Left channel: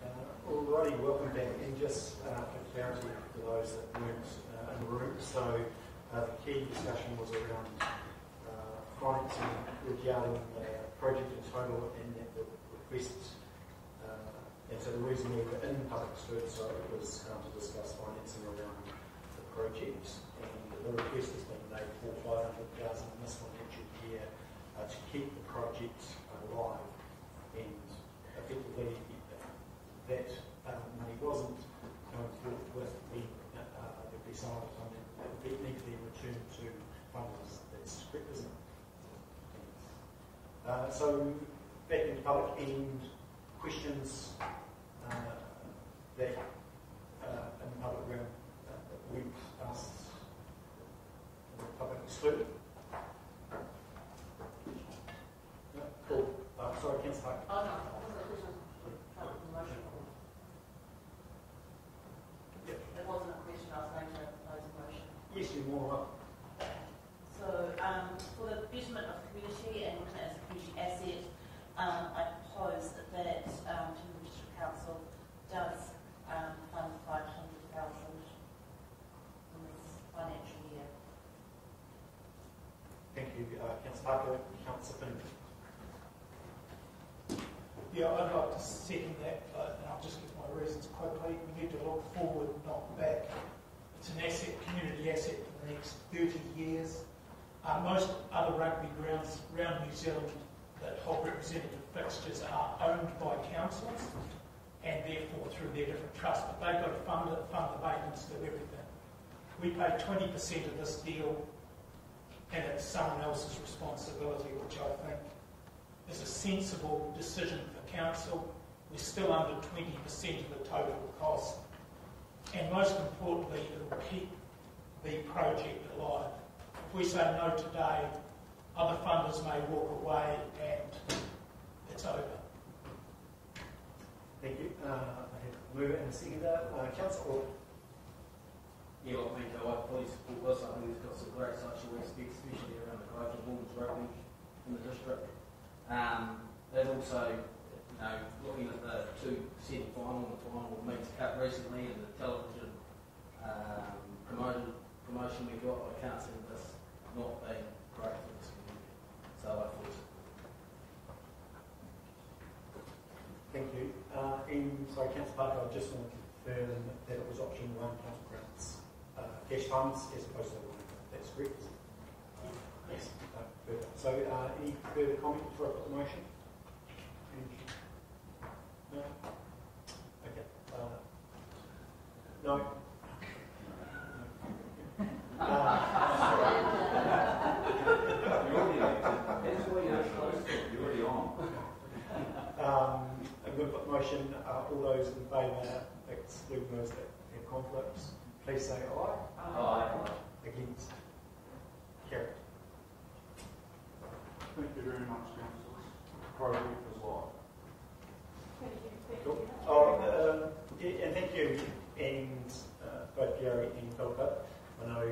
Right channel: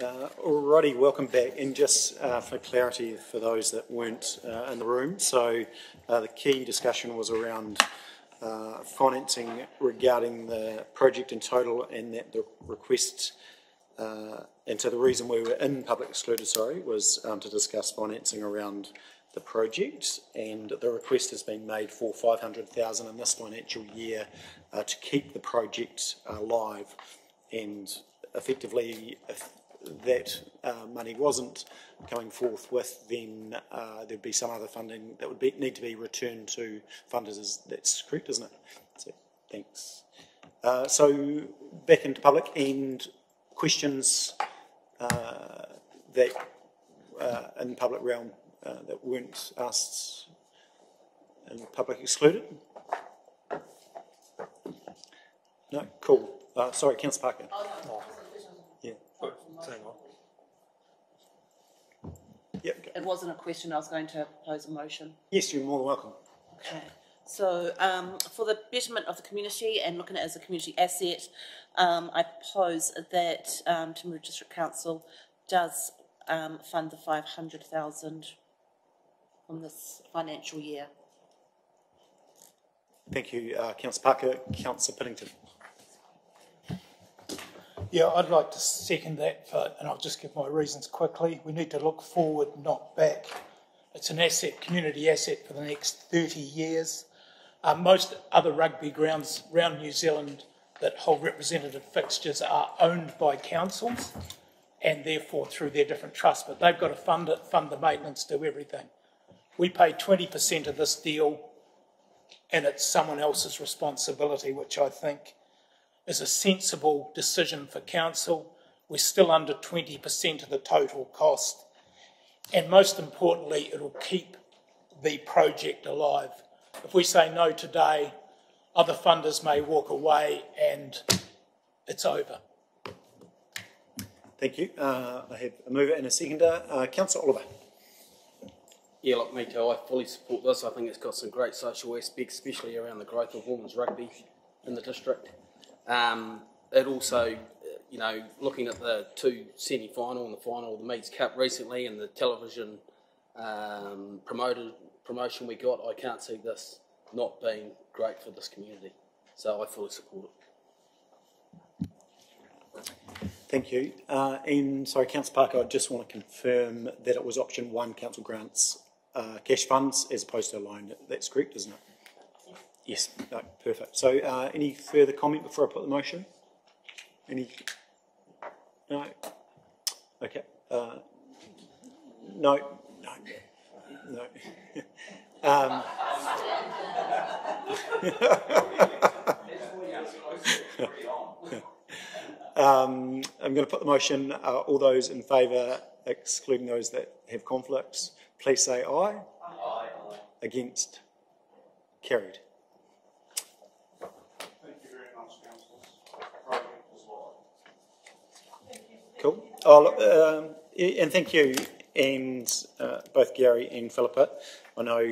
Alrighty, welcome back. And just for clarity for those that weren't in the room, so the key discussion was around financing regarding the project in total, and that the request, and so the reason we were in public excluded, was to discuss financing around the project, and the request has been made for $500,000 in this financial year to keep the project live, and effectively if that money wasn't coming forth with, then there'd be some other funding that would need to be returned to funders. That's correct, isn't it? So thanks. So back into public, and questions that in the public realm that weren't asked in public excluded? No? Cool. Sorry, Councillor Parker. Yeah. Yep. It wasn't a question, I was going to pose a motion. Yes, you're more than welcome. Okay. So for the betterment of the community and looking at it as a community asset, I propose that Timaru District Council does fund the $500,000 from this financial year. Thank you, Councillor Parker. Councillor Piddington. Yeah, I'd like to second that, and I'll just give my reasons quickly. We need to look forward, not back. It's an asset, community asset for the next 30 years. Most other rugby grounds around New Zealand that hold representative fixtures are owned by councils, and therefore through their different trusts, but they've got to fund it, fund the maintenance, do everything. We pay 20% of this deal, and it's someone else's responsibility, which I think is a sensible decision for council. We're still under 20% of the total cost, and most importantly, it'll keep the project alive. If we say no today, other funders may walk away and it's over. Thank you. I have a mover and a seconder. Councillor Oliver. Yeah, like me too, I fully support this. I think it's got some great social aspects, especially around the growth of women's rugby in the district. It also, you know, looking at the two semi-final and the final of the Meats Cup recently and the television promotion we got, I can't see this not being great for this community. So I fully support it. Thank you. And sorry, Councillor Parker, I just want to confirm that it was option 1, council grants cash funds, as opposed to a loan. That's correct, isn't it? Yes. No, perfect. So any further comment before I put the motion? Any? No? Okay. No? No. I'm going to put the motion. All those in favour, excluding those that have conflicts, please say aye. Aye. Against? Carried. Thank you very much, Councillor. Cool. Oh, and thank you, and both Gary and Philippa. I know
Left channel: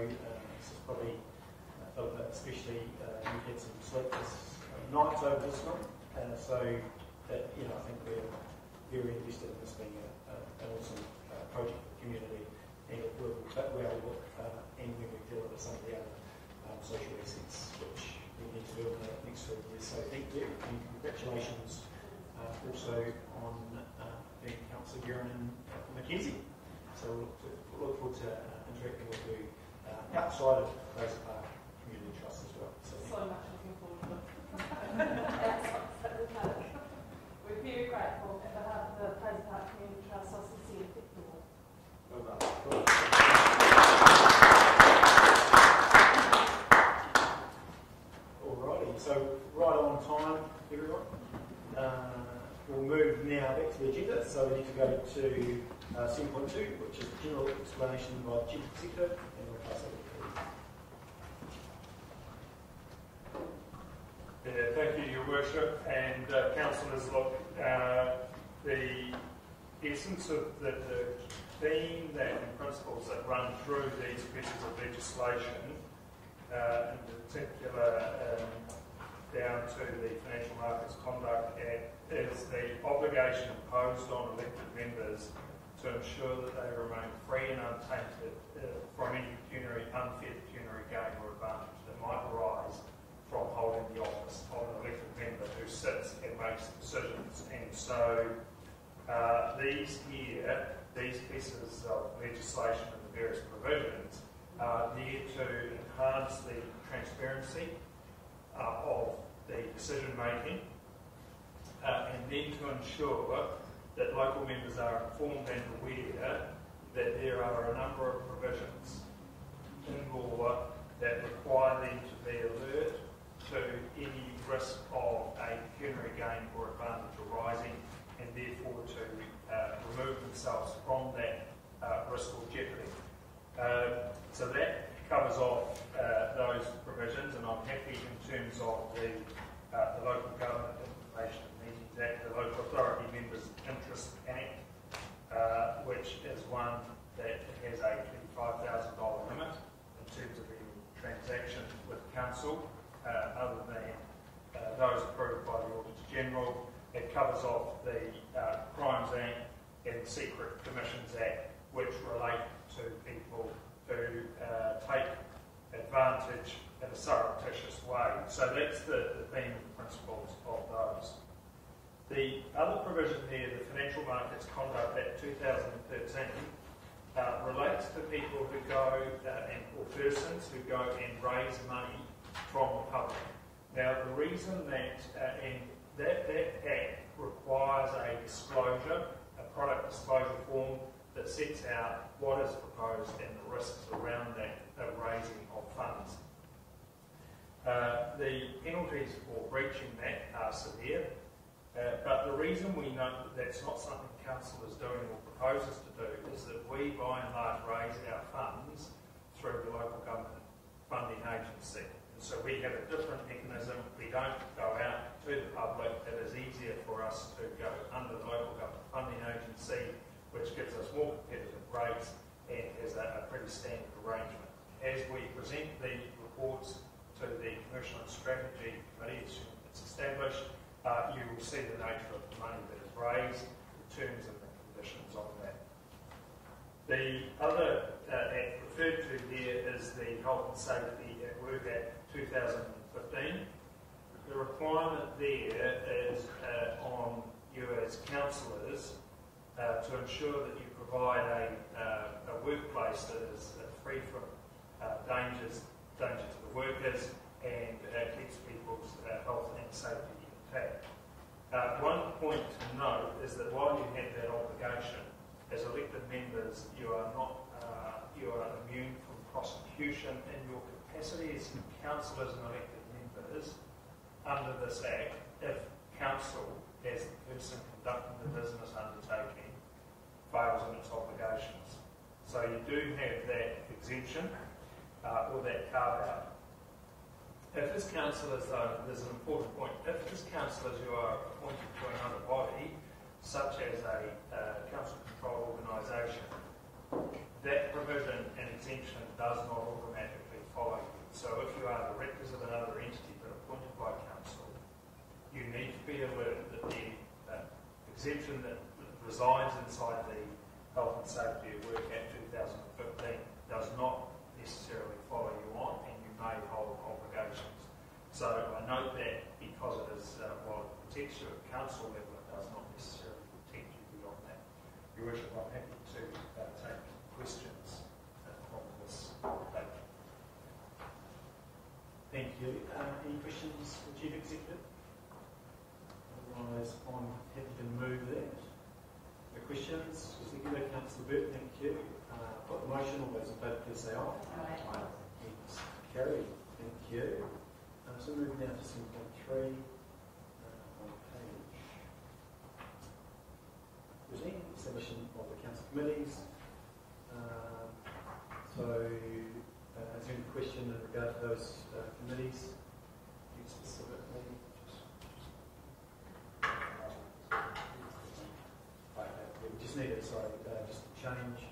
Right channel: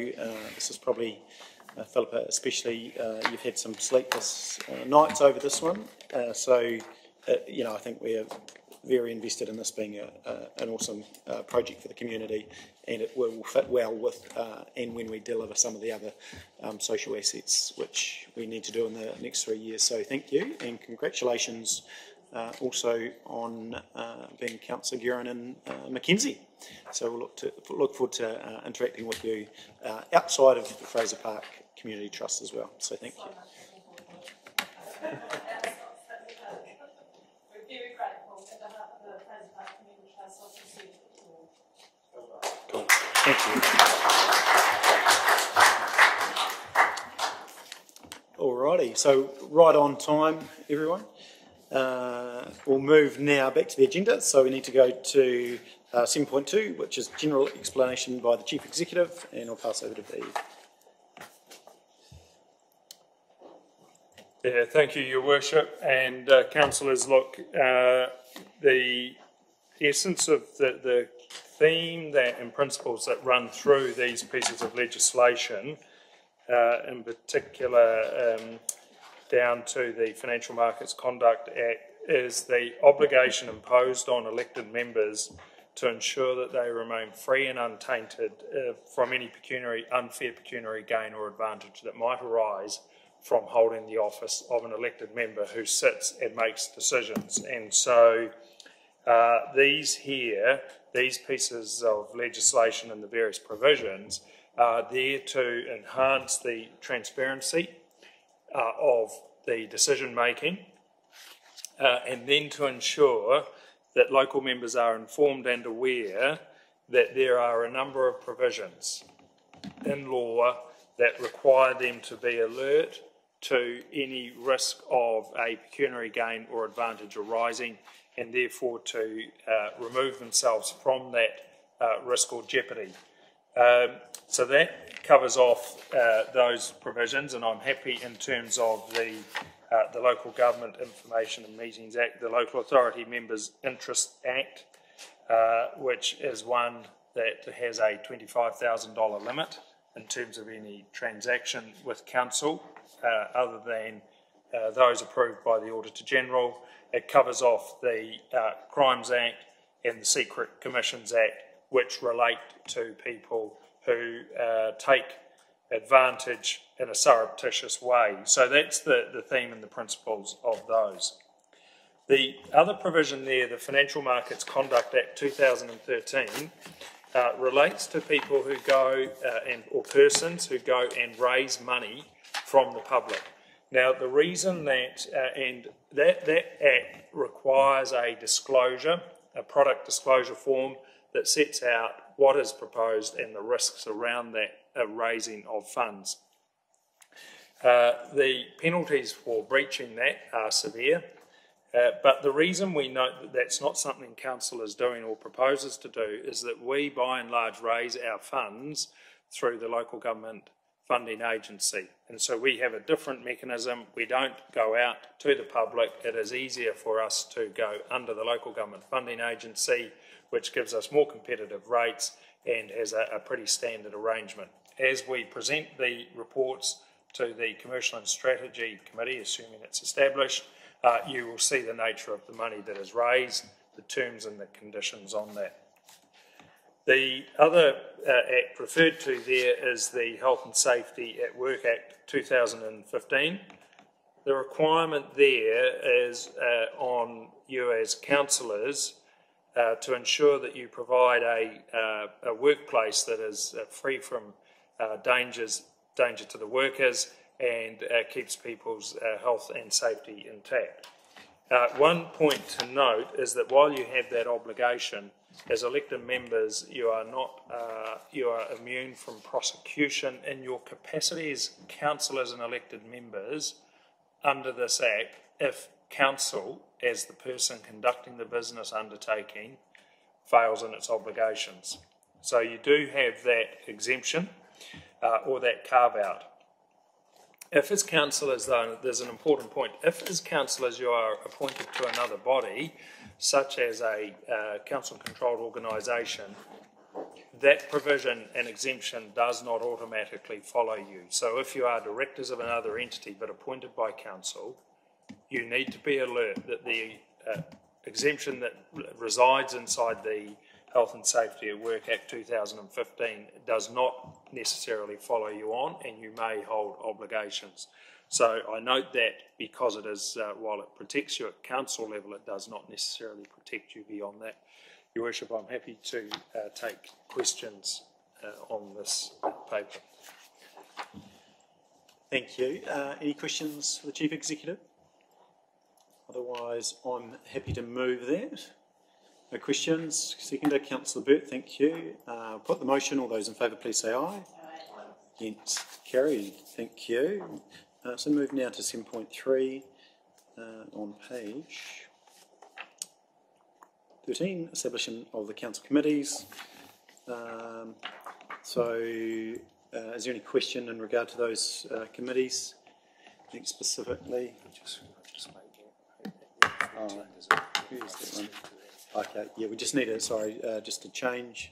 this is probably, Philippa especially, you've had some sleepless nights over this one. You know, I think we're very invested in this being an awesome project for the community, and it will fit well with and when we deliver some of the other social assets which we need to do in the next 3 years. So thank you, and congratulations also on being Councillor Guerin and Mackenzie. So we'll look forward to interacting with you outside of the Fraser Park Community Trust as well. So thank you. We're very grateful to the Fraser Park Community Trust of Alrighty, so right on time, everyone. We'll move now back to the agenda. So we need to go to 7.2, which is general explanation by the Chief Executive, and I'll pass over to Steve. Yeah, thank you, Your Worship, and councillors. Look, the essence of the theme and principles that run through these pieces of legislation, in particular down to the Financial Markets Conduct Act is the obligation imposed on elected members to ensure that they remain free and untainted from any unfair pecuniary gain or advantage that might arise from holding the office of an elected member who sits and makes decisions. And so these pieces of legislation and the various provisions are there to enhance the transparency of the decision making and then to ensure that local members are informed and aware that there are a number of provisions in law that require them to be alert to any risk of a pecuniary gain or advantage arising, and therefore to remove themselves from that risk or jeopardy. So that covers off those provisions, and I'm happy in terms of the Local Government Information and Meetings Act, the Local Authority Members Interest Act, which is one that has a $25,000 limit in terms of any transaction with council, other than those approved by the Auditor General. It covers off the Crimes Act and the Secret Commissions Act, which relate to people who take advantage in a surreptitious way. So that's the theme and the principles of those. The other provision there, the Financial Markets Conduct Act 2013, relates to people who go, or persons who go and raise money from the public. Now, the reason that, that act requires a disclosure, a product disclosure form that sets out what is proposed and the risks around that raising of funds. The penalties for breaching that are severe, but the reason we note that that's not something council is doing or proposes to do is that we, by and large, raise our funds through the Local Government Funding Agency. And so we have a different mechanism. We don't go out to the public. It is easier for us to go under the Local Government Funding Agency, which gives us more competitive rates and has a pretty standard arrangement. As we present the reports to the Commercial and Strategy Committee, assuming it's established, you will see the nature of the money that is raised, the terms and the conditions on that. The other act referred to there is the Health and Safety at Work Act 2015. The requirement there is on you as councillors to ensure that you provide a workplace that is free from danger to the workers and keeps people's health and safety intact. One point to note is that while you have that obligation, as elected members, you are immune from prosecution in your capacity as councillors and elected members under this Act if council, as the person conducting the business undertaking, fails in its obligations. So you do have that exemption or that carve-out. If as councillors, though, there's an important point, if as councillors you are appointed to another body, such as a council-controlled organisation, that provision and exemption does not automatically follow you. So if you are directors of another entity but appointed by council, you need to be alert that the exemption that resides inside the Health and Safety at Work Act 2015 does not necessarily follow you on, and you may hold obligations. So I note that because it is, while it protects you at council level, it does not necessarily protect you beyond that. Your Worship, I'm happy to take questions on this paper. Thank you. Any questions for the Chief Executive? Otherwise, I'm happy to move that. No questions. Seconder, Councillor Burt, thank you. Put the motion. All those in favour, please say aye. Aye. Against, carried. Thank you. So move now to 7.3 on page 13, establishing of the council committees. Is there any question in regard to those committees? I think specifically. Who's that one? Okay, yeah, we just need it, just to change.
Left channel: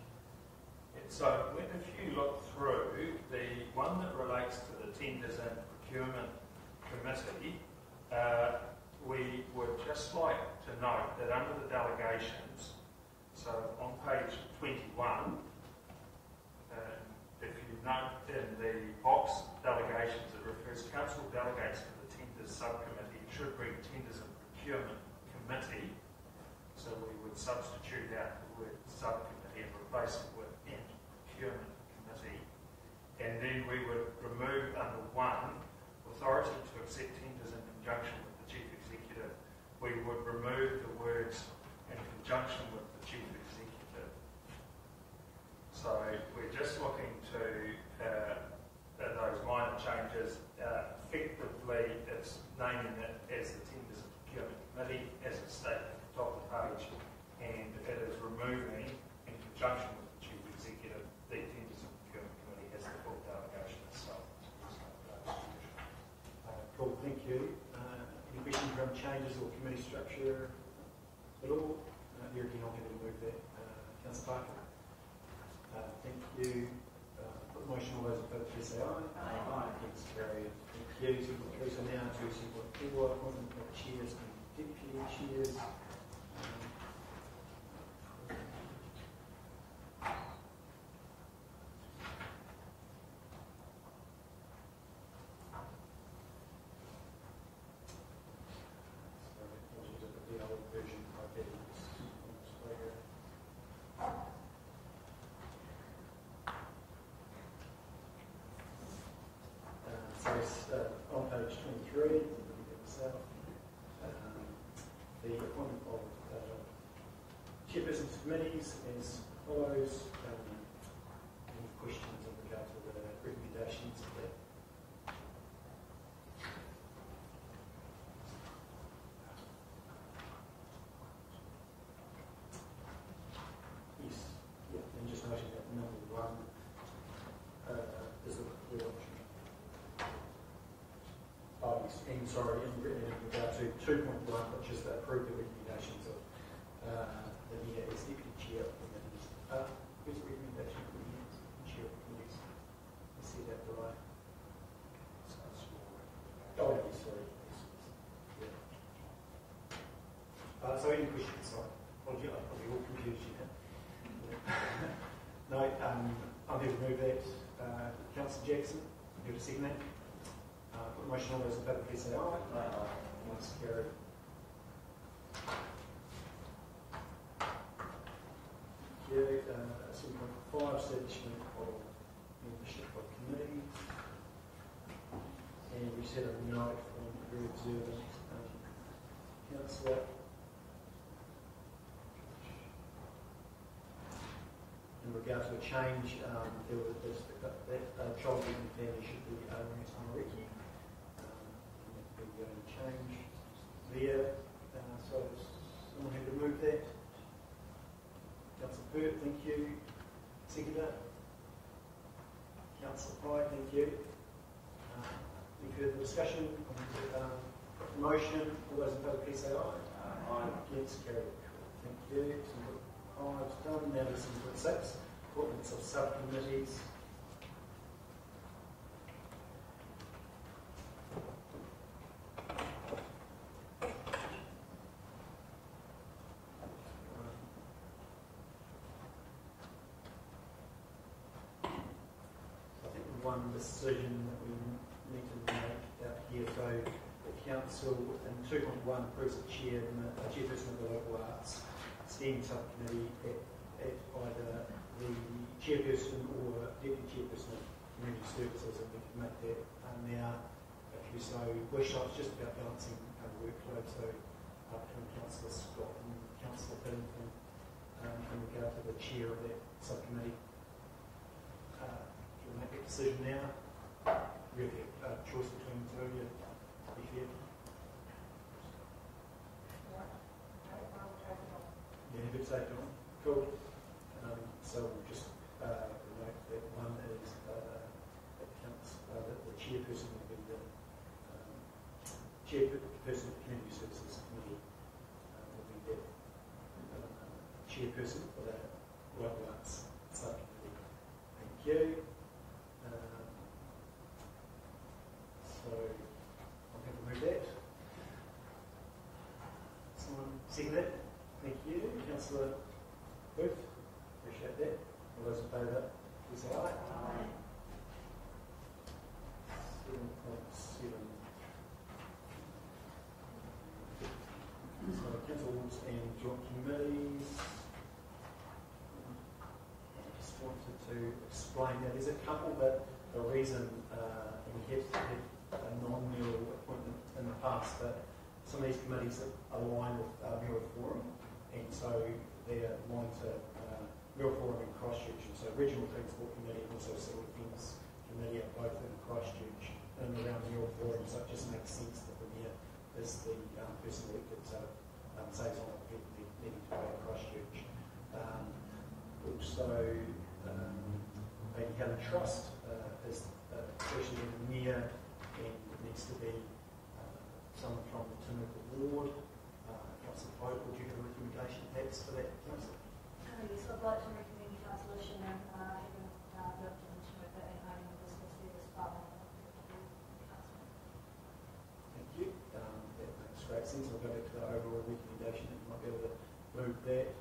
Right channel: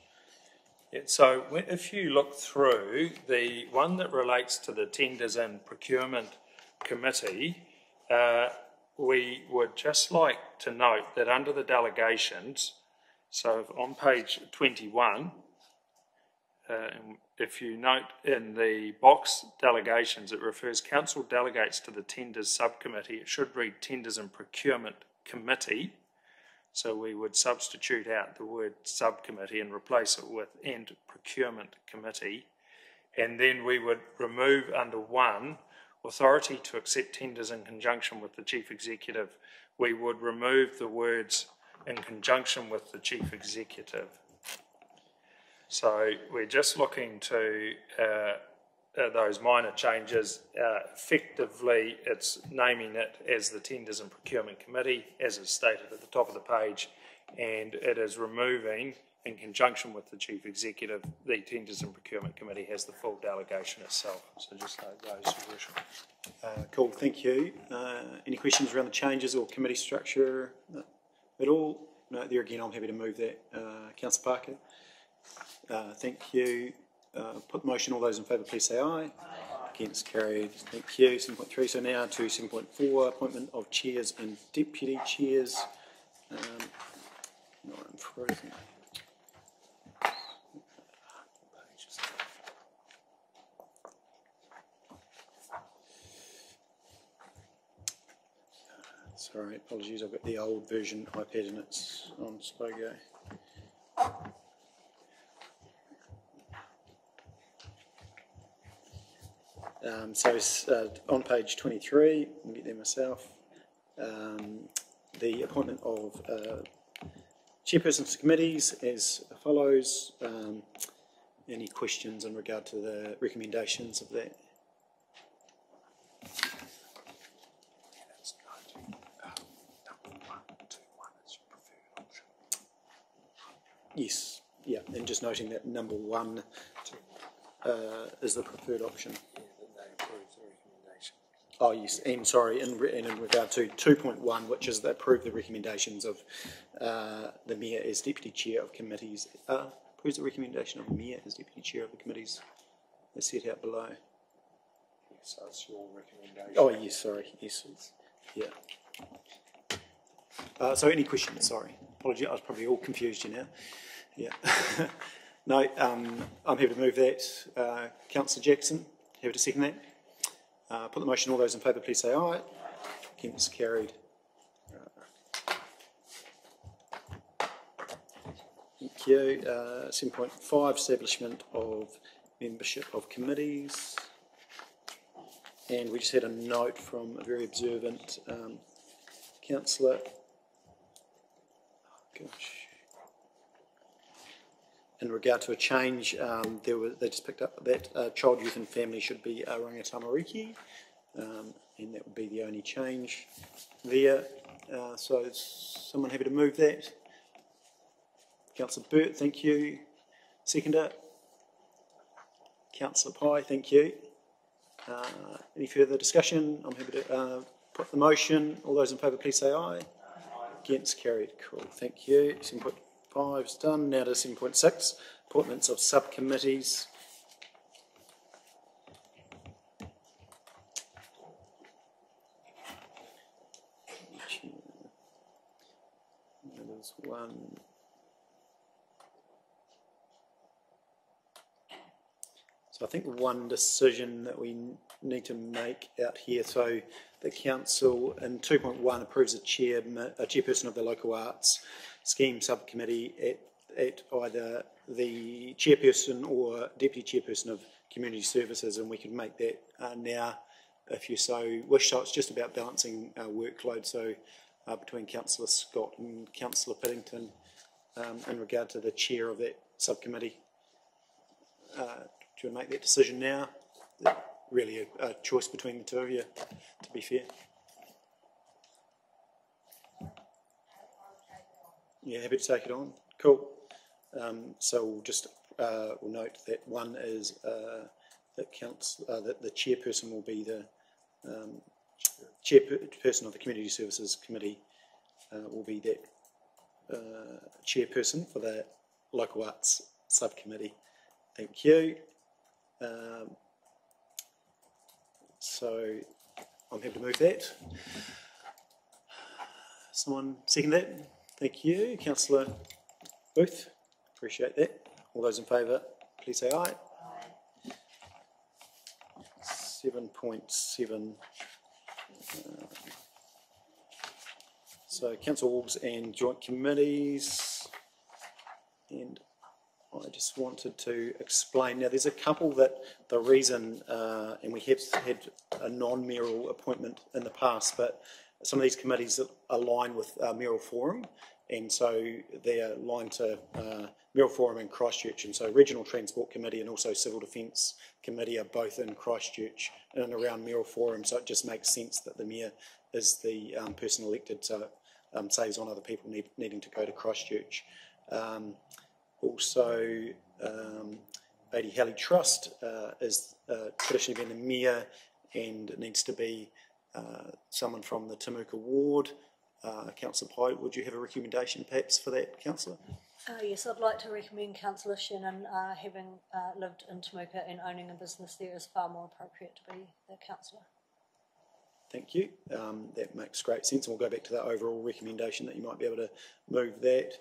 Yeah, so if you look through the one that relates to the Tenders and Procurement Committee, We would just like to note that under the delegations, so on page 21, if you note in the box delegations, it refers council delegates to the tenders subcommittee. It should read tenders and procurement committee. So we would substitute out the word subcommittee and replace it with and procurement committee. And then we would remove under 1, authority to accept tenders in conjunction with the chief executive. We would remove the words in conjunction with the chief executive. So we're just looking to those minor changes. Effectively, it's naming it as the Tenders and Procurement Committee, as is stated at the top of the page, and it is removing, in conjunction with the Chief Executive, the Tenders and Procurement Committee has the full delegation itself. So just note those. Cool, thank you. Any questions around the changes or committee structure at all? No, there again, I'm happy to move that. Councillor Parker? Thank you. Put the motion. All those in favour, please say aye. Aye. Against, carried. Thank you. 7.3. So now to 7.4, appointment of chairs and deputy chairs. No, I'm frozen. Sorry, apologies. I've got the old version iPad and it's on SPOGO. So on page 23, I'll get there myself, the appointment of chairpersons to committees as follows. Any questions in regard to the recommendations of that? Yes, yeah, and just noting that number 1 is the preferred option. Oh yes, and sorry, and in regard to 2.1, which is to approve the recommendations of the Mayor as Deputy Chair of committees. Who's the recommendation of the Mayor as Deputy Chair of the committees? It's set out below. So it's your recommendation. Oh yes, sorry, yes, yeah. So any questions? Sorry, apologies, I was probably all confused you now. Yeah. No, I'm happy to move that. Councillor Jackson, happy to second that. Put the motion. All those in favour, please say aye. Aye. Against, carried. Thank you. 7.5, establishment of membership of committees. And we just had a note from a very observant councillor. In regard to a change, they just picked up that child, youth and family should be Rangatamariki, and that would be the only change there. So is someone happy to move that? Councillor Burt, thank you. Seconder? Councillor Pye, thank you. Any further discussion? I'm happy to put the motion. All those in favour, please say aye. Aye. Against, carried. Cool, thank you. 7.5 is done. Now to 7.6, appointments of subcommittees. There's one. So I think one decision that we need to make out here, so the council in 2.1 approves a chairperson of the local arts scheme subcommittee at either the chairperson or deputy chairperson of community services, and we can make that now if you so wish. So it's just about balancing our workload, so between Councillor Scott and Councillor Piddington in regard to the chair of that subcommittee. Do you want to make that decision now? Really a choice between the two of you, to be fair. Yeah, happy to take it on. Cool. So we'll just we'll note that one is that the chairperson will be the chairperson of the Community Services Committee will be that chairperson for the Local Arts Subcommittee. Thank you. So I'm happy to move that. Someone second that? Thank you. Councillor Booth, appreciate that. All those in favour, please say aye. 7.7. So councils and joint committees, and I just wanted to explain, now there's a couple that the reason, and we have had a non-mayoral appointment in the past, but some of these committees align with mayoral forum, and so they're aligned to mayoral forum in Christchurch, and so Regional Transport Committee and also Civil Defence Committee are both in Christchurch and around mayoral forum, so it just makes sense that the mayor is the person elected, so it saves on other people needing to go to Christchurch. Also, Lady Halley Trust is traditionally been the mayor, and it needs to be someone from the Timuka ward. Councillor Pye, would you have a recommendation perhaps for that, Councillor? Yes, I'd like to recommend Councillor Shannon, having lived in Timuka and owning a business there, is far more appropriate to be the councillor. Thank you. That makes great sense. We'll go back to that overall recommendation that you might be able to move that.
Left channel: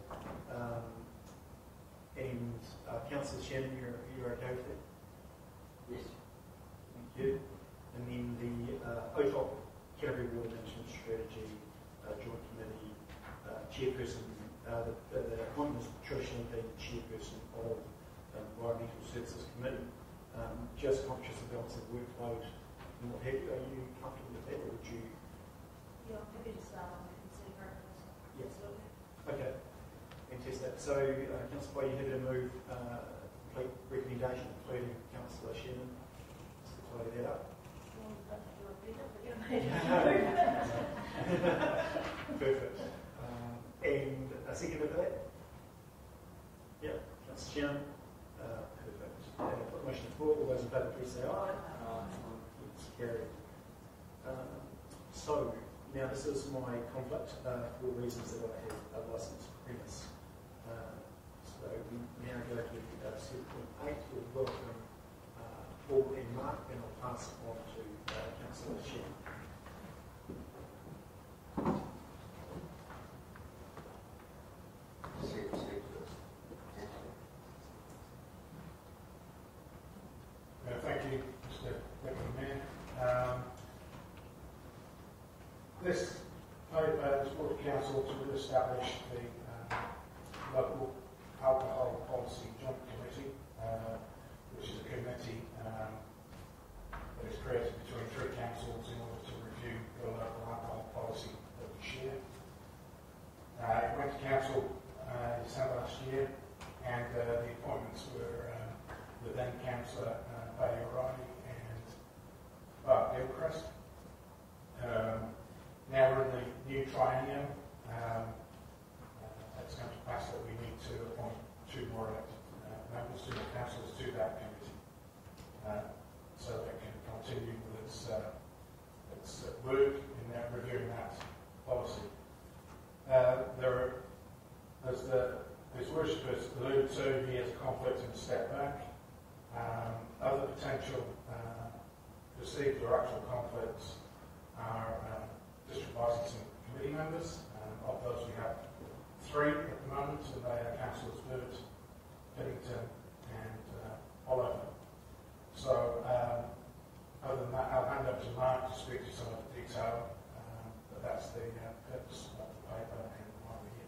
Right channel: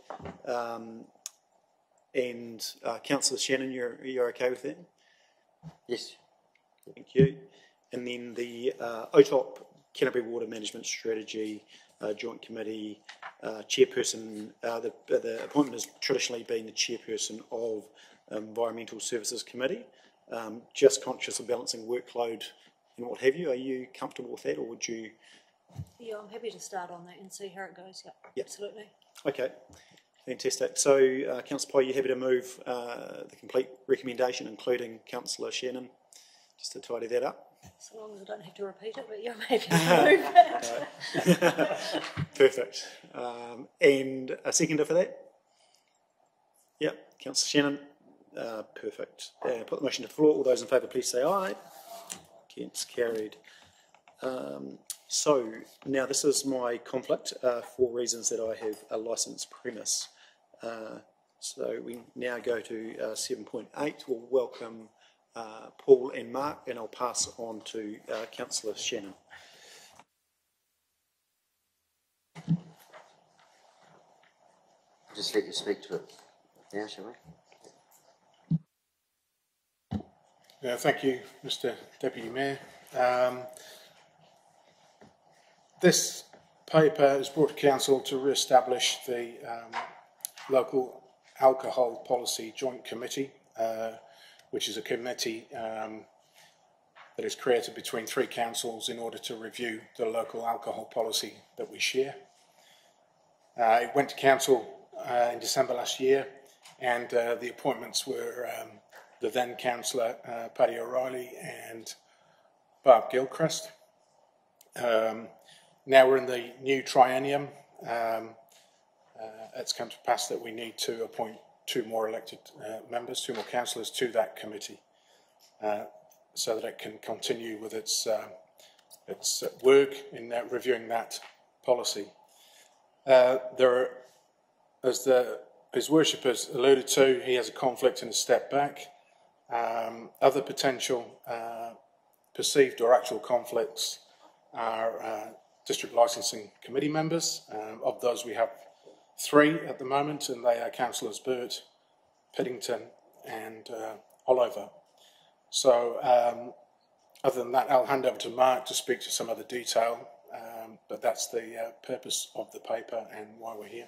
And Councillor Shannon, you're okay with that? Yes. Thank you. And then the OTOP Canterbury Water Management Strategy Joint Committee Chairperson, the appointment has traditionally been the Chairperson of Environmental Services Committee. Just conscious of balancing workload and what have you, are you comfortable with that, or would you? Yeah, I'm happy to start on that and see how it goes. Yep. Absolutely. Okay, fantastic. So, Councillor Pye, you happy to move the complete recommendation, including Councillor Shannon, just to tidy that up? As long as I don't have to repeat it, but yeah, I'm happy to move it. Perfect. And a seconder for that? Yep, Councillor Shannon. Perfect. Put the motion to the floor. All those in favour, please say aye. Against, carried. So now this is my conflict for reasons that I have a licensed premise. So we now go to 7.8. We'll welcome Paul and Mark, and I'll pass on to Councillor Shannon. Just let you speak to it now, shall we? Thank you, Mr. Deputy Mayor. This paper is brought to Council to re-establish the local alcohol policy joint committee, which is a committee that is created between three councils in order to review the local alcohol policy that we share. It went to Council in December last year, and the appointments were the then Councillor Paddy O'Reilly and Barb Gilchrist. Now we're in the new triennium. It's come to pass that we need to appoint two more elected members, two more councillors to that committee, so that it can continue with its work in reviewing that policy. His Worship has alluded to, he has a conflict and a step back. Other potential perceived or actual conflicts are District Licensing Committee members. Of those we have 3 at the moment, and they are Councillors Burt, Piddington and Oliver. So other than that, I'll hand over to Mark to speak to some other detail, but that's the purpose of the paper and why we're here.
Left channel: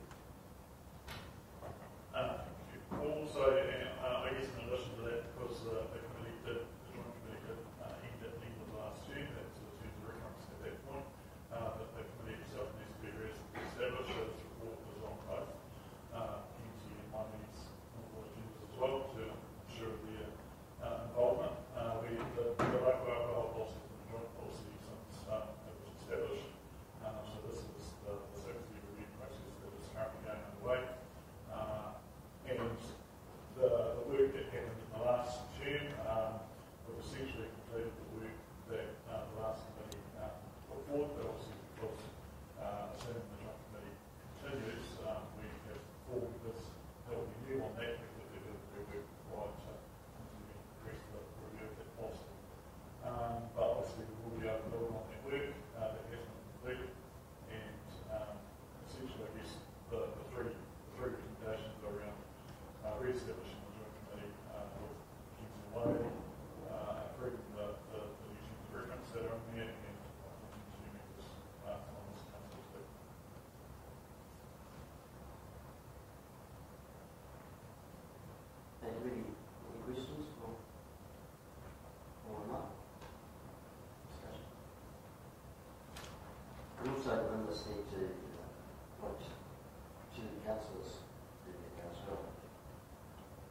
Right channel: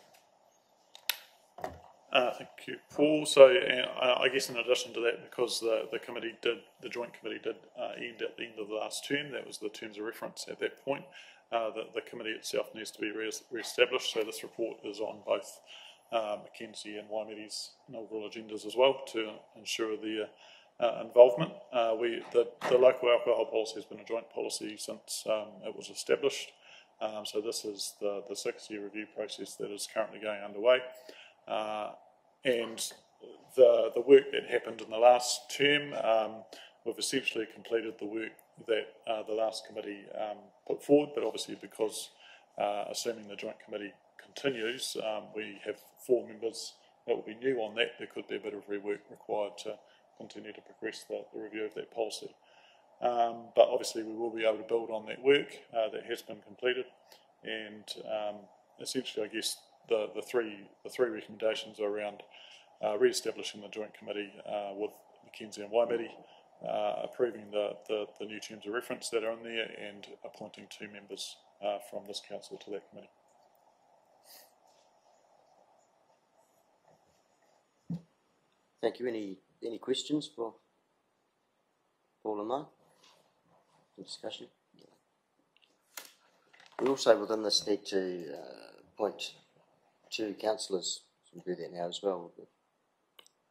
Thank you, Paul. So I guess in addition to that, because the joint committee did end at the end of the last term, that was the terms of reference at that point, the committee itself needs to be re-established. So this report is on both Mackenzie and Waimeri's inaugural agendas as well to ensure their involvement. The local alcohol policy has been a joint policy since it was established. So this is the 6-year review process that is currently going underway. And the work that happened in the last term, we've essentially completed the work that the last committee put forward, but obviously because assuming the joint committee continues, we have 4 members that will be new on that. There could be a bit of rework required to continue to progress the review of that policy. But obviously we will be able to build on that work that has been completed, and essentially, I guess the three recommendations are around re-establishing the joint committee with Mackenzie and Waimiri, approving the new terms of reference that are in there, and appointing 2 members from this council to that committee. Thank you. Any questions for Paul and Mark? Discussion. We also within this need to appoint 2 councillors. We'll do that now as well.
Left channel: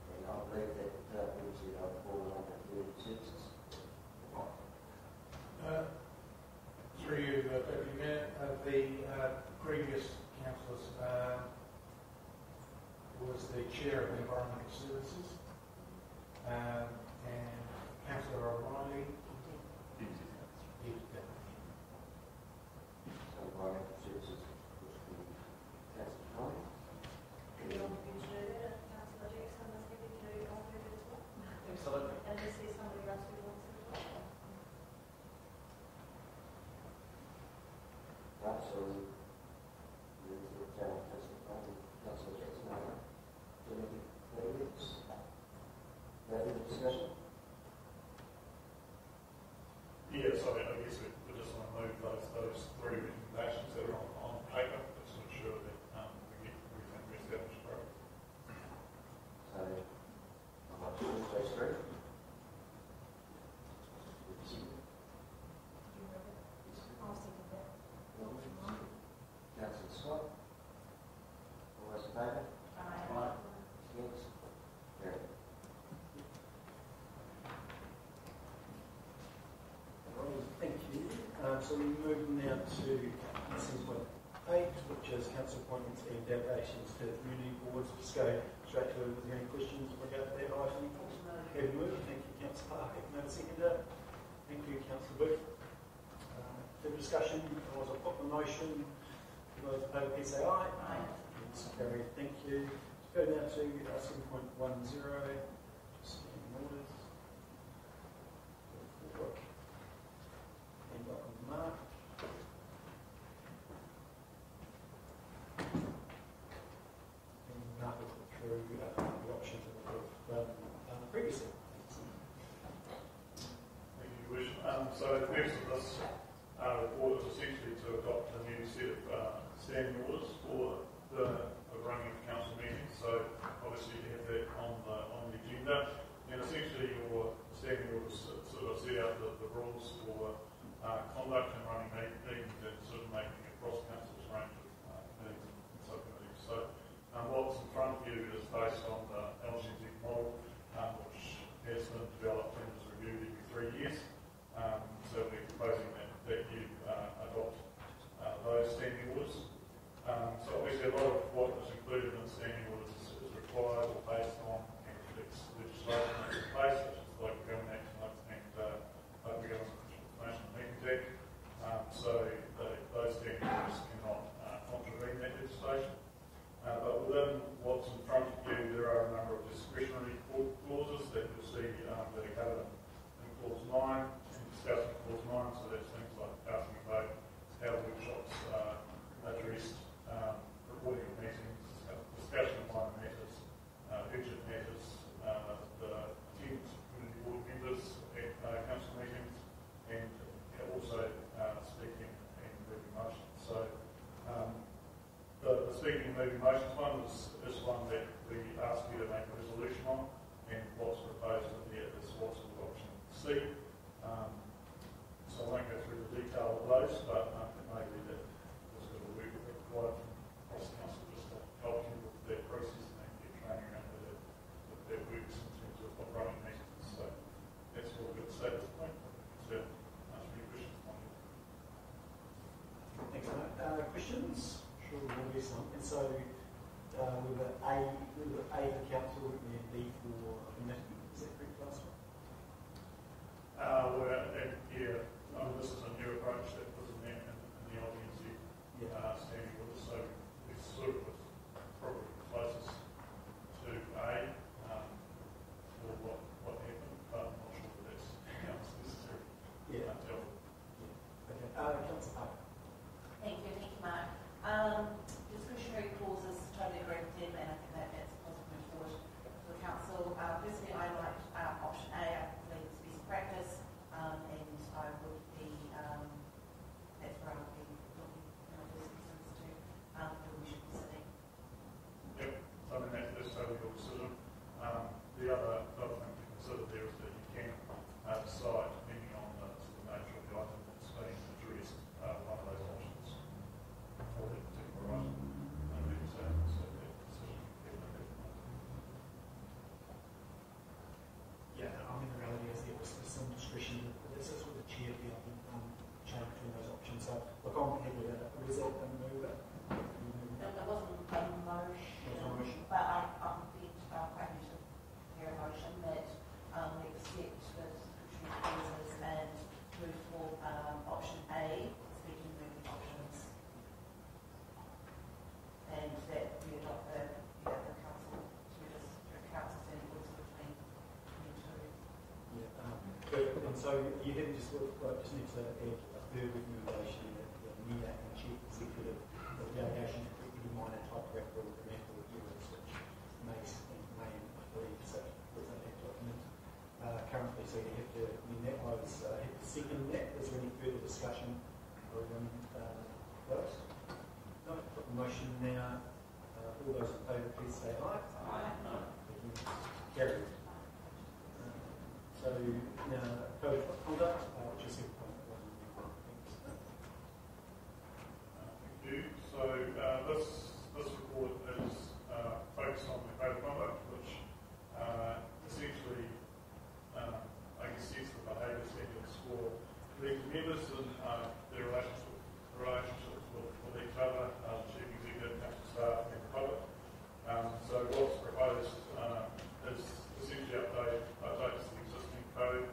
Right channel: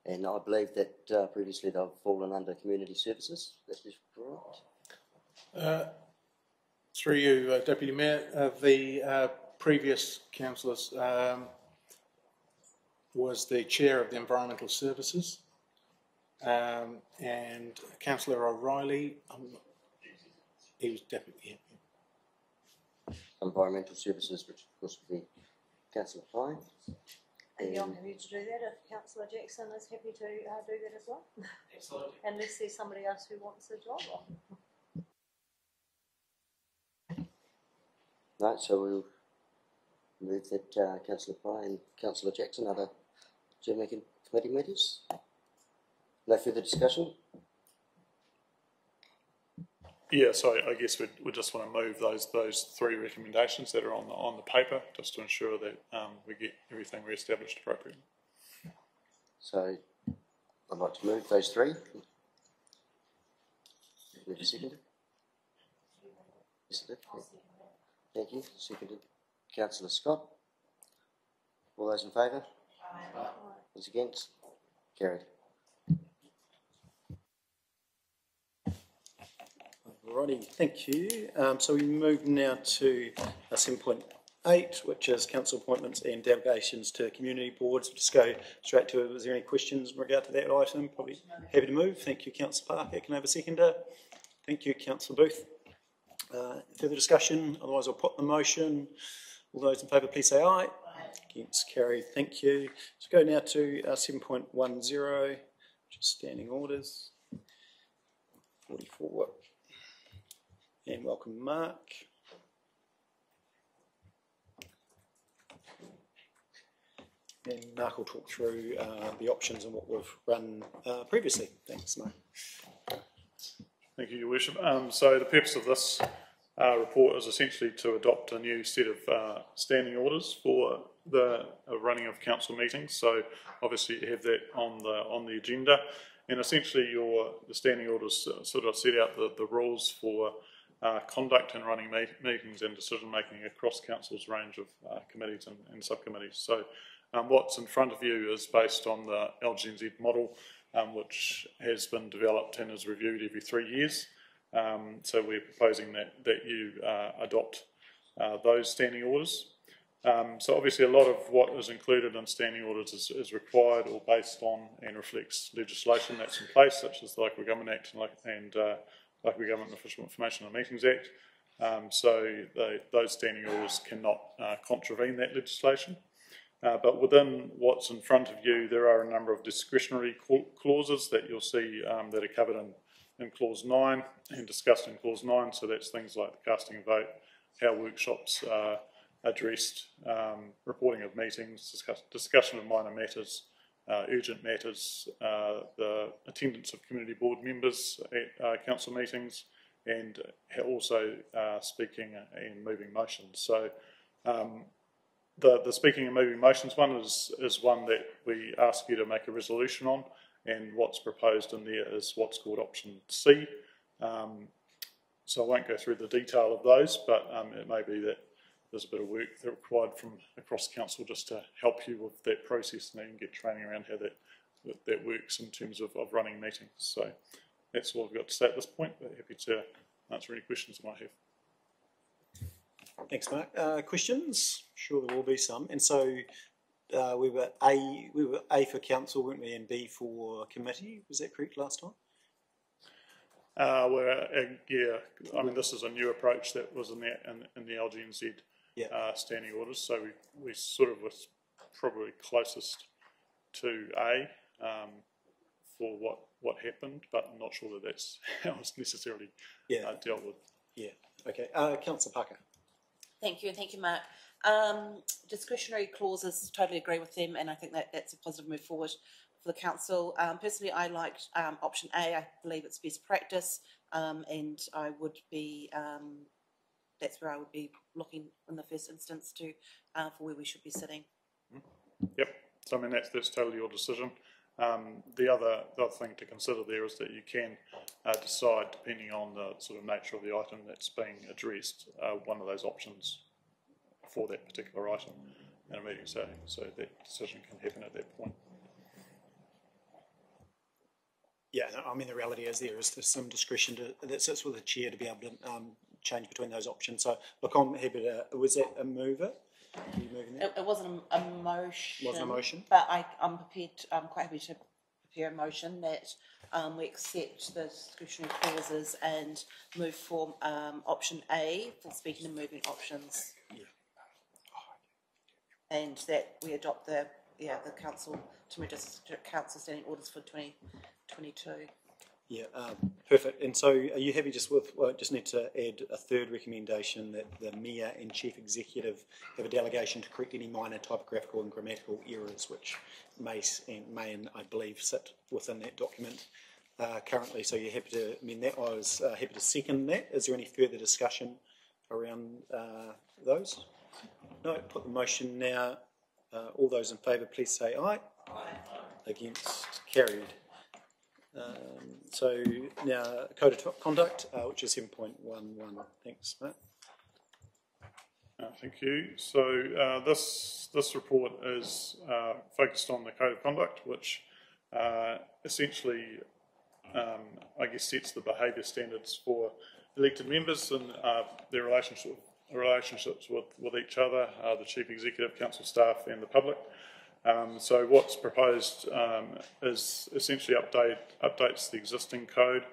And I believe that previously they've fallen under community services. That is correct. Through you, Deputy Mayor, the previous councillors was the chair of the Environmental Services, and Councillor O'Reilly, he was deputy. Environmental Services, which of course would be Councillor Pine. And you're happy to do that, if Councillor Jackson is happy to do that as well? Absolutely. Unless there's somebody else who wants it as well. Right, so we'll move that Councillor Pine and Councillor Jackson are the chairmaking committee members. No further discussion? Yeah, so I guess we just want to move those 3 recommendations that are on the paper, just to ensure that we get everything re-established appropriately. So I'd like to move those 3. Wait a second. Yes, thank you. Seconded. Councillor Scott. All those in favour? Aye. Those against? Carried. Alrighty, thank you. So we move now to 7.8, which is council appointments and delegations to community boards. Just go straight to it. Is there any questions in regard to that item? Probably happy to move. Thank you, Councillor Parker. Can I have a seconder? Thank you, Councillor Booth. Further discussion? Otherwise, I'll put the motion. All those in favour, please say aye. Against, carried. Thank you. Let's go now to 7.10, which is standing orders. 44. And welcome, Mark. And Mark will talk through the options and what we've run previously. Thanks, Mark. Thank you, Your Worship. So the purpose of this report is essentially to adopt a new set of standing orders for the running of council meetings. So obviously you have that on the agenda, and essentially the standing orders sort of set out the rules for conduct and running meetings and decision making across council's range of committees and subcommittees. So what's in front of you is based on the LGNZ model, which has been developed and is reviewed every 3 years. So we're proposing that you adopt those standing orders. So obviously a lot of what is included in standing orders is required or based on and reflects legislation that's in place, such as the Local Government Act and Local Government Official Information on Meetings Act. So those standing orders cannot contravene that legislation. But within what's in front of you, there are a number of discretionary clauses that you'll see that are covered in Clause 9 and discussed in Clause 9. So that's things like casting a vote, how workshops are addressed, reporting of meetings, discussion of minor matters, urgent matters, the attendance of community board members at council meetings, and also speaking and moving motions. So the speaking and moving motions one is one that we ask you to make a resolution on, and what's proposed in there is what's called option C. So I won't go through the detail of those, but it may be that there's a bit of work required from across council just to help you with that process and then get training around how that works in terms of running meetings. So that's all I've got to say at this point, but happy to answer any questions you might have. Thanks, Mark. Questions? Sure, there will be some. And so we were A for council, weren't we, and B for committee? Was that correct last time? Yeah. I mean, this is a new approach that was in the LGNZ standing orders. So we sort of was probably closest to A for what happened, but I'm not sure that that's how it's necessarily dealt with. Yeah. Okay. Councillor Parker. Thank you, Mark. Discretionary clauses, totally agree with them, and I think that that's a positive move forward for the council. Personally, I liked option A. I believe it's best practice, and I would be, that's where I would be looking in the first instance to for where we should be sitting. Yep. So I mean that's totally your decision. The other thing to consider there is that you can decide, depending on the sort of nature of the item that's being addressed, one of those options for that particular item in a meeting, so that decision can happen at that point. Yeah, I mean the reality is there's some discretion that sits with the chair to be able to change between those options. So look, I'm happy to. Was that a mover? It wasn't a motion. Wasn't a motion. But I'm prepared. I'm quite happy to hear a motion that we accept the discretionary clauses and move for option A for speaking and moving options. And that we adopt the council to council standing orders for 2022. Yeah, perfect. And so, are you happy just with? Well, just need to add a third recommendation that the mayor and chief executive have a delegation to correct any minor typographical and grammatical errors, which may and I believe sit within that document currently. So you're happy to amend that? I was happy to second that. Is there any further discussion around those? No, put the motion now. All those in favour, please say aye. Aye. Against, carried. So now code of conduct, which is 7.11. Thanks, mate. Thank you. So this report is focused on the code of conduct, which essentially, I guess, sets the behaviour standards for elected members and their relationships with each other, the chief executive, council staff and the public. So what's proposed is essentially updates the existing code.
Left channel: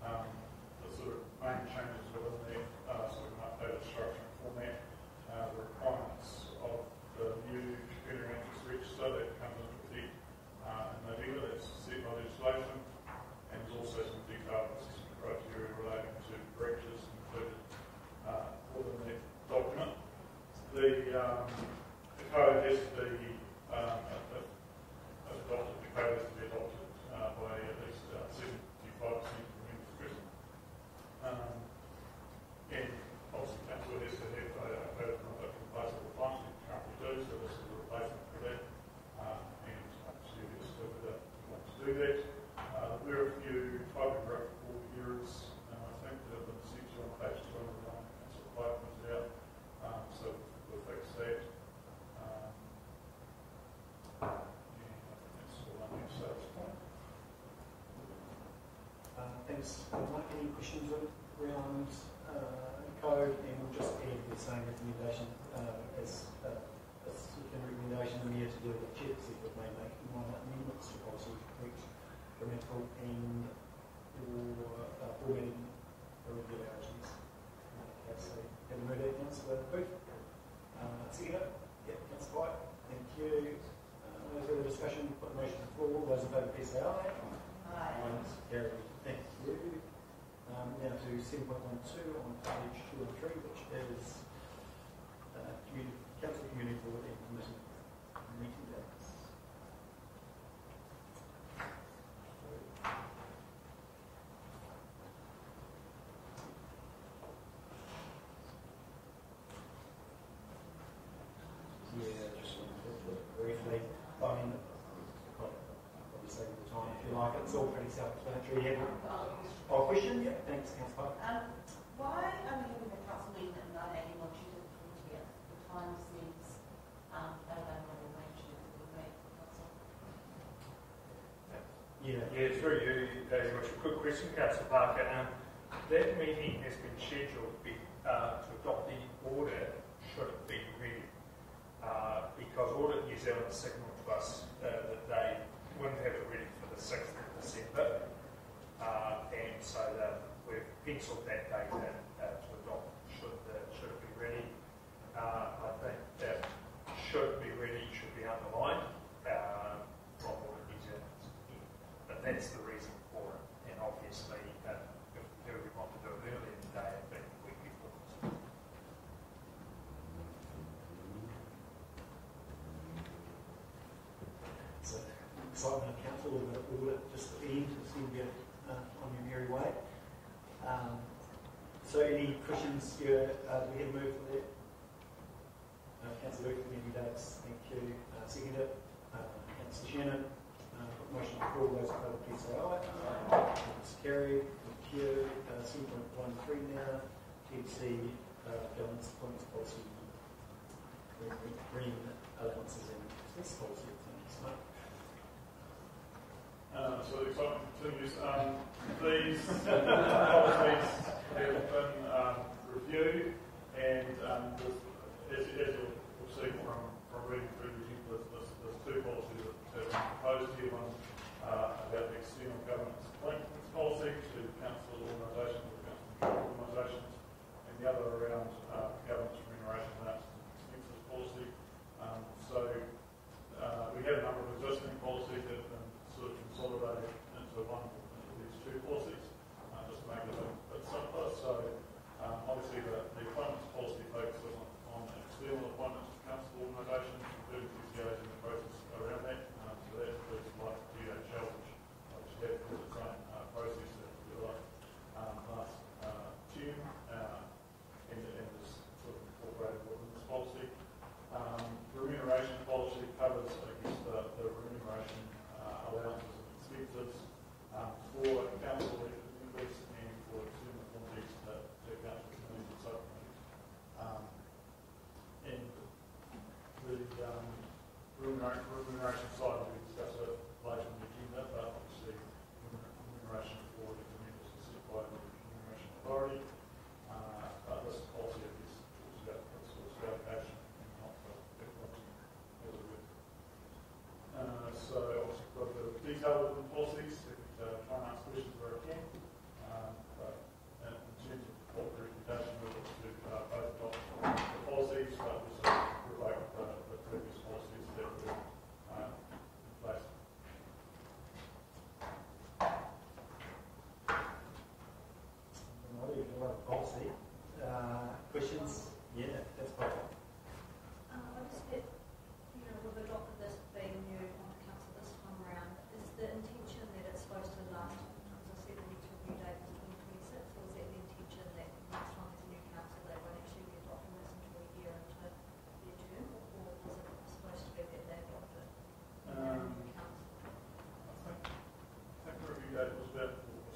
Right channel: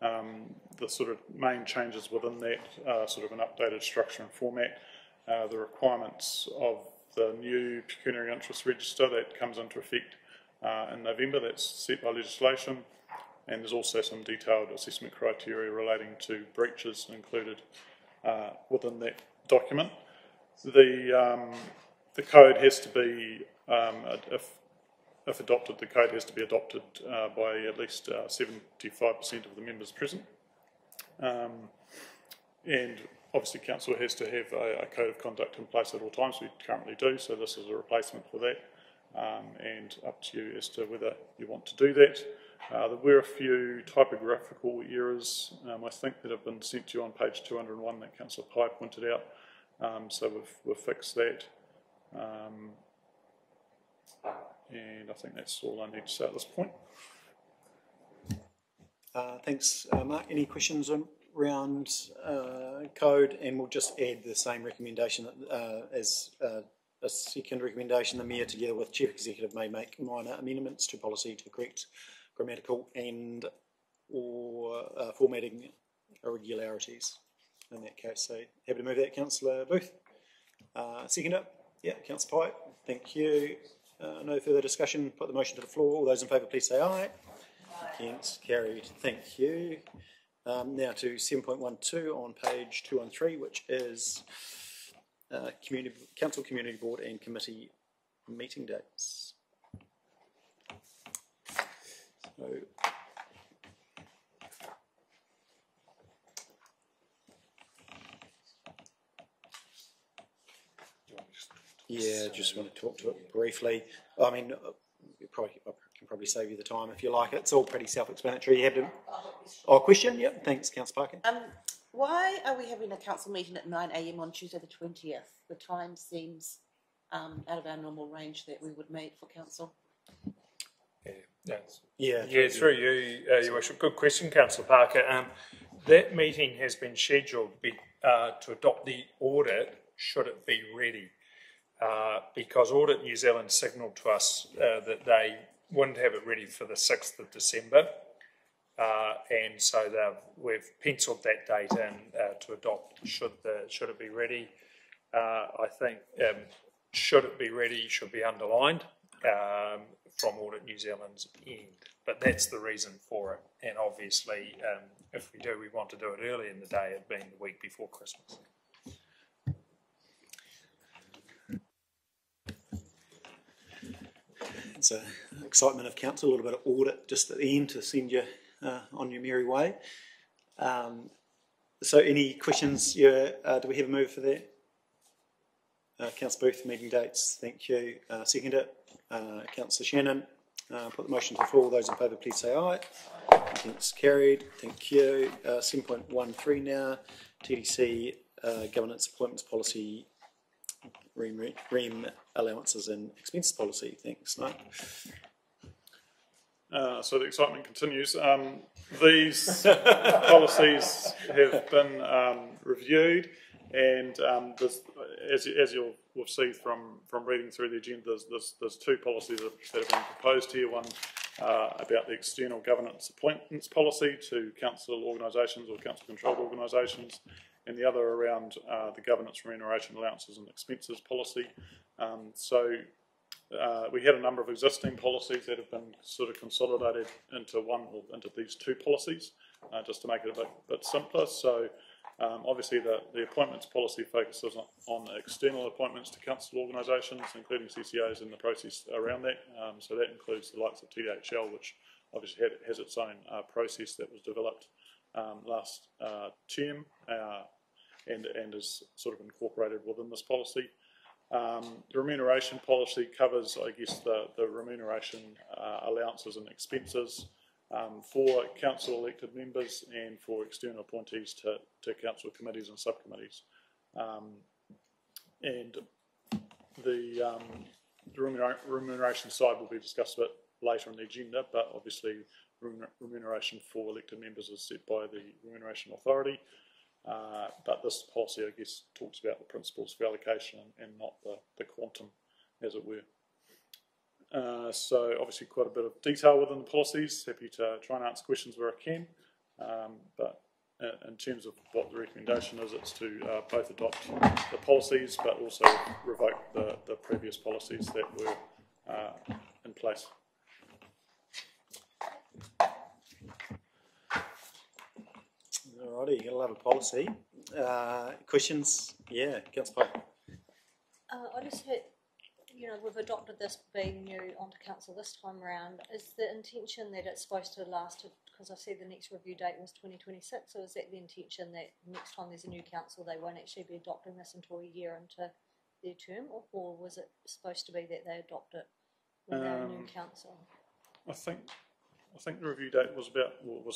The sort of main changes within that sort of an updated structure and format. The requirements of the new pecuniary interest register that comes into effect in November, that's set by legislation, and there's also some detailed assessment criteria relating to breaches included within that document. The code has to be, if adopted, the code has to be adopted by at least 75% of the members present. And obviously council has to have a code of conduct in place at all times. We currently do, so this is a replacement for that. And up to you as to whether you want to do that. There were a few typographical errors, I think, that have been sent to you on page 201 that Councillor Pye pointed out. So we've fixed that. And I think that's all I need to say at this point. Thanks, Mark. Any questions around code? And we'll just add the same recommendation as a second recommendation. The Mayor, together with Chief Executive, may make minor amendments to policy to correct grammatical and or formatting irregularities in that case. So happy to move that, Councillor Booth. Seconder? Yeah, Councillor Pye. Thank you. No further discussion. Put the motion to the floor. All those in favour, please say aye. Against, carried. Thank you. Now to 7.12 on page 213, which is Council Community Board and Committee meeting dates. So, yeah, just want to talk to it briefly. I mean, I can probably save you the time if you like. It's all pretty self-explanatory. You have to. Oh, question? Yep. Thanks, Councillor Parker. Why are we having a council meeting at 9 AM on Tuesday the 20th? The time seems out of our normal range that we would make for council. Yeah, through you, Your Worship. Good question, Councillor Parker. That meeting has been scheduled to adopt the audit, should it be ready. Because Audit New Zealand signalled to us that they wouldn't have it ready for the 6th of December. And so we've penciled that date in to adopt should it be ready. I think should it be ready should be underlined from Audit New Zealand's end. But that's the reason for it. And obviously, if we do, we want to do it early in the day, it being the week before Christmas. It's an excitement of council, a little bit of audit just at the end to send you on your merry way. So any questions? Do we have a move for that? Councillor Booth, meeting dates, thank you. Second it, Councillor Shannon. Put the motion to the floor. Those in favour, please say aye. It's carried. Thank you. 7.13 now. TDC governance appointments policy, REM allowances and expenses policy. Thanks, Mike. So the excitement continues. These policies have been reviewed, and as you'll see from reading through the agenda, there's two policies that have been proposed here. One about the external governance appointments policy to council organisations or council-controlled organisations, and the other around the governance remuneration allowances and expenses policy. We had a number of existing policies that have been sort of consolidated into these two policies, just to make it a bit simpler. So obviously the appointments policy focuses on external appointments to council organisations, including CCOs, and the process around that. So that includes the likes of TDHL, which obviously has its own process that was developed last term and is sort of incorporated within this policy. The remuneration policy covers, I guess, the remuneration allowances and expenses for council elected members and for external appointees to council committees and subcommittees. And the remuneration side will be discussed a bit later in the agenda, but obviously remuneration for elected members is set by the Remuneration Authority. But this policy, I guess, talks about the principles of allocation and not the quantum, as it were. So obviously quite a bit of detail within the policies. Happy to try and answer questions where I can. But in terms of what the recommendation is, it's to both adopt the policies but also revoke the previous policies that were in place. Alrighty, got a lot of policy. Questions? Yeah, Councillor Piper. I just had, we've adopted this being new onto council this time around. Is the intention that it's supposed to last, because I see the next review date was 2026, or is that the intention that next time there's a new council they won't actually be adopting this until a year into their term, or was it supposed to be that they adopt it when they're a new council? I think the review date was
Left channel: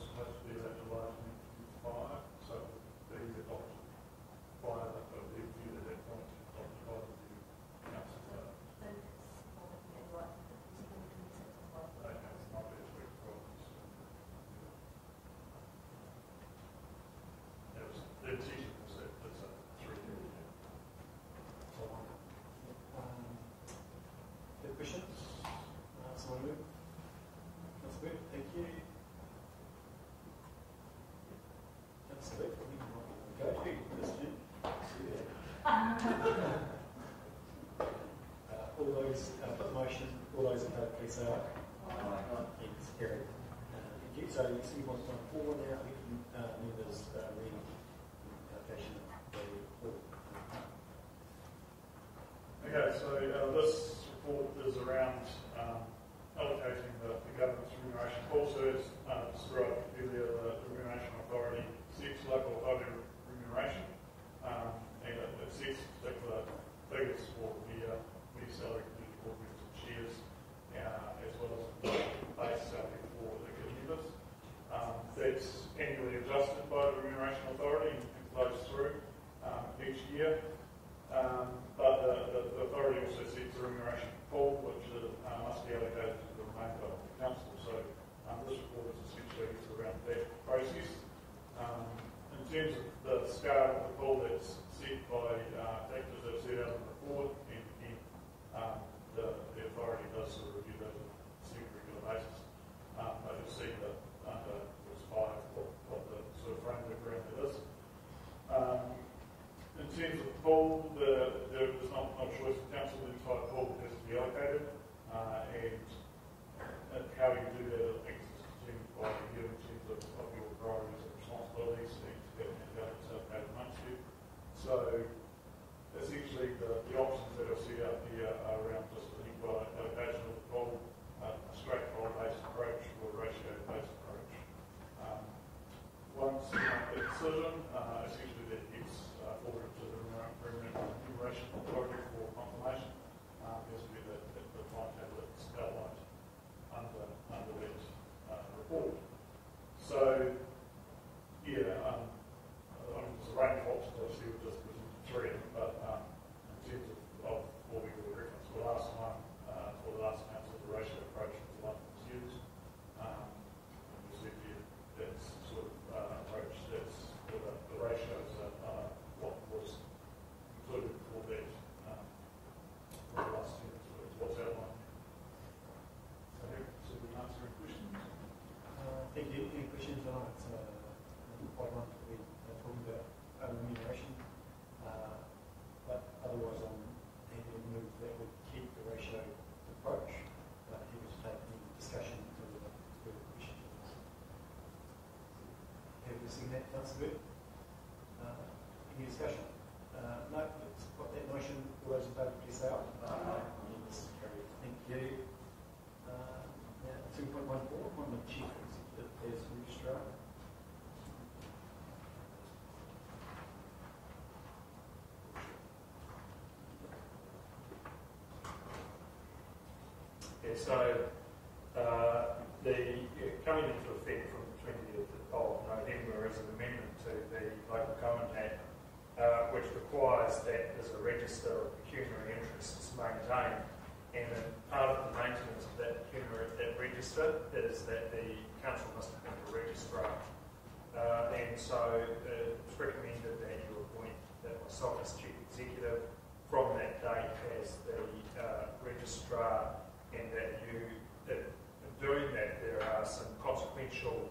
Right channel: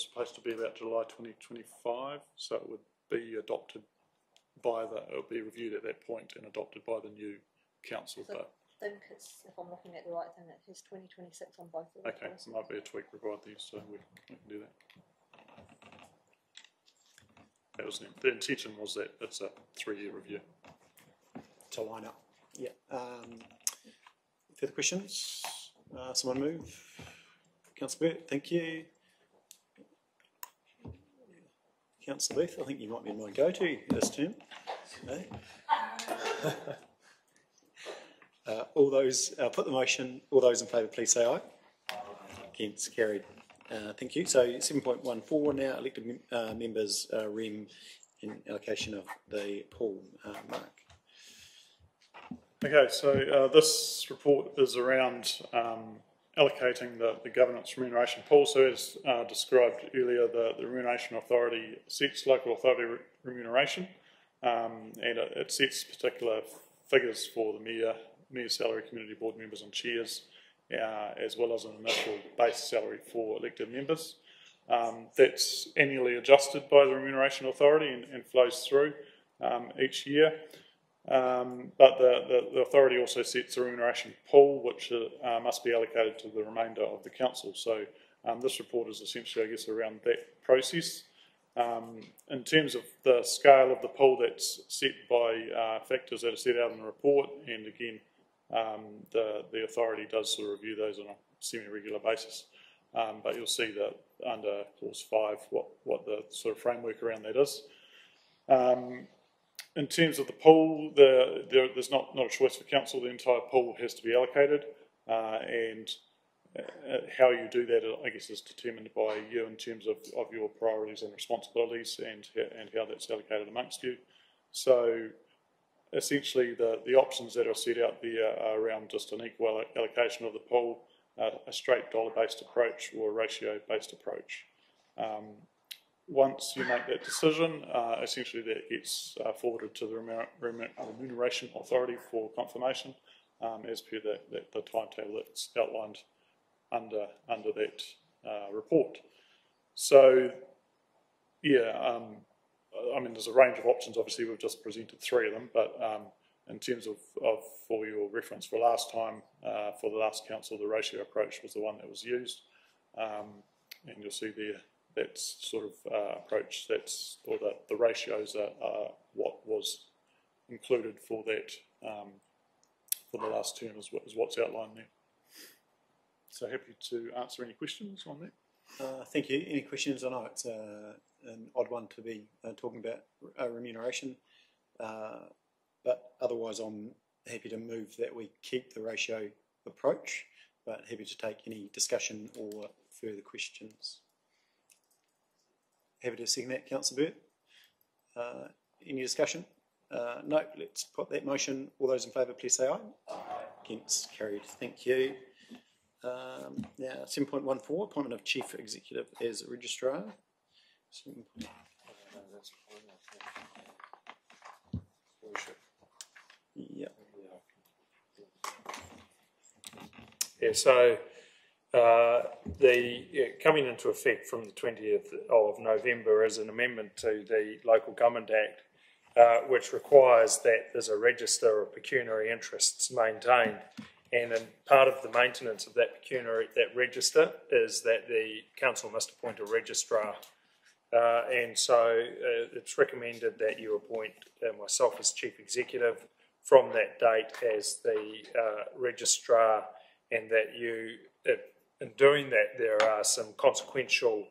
supposed to be about July 2025, so it would be adopted it would be reviewed at that point and adopted by the new council. I think it's, if I'm looking at the right thing, it is 2026 on both of them. Okay, so there might be a tweak required there, so we can do that. The intention was that it's a 3-year review. To line up. Yeah. Further questions? Someone move. Councillor Burt, thank you. Councillor Booth, I think you might be my go-to this term. All those, put the motion, all those in favour please say aye. Against, carried. Thank you. So 7.14 now, elected members, REM in allocation of the pool. Mark. Okay, so this report is around allocating the governance remuneration pool. So as described earlier, the Remuneration Authority sets local authority remuneration, and it sets particular figures for the mayor salary, community board members and chairs, as well as an initial base salary for elected members. That's annually adjusted by the Remuneration Authority and flows through each year. But the authority also sets a remuneration pool which must be allocated to the remainder of the council. So this report is essentially, I guess, around that process. In terms of the scale of the pool, that's set by factors that are set out in the report, and again, the authority does sort of review those on a semi-regular basis. But you'll see that under clause 5 what the sort of framework around that is. In terms of the pool, there's not a choice for council. The entire pool has to be allocated, and how you do that, I guess, is determined by you in terms of your priorities and responsibilities and how that's allocated amongst you. So essentially the options that are set out there are around just an equal allocation of the pool, a straight dollar-based approach or a ratio-based approach. Once you make that decision, essentially that gets forwarded to the Remuneration Authority for confirmation, as per the timetable that's outlined under that report. So, yeah, I mean, there's a range of options. Obviously, we've just presented 3 of them, but in terms of for your reference for last time, for the last council, the ratio approach was the one that was used, and you'll see there that's sort of approach or the ratios are what was included for that for the last term is what's outlined there. So happy to answer any questions on that. Thank you. Any questions? I know it's an odd one to be talking about remuneration, but otherwise I'm happy to move that we keep the ratio approach, but happy to take any discussion or further questions. Happy to second that, Councillor Burt. Any discussion? No, let's put that motion. All those in favour, please say aye. Aye. Against, carried. Thank you. Now, 7.14, appointment of Chief Executive as Registrar. Yeah, so coming into effect from the 20th of November is an amendment to the Local Government Act, which requires that there's a register of pecuniary interests maintained, and part of the maintenance of that register is that the council must appoint a registrar, and so it's recommended that you appoint myself as Chief Executive from that date as the registrar, and that you, in doing that, there are some consequential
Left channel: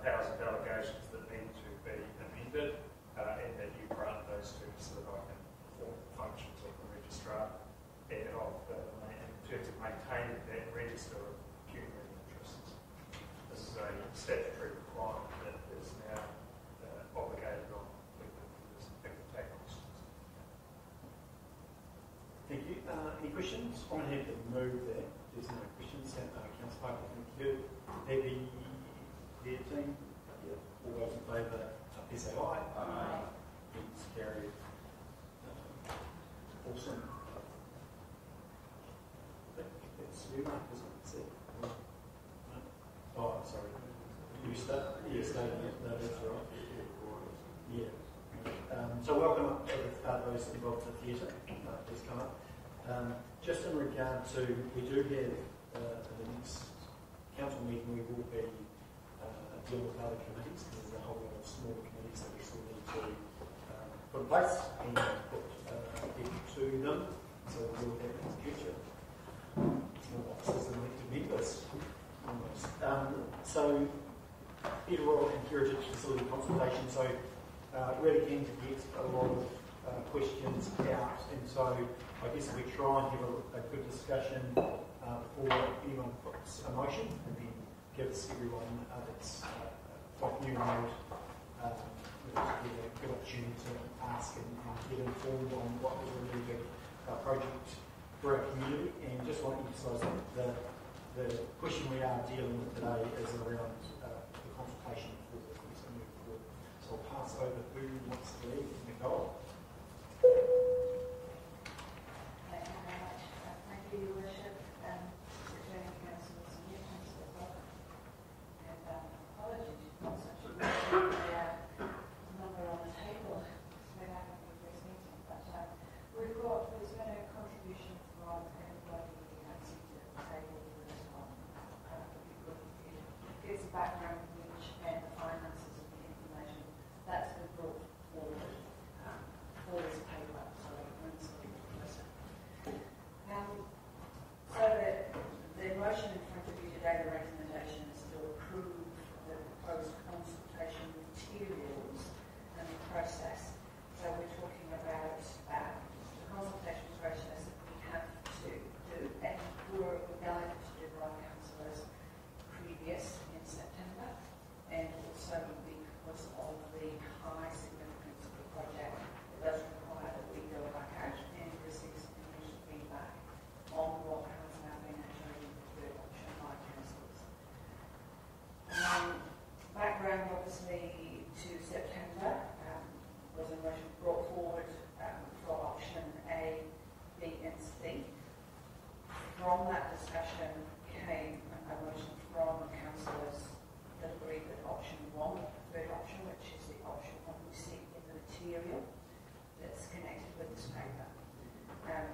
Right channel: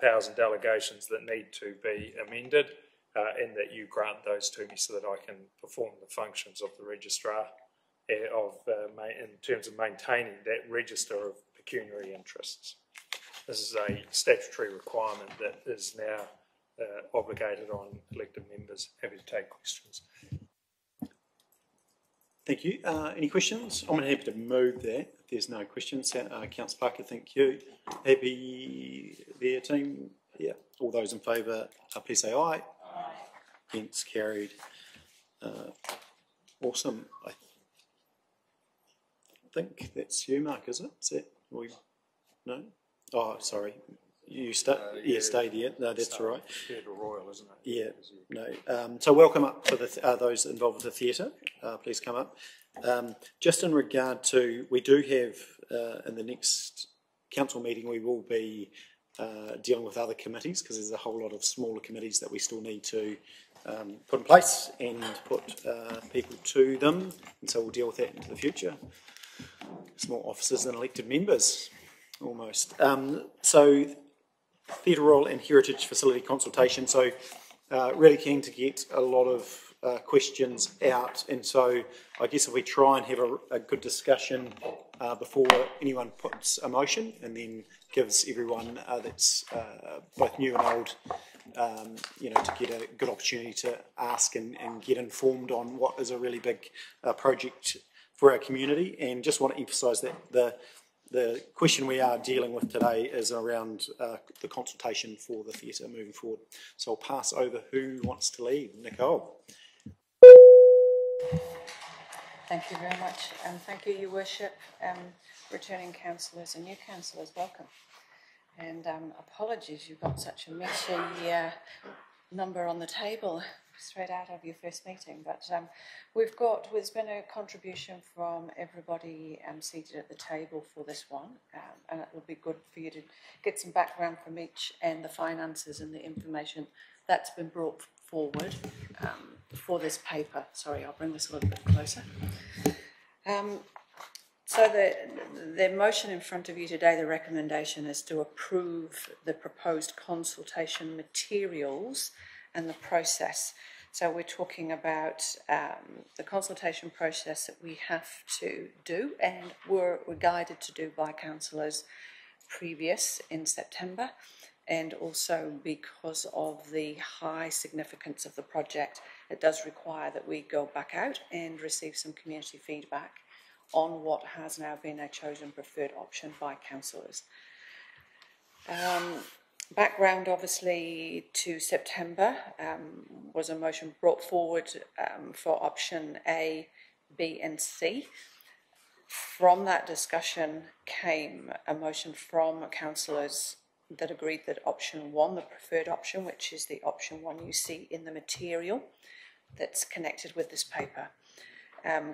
powers and delegations that need to be amended, and that you grant those to me so that I can perform the functions of the registrar in terms of maintaining that register of pecuniary interests. This is a statutory requirement that is now obligated on elected members. Happy to take questions. Thank you. Any questions? I'm happy to move that. If there's no questions. Councillor Parker, thank you. Happy there, team? Yeah. All those in favour, please say aye. Aye. Against, carried. Awesome. I think that's you, Mark, is it? Is that we? No? Oh, sorry. You stay? Yeah, stay there. No, that's all right. Royal, isn't it? Yeah. No. So welcome up to those involved with the theatre. Please come up. Just in regard to, we do have in the next council meeting, we will be dealing with other committees, because there's a whole lot of smaller committees that we still need to put in place and put people to them. And so we'll deal with that into the future. It's more officers than elected members, almost. So Theatre Royal and Heritage Facility consultation. So really keen to get a lot of questions out, and so I guess if we try and have a good discussion before anyone puts a motion, and then gives everyone that's both new and old, to get a good opportunity to ask and get informed on what is a really big project for our community. And just want to emphasise that the question we are dealing with today is around the consultation for the theatre moving forward. So I'll pass over who wants to lead. Nicole. Thank you very much, and thank you, Your Worship, returning councillors and new councillors, welcome. And apologies, you've got such a meaty number on the table straight out of your first meeting, but there's been a contribution from everybody seated at the table for this one, and it will be good for you to get some background from each, and the finances and the information that's been brought forward for this paper. Sorry, I'll bring this a little bit closer. So the motion in front of you today, the recommendation is to approve the proposed consultation materials and the process. So we're talking about the consultation process that we have to do and were guided to do by councillors previous in September, and also because of the high significance of the project, it does require that we go back out and receive some community feedback on what has now been a chosen preferred option by councillors. Background, obviously, to September was a motion brought forward for option A, B and C. From that discussion came a motion from councillors that agreed that option 1, the preferred option, which is the option 1 you see in the material that's connected with this paper.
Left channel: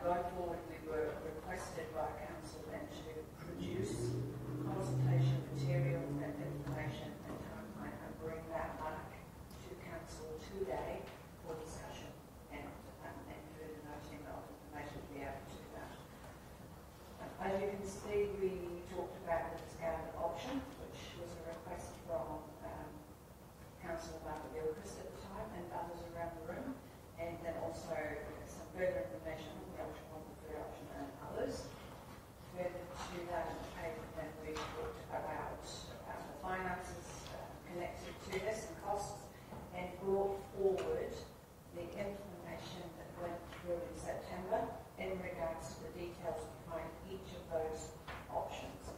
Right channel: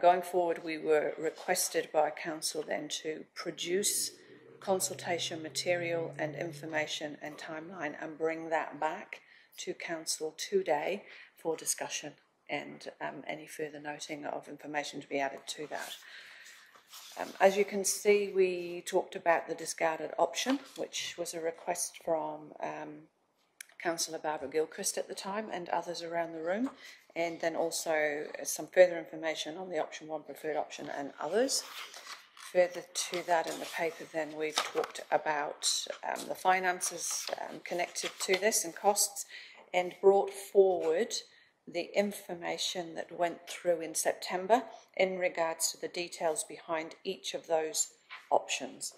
Going forward, we were requested by council then to produce consultation material and information and timeline and bring that back to council today for discussion and any further noting of information to be added to that. As you can see, we talked about the discarded option, which was a request from Councillor Barbara Gilchrist at the time and others around the room, and then also some further information on the option 1 preferred option and others. Further to that in the paper then we've talked about the finances connected to this and costs, and brought forward the information that went through in September in regards to the details behind each of those options.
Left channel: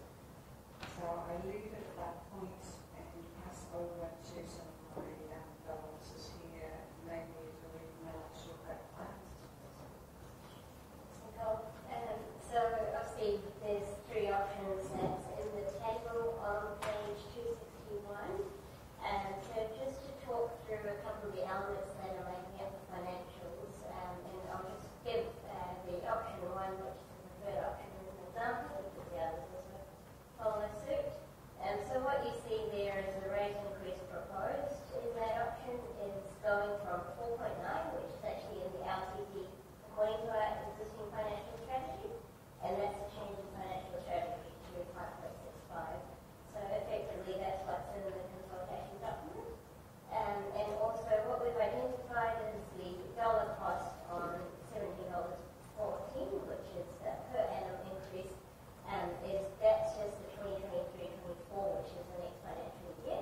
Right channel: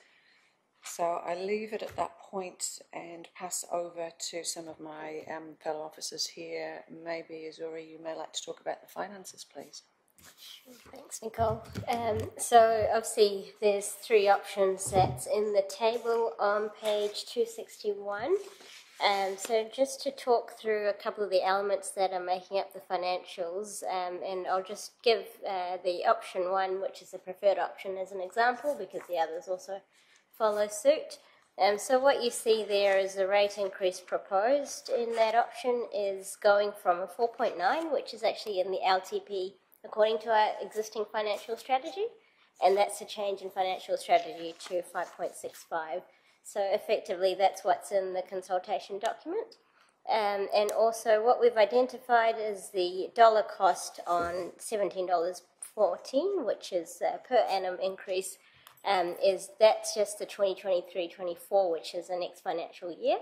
So I leave it at that point and pass over to some of my fellow officers here. Maybe, Azura, you may like to talk about the finances, please. Thanks, Nicole. So obviously there's 3 options that's in the table on page 261. So just to talk through a couple of the elements that are making up the financials, and I'll just give the option 1, which is the preferred option, as an example, because the others also follow suit. So what you see there is the rate increase proposed in that option is going from a 4.9, which is actually in the LTP according to our existing financial strategy, and that's a change in financial strategy to 5.65. So effectively that's what's in the consultation document. And also what we've identified is the dollar cost on $17.14, which is per annum increase, that's just the 2023-24, which is the next financial year.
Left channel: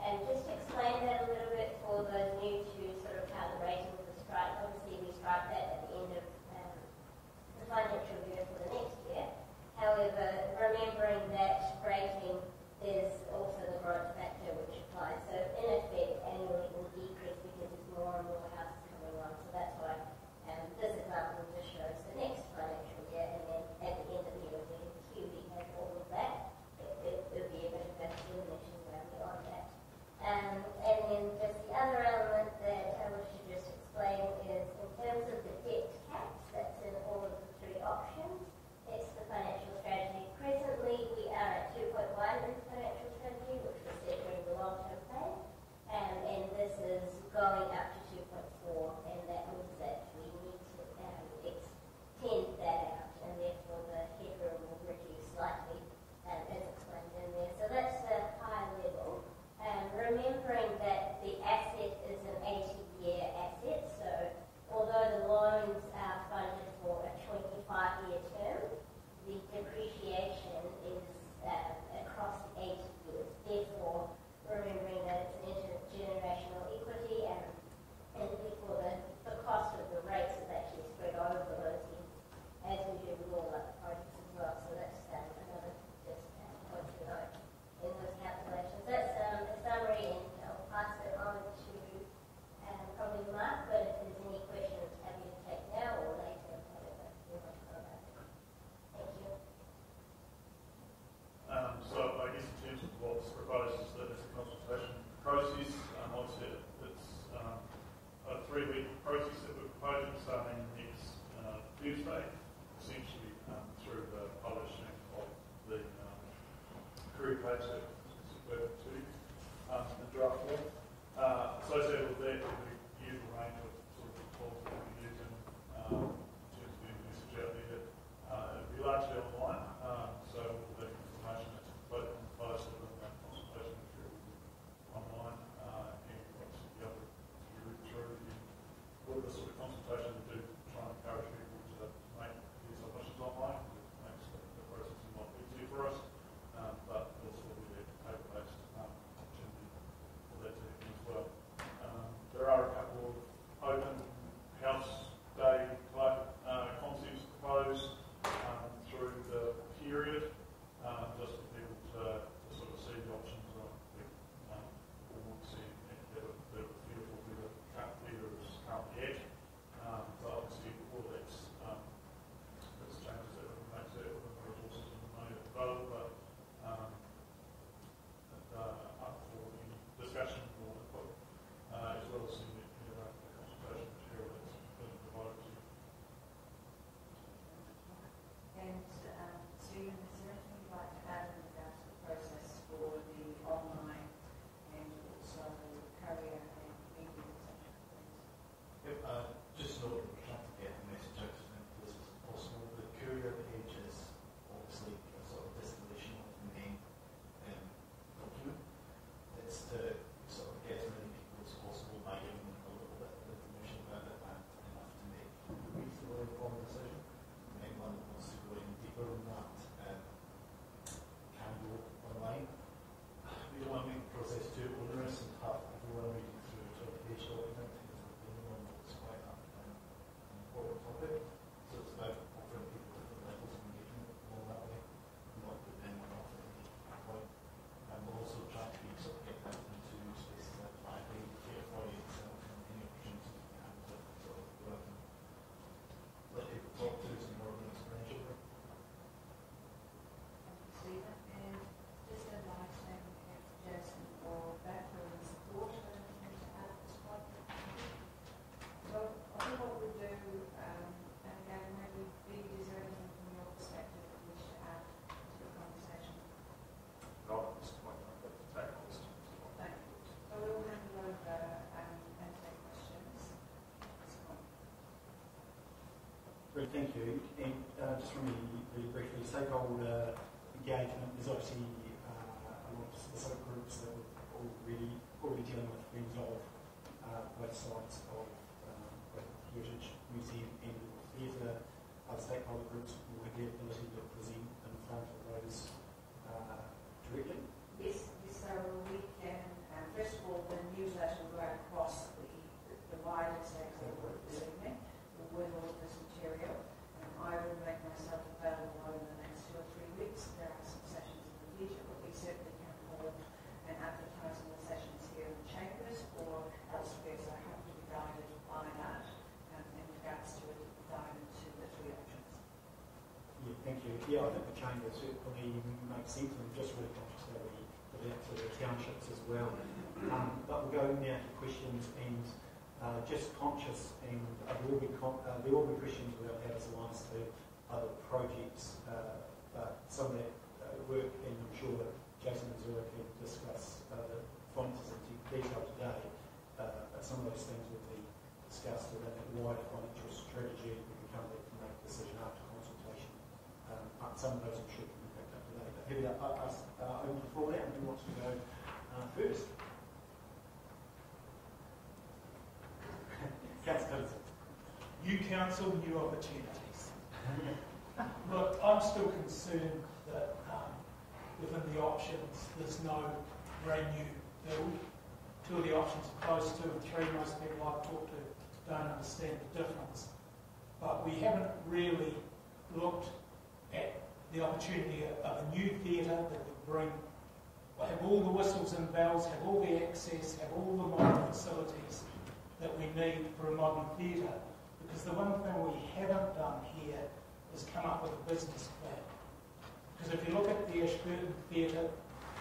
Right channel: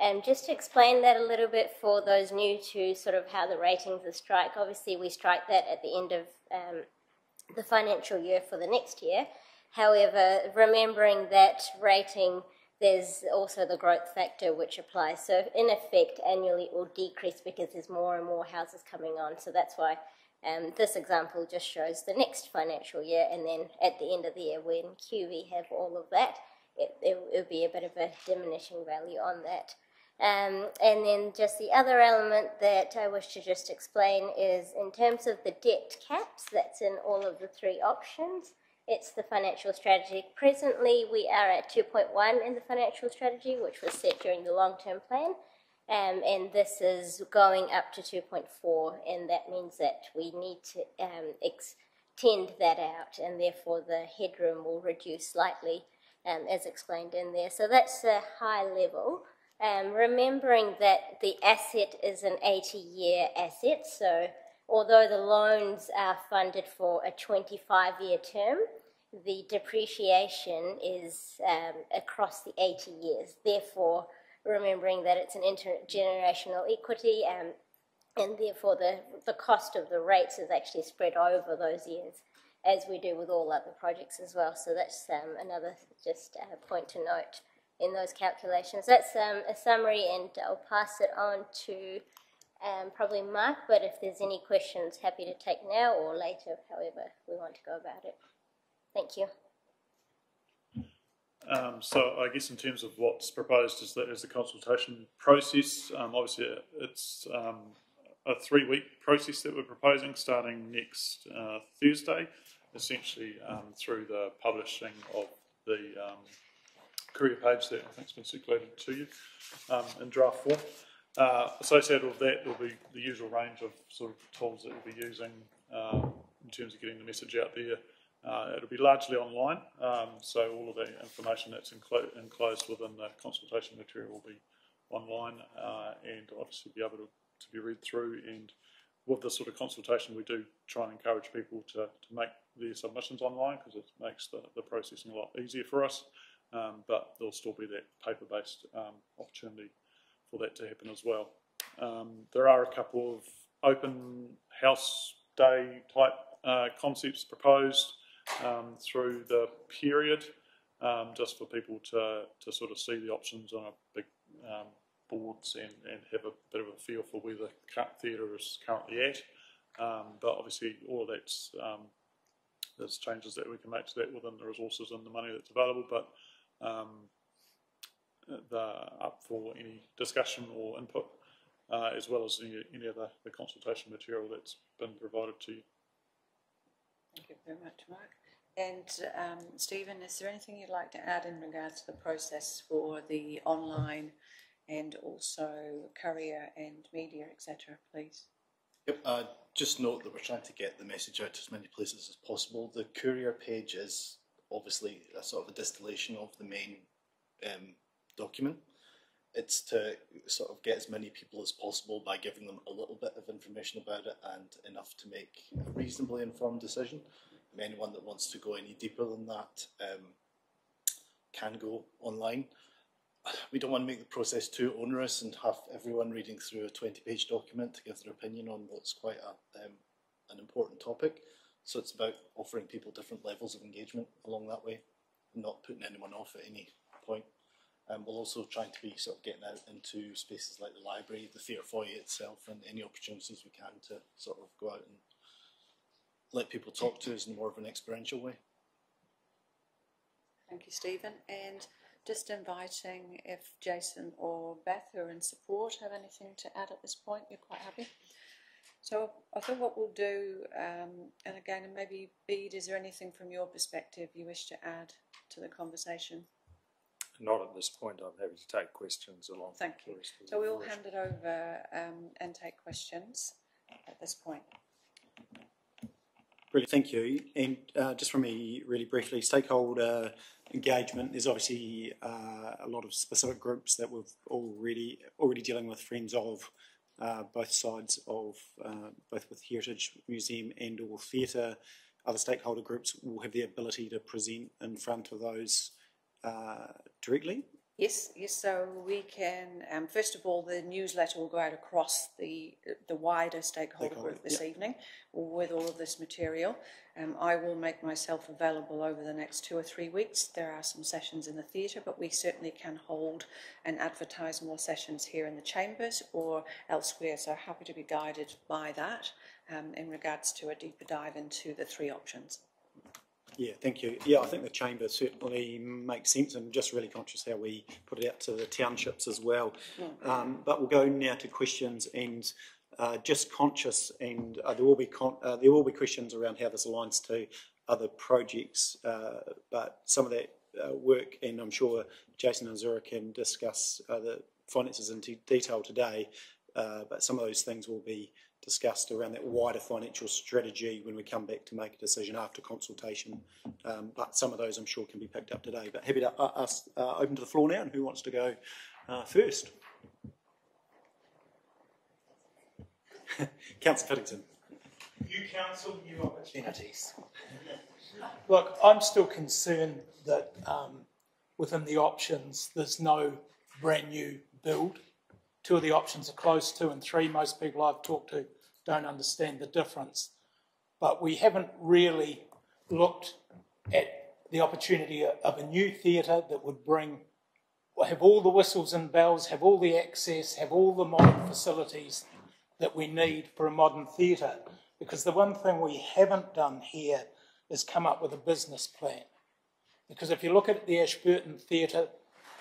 And just to explain that a little bit for those new to sort of how the ratings are strike, obviously we strike that at the end of the financial year for the next year. However, remembering that rating, there's also the growth factor which applies. So in effect, annually it will decrease because there's more and more houses coming on. So that's why this example just shows the next financial year, and then at the end of the year when QV have all of that, it'll be a bit of a diminishing value on that. And then just the other element that I wish to just explain is in terms of the debt caps, that's in all of the 3 options. It's the financial strategy. Presently, we are at 2.1 in the financial strategy, which was set during the long-term plan, and this is going up to 2.4, and that means that we need to extend that out, and therefore the headroom will reduce slightly, as explained in there. So that's the high level. Remembering that the asset is an 80-year asset, so although the loans are funded for a 25-year term, the depreciation is across the 80 years. Therefore, remembering that it's an intergenerational equity, and therefore the cost of the rates is actually spread over those years, as we do with all other projects as well. So that's another just point to note in those calculations. That's a summary, and I'll pass it on to probably Mark, but if there's any questions, happy to take now or later, however we want to go about it. Thank you. So I guess in terms of what's proposed is the consultation process. Obviously it's a 3-week process that we're proposing starting next Thursday, essentially through the publishing of the career page that I think's been circulated to you in draft form. Associated with that will be the usual range of sort of tools that we'll be using in terms of getting the message out there. It'll be largely online, so all of the information that's enclosed within the consultation material will be online and obviously be able to be read through. And with this sort of consultation, we do try and encourage people to make their submissions online because it makes the processing a lot easier for us, but there'll still be that paper-based opportunity for that to happen as well. There are a couple of open house day type concepts proposed. through the period, just for people to sort of see the options on a big boards and have a bit of a feel for where the theatre is currently at. But obviously all of that's there's changes that we can make to that within the resources and the money that's available, but up for any discussion or input, as well as any of the consultation material that's been provided to you. Thank you very much, Mark. And Stephen, is there anything you'd like to add in regards to the process for the online and also courier and media, etc., please? Yep, just note that we're trying to get the message out to as many places as possible. The courier page is obviously a sort of a distillation of the main document. It's to sort of get as many people as possible by giving them a little bit of information about it and enough to make a reasonably informed decision. Anyone that wants to go any deeper than that can go online. We don't want to make the process too onerous and have everyone reading through a 20-page document to give their opinion on what's quite an important topic. So it's about offering people different levels of engagement along that way, not putting anyone off at any point. We'll also try to be sort of getting out into spaces like the library, the theatre foyer itself, and any opportunities we can to sort of go out and let people talk to us in more of an experiential way. Thank you, Stephen. And just inviting if Jason or Beth who are in support have anything to add at this point, we're quite happy. So I think what we'll do, and again, maybe Bede, is there anything from your perspective you wish to add to the conversation? Not at this point. I'm happy to take questions along. Thank you. So we'll hand it over and take questions at this point. Really, thank you. And just from me, really briefly, stakeholder engagement. There's obviously a lot of specific groups that we've already dealing with, friends of both sides of both with Heritage Museum and or theatre. Other stakeholder groups will have the ability to present in front of those directly. Yes. So we can. First of all, the newsletter will go out across the wider stakeholder group this evening with all of this material. I will make myself available over the next 2 or 3 weeks. There are some sessions in the theatre, but we certainly can hold and advertise more sessions here in the chambers or elsewhere. So happy to be guided by that in regards to a deeper dive into the 3 options. Yeah, thank you. Yeah, I think the chamber certainly makes sense. I'm just really conscious how we put it out to the townships as well. But we'll go now to questions, and just conscious, and there will be questions around how this aligns to other projects. But some of that work, and I'm sure Jason and Zura can discuss the finances in detail today. But some of those things will be discussed around that wider financial strategy when we come back to make a decision after consultation. But some of those I'm sure can be picked up today. But happy to open to the floor now, and who wants to go first? Councillor Fiddington. New council, new opportunities. Look, I'm still concerned that within the options there's no brand new build. 2 of the options are close, 2 and 3. Most people I've talked to don't understand the difference. But we haven't really looked at the opportunity of a new theatre that would have all the whistles and bells, have all the access, have all the modern facilities that we need for a modern theatre. Because the one thing we haven't done here is come up with a business plan. Because if you look at the Ashburton Theatre,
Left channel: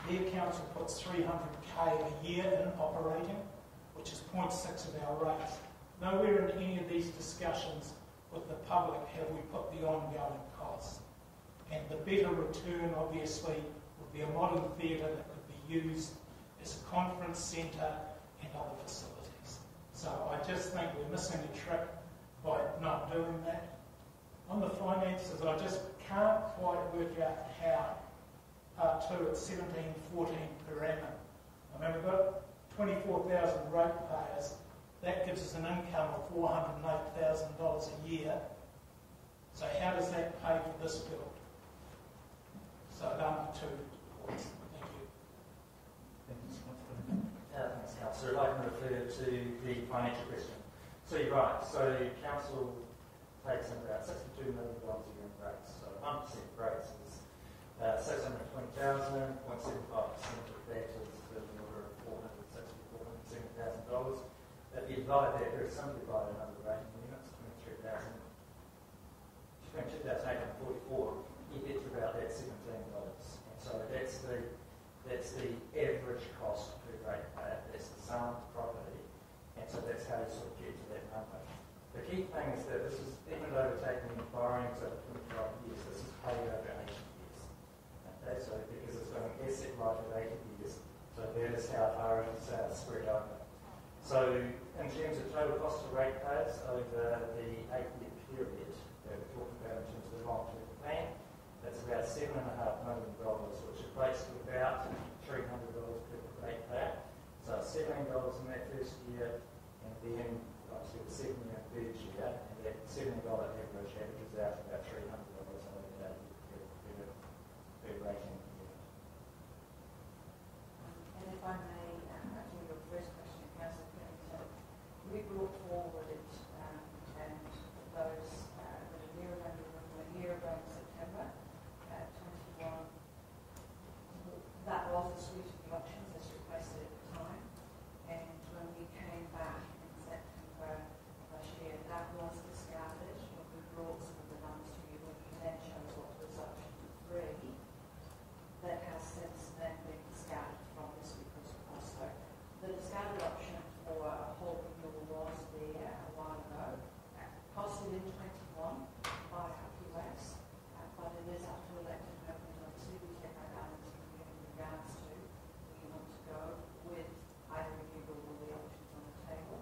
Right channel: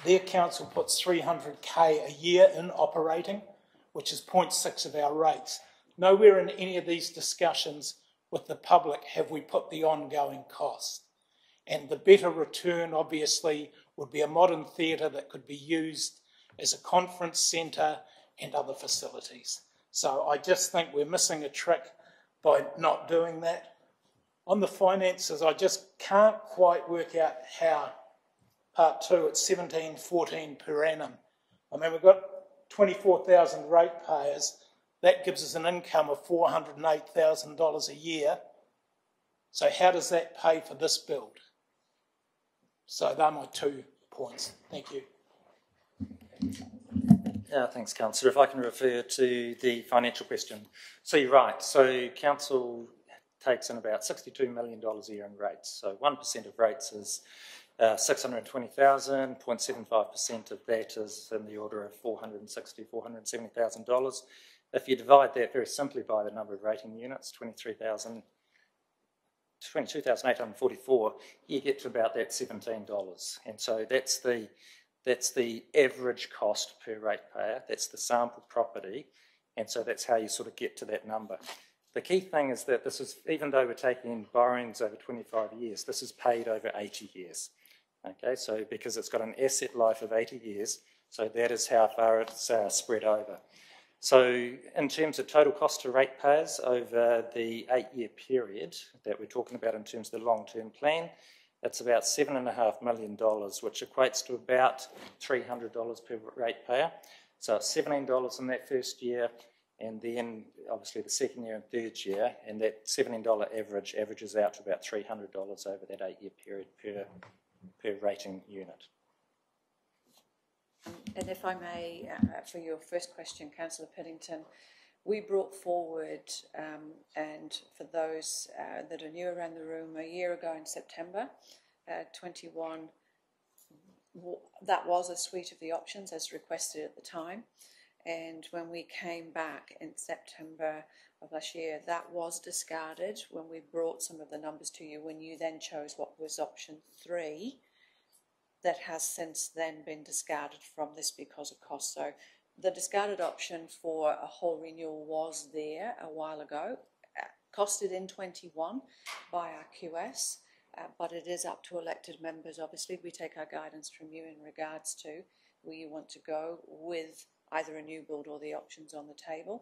their council puts 300k a year in operating, which is 0.6 of our rates. Nowhere in any of these discussions with the public have we put the ongoing costs. And the better return, obviously, would be a modern theatre that could be used as a conference centre and other facilities. So I just think we're missing a trick by not doing that. On the finances, I just can't quite work out how Part 2 at 17.14 per annum. I mean, we've got 24,000 ratepayers. That gives us an income of $408,000 a year. So how does that pay for this build? So they're my 2 points. Thank you. Thanks, Councillor. If I can refer to the financial question. So you're right. So Council takes in about $62 million a year in rates. So 1% of rates is 620,000, 0.75% of that is in the order of $460,000, $470,000. If you divide that very simply by the number of rating units, 22,844, you get to about that $17. And so that's the average cost per ratepayer, that's the sample property, and so that's how you sort of get to that number. The key thing is that this is, even though we're taking in borrowings over 25 years, this is paid over 80 years. Okay, so because it's got an asset life of 80 years, so that is how far it's spread over. So in terms of total cost to ratepayers over the 8-year period that we're talking about in terms of the long-term plan, it's about $7.5 million, which equates to about $300 per ratepayer. So it's $17 in that first year, and then obviously the second year and third year, and that $17 average averages out to about $300 over that 8-year period per rating unit. And if I may, for your first question, Councillor Piddington, we brought forward, and for those that are new around the room, a year ago in September 21, that was a suite of the options as requested at the time. And when we came back in September of last year, that was discarded when we brought some of the numbers to you, when you then chose what was option 3. That has since then been discarded from this because of cost. So the discarded option for a whole renewal was there a while ago, costed in 21 by our QS, but it is up to elected members. Obviously, we take our guidance from you in regards to where you want to go with either a new build or the options on the table.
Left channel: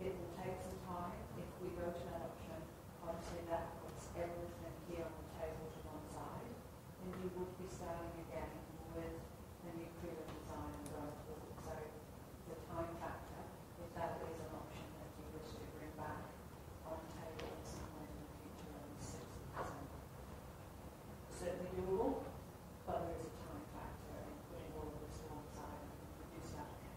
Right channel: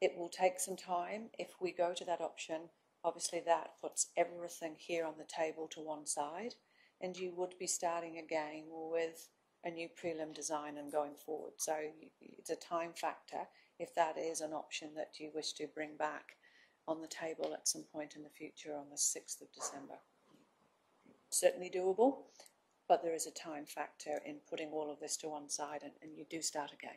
It will take some time. If we go to that option, obviously that puts everything here on the table to one side, and you would be starting again with a new prelim design and going forward. So it's a time factor if that is an option that you wish to bring back on the table at some point in the future on the 6th of December. Certainly doable, but there is a time factor in putting all of this to one side, and you do start again.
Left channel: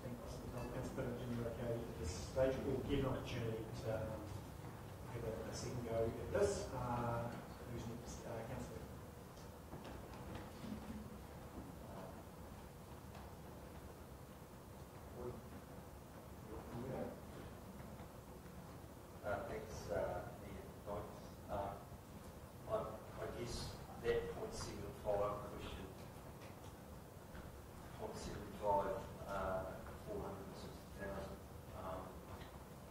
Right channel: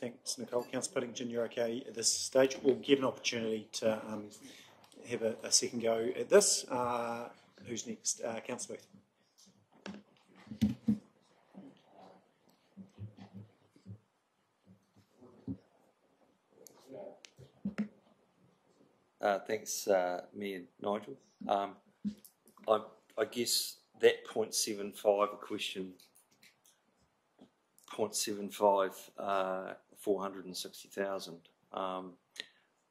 Thanks, Nicole. Councillor Piddington, you're okay at this stage. We'll give an opportunity to have a second go at this. Who's next? Councillor Booth. Thanks, Mayor Nigel. I guess that 0.75 question, 0.75, 460,000.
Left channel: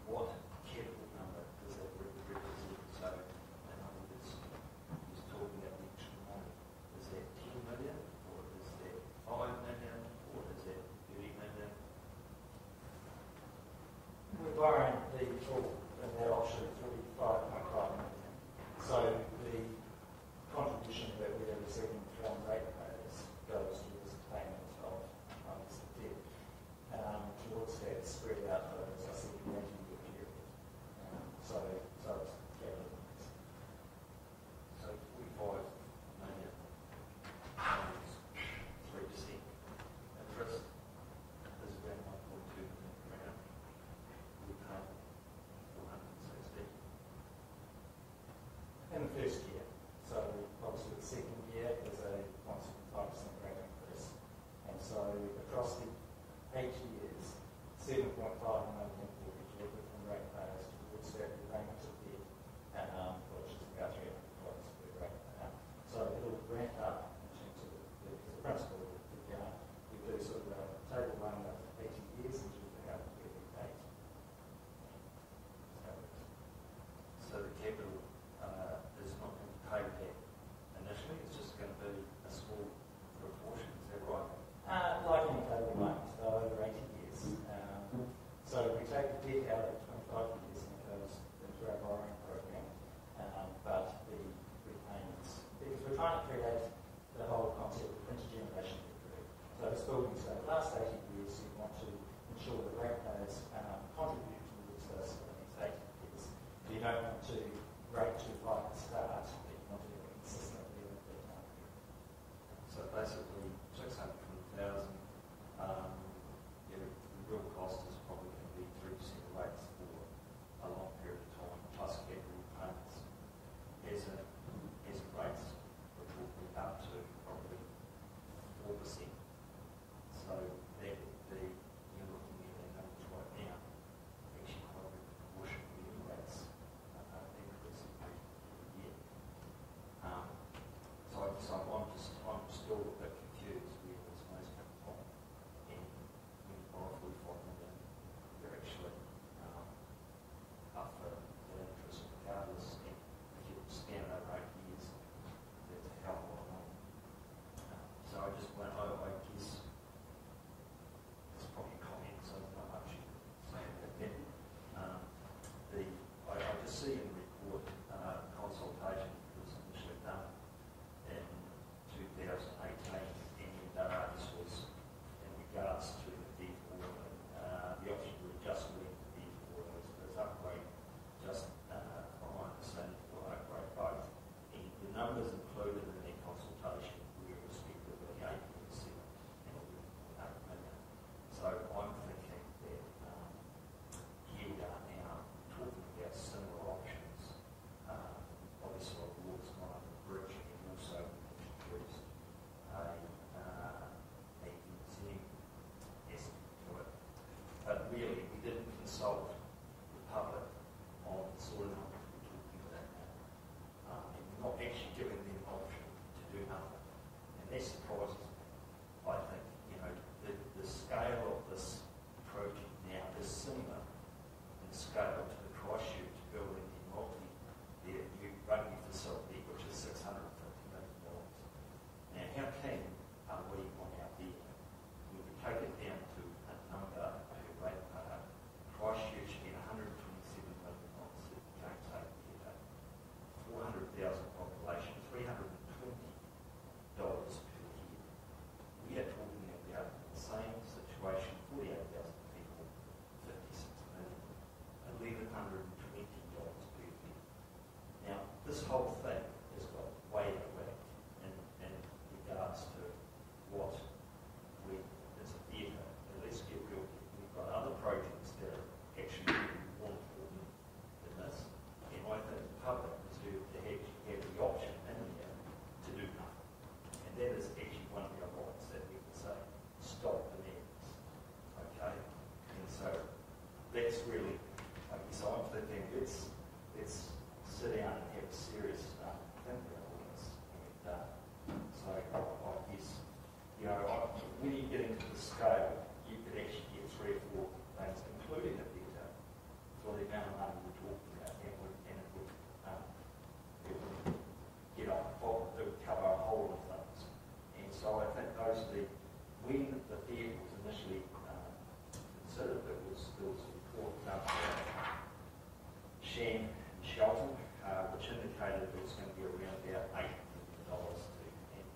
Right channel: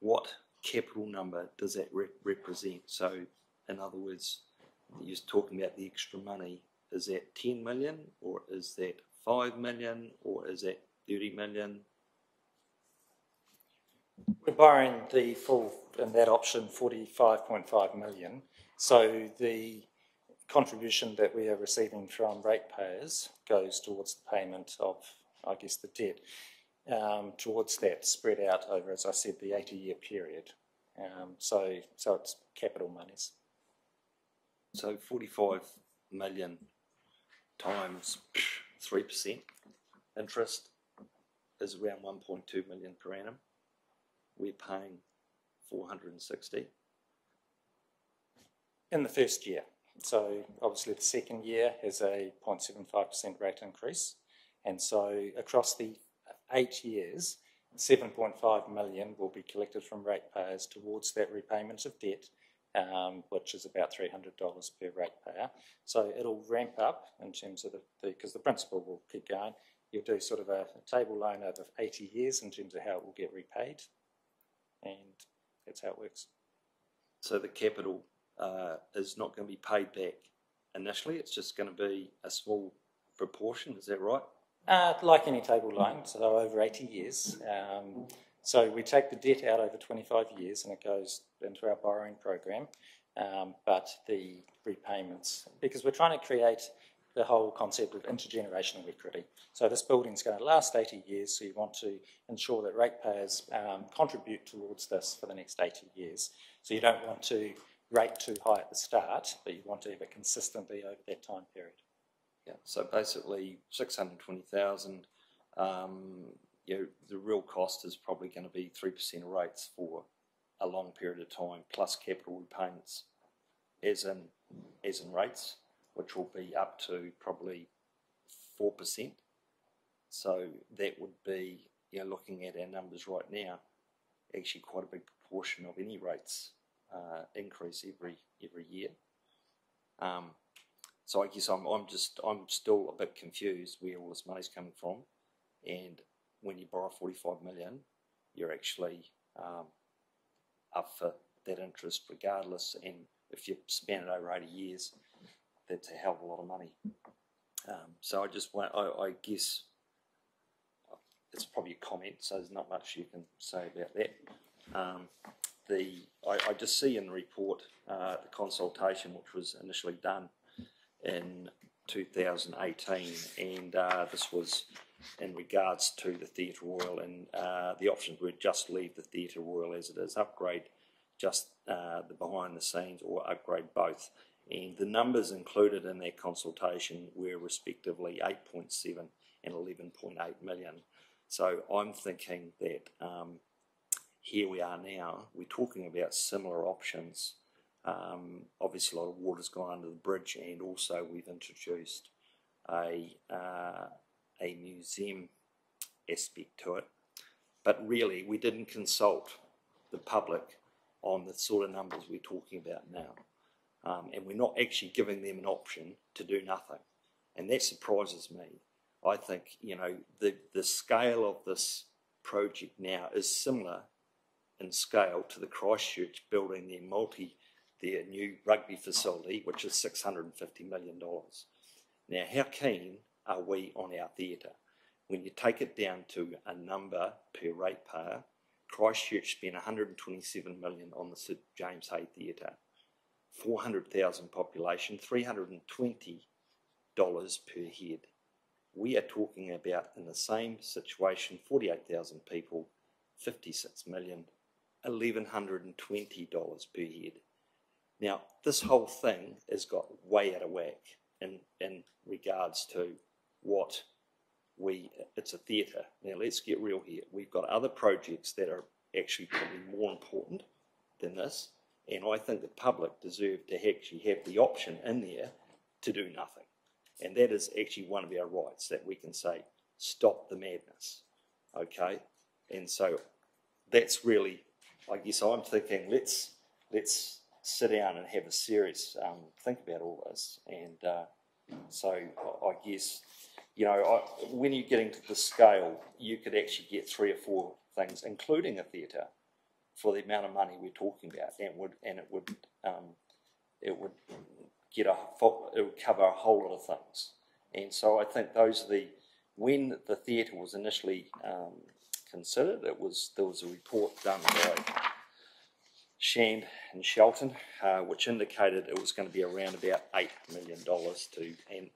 What capital number does that represent? So, in other words, you're talking about the extra money. Is that 10 million, or is that 5 million, or is that 30 million? We're borrowing the full, in that option, 45.5 million. So the contribution that we are receiving from ratepayers goes towards the payment of, I guess, the debt, towards that spread out over, as I said, the 80-year period. So it's capital monies. So 45 million times 3% interest is around 1.2 million per annum. We're paying 460. In the first year. So obviously the second year is a 0.75% rate increase. And so across the 8 years, 7.5 million will be collected from ratepayers towards that repayment of debt, which is about $300 per ratepayer. So it'll ramp up in terms of because the principal will keep going. You'll do sort of a table loan over 80 years in terms of how it will get repaid. And that's how it works. So the capital is not going to be paid back initially, it's just going to be a small proportion, is that right? Like any table loan, so over 80 years. So we take the debt out over 25 years and it goes into our borrowing program, but the repayments, because we're trying to create the whole concept of intergenerational equity. So this building's going to last 80 years, so you want to ensure that ratepayers contribute towards this for the next 80 years. So you don't want to rate too high at the start, but you want to have it consistently over that time period. Yeah, so basically 620,000, the real cost is probably going to be 3% of rates for a long period of time, plus capital repayments, as in rates, which will be up to probably 4%. So that would be, looking at our numbers right now, actually quite a big proportion of any rates increase every year. So I guess I'm still a bit confused where all this money's coming from, and when you borrow 45 million, you're actually up for that interest regardless, and if you span it over 80 years, that's a hell of a lot of money. So I just want, I guess, it's probably a comment, so there's not much you can say about that. I just see in the report the consultation which was initially done in 2018, and this was in regards to the Theatre Royal, and the options were just leave the Theatre Royal as it is, upgrade just the behind the scenes, or upgrade both. And the numbers included in that consultation were respectively 8.7 and 11.8 million. So I'm thinking that here we are now, we're talking about similar options. Obviously a lot of water's gone under the bridge, and also we've introduced a museum aspect to it. But really we didn't consult the public on the sort of numbers we're talking about now. And we're not actually giving them an option to do nothing. And that surprises me. I think, the scale of this project now is similar in scale to the Christchurch building their new rugby facility, which is $650 million. Now, how keen are we on our theatre? When you take it down to a number per ratepayer, Christchurch spent $127 million on the Sir James Hay Theatre, 400,000 population, $320 per head. We are talking about, in the same situation, 48,000 people, 56 million, $1,120 per head. Now, this whole thing has got way out of whack in regards to what it's a theatre. Now, let's get real here. We've got other projects that are actually probably more important than this, and I think the public deserve to actually have the option in there to do nothing. And that is actually one of our rights, that we can say, stop the madness, okay? And so that's really, I guess I'm thinking, let's sit down and have a serious think about all this. And so I guess, when you're getting to the scale, you could actually get 3 or 4 things, including a theatre, for the amount of money we're talking about, and it would cover a whole lot of things. And so I think those are when the theatre was initially considered, there was a report done by Shan and Shelton, which indicated it was going to be around about $8 million and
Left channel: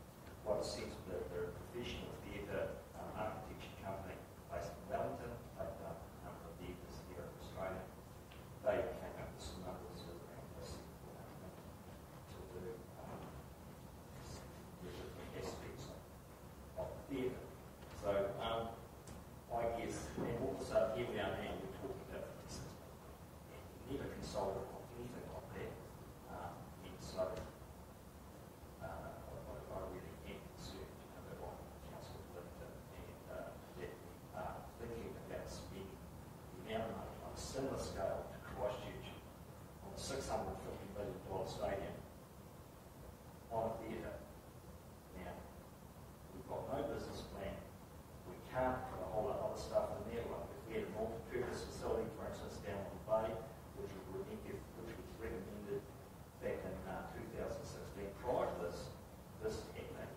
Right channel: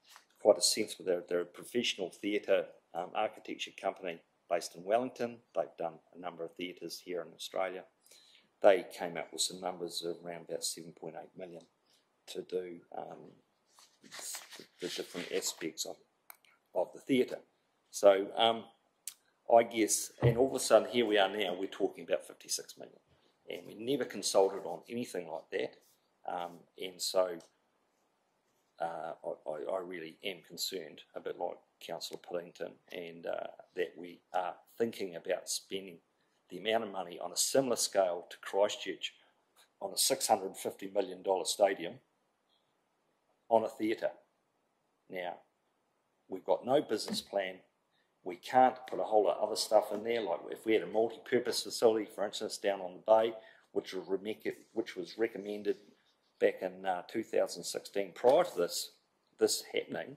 quite a sensible. They're a professional theatre architecture company based in Wellington. They've done a number of theatres here in Australia. They came up with some numbers of around about 7.8 million to do the different aspects of the theatre. So I guess, and all of a sudden here we are now, we're talking about 56 million. And we never consulted on anything like that. And so I really am concerned, a bit like Councillor Puddington, and that we are thinking about spending the amount of money on a similar scale to Christchurch on a $650 million stadium on a theatre. Now, we've got no business plan. We can't put a whole lot of other stuff in there, like if we had a multi-purpose facility, for instance, down on the bay, which was recommended back in 2016, prior to this happening,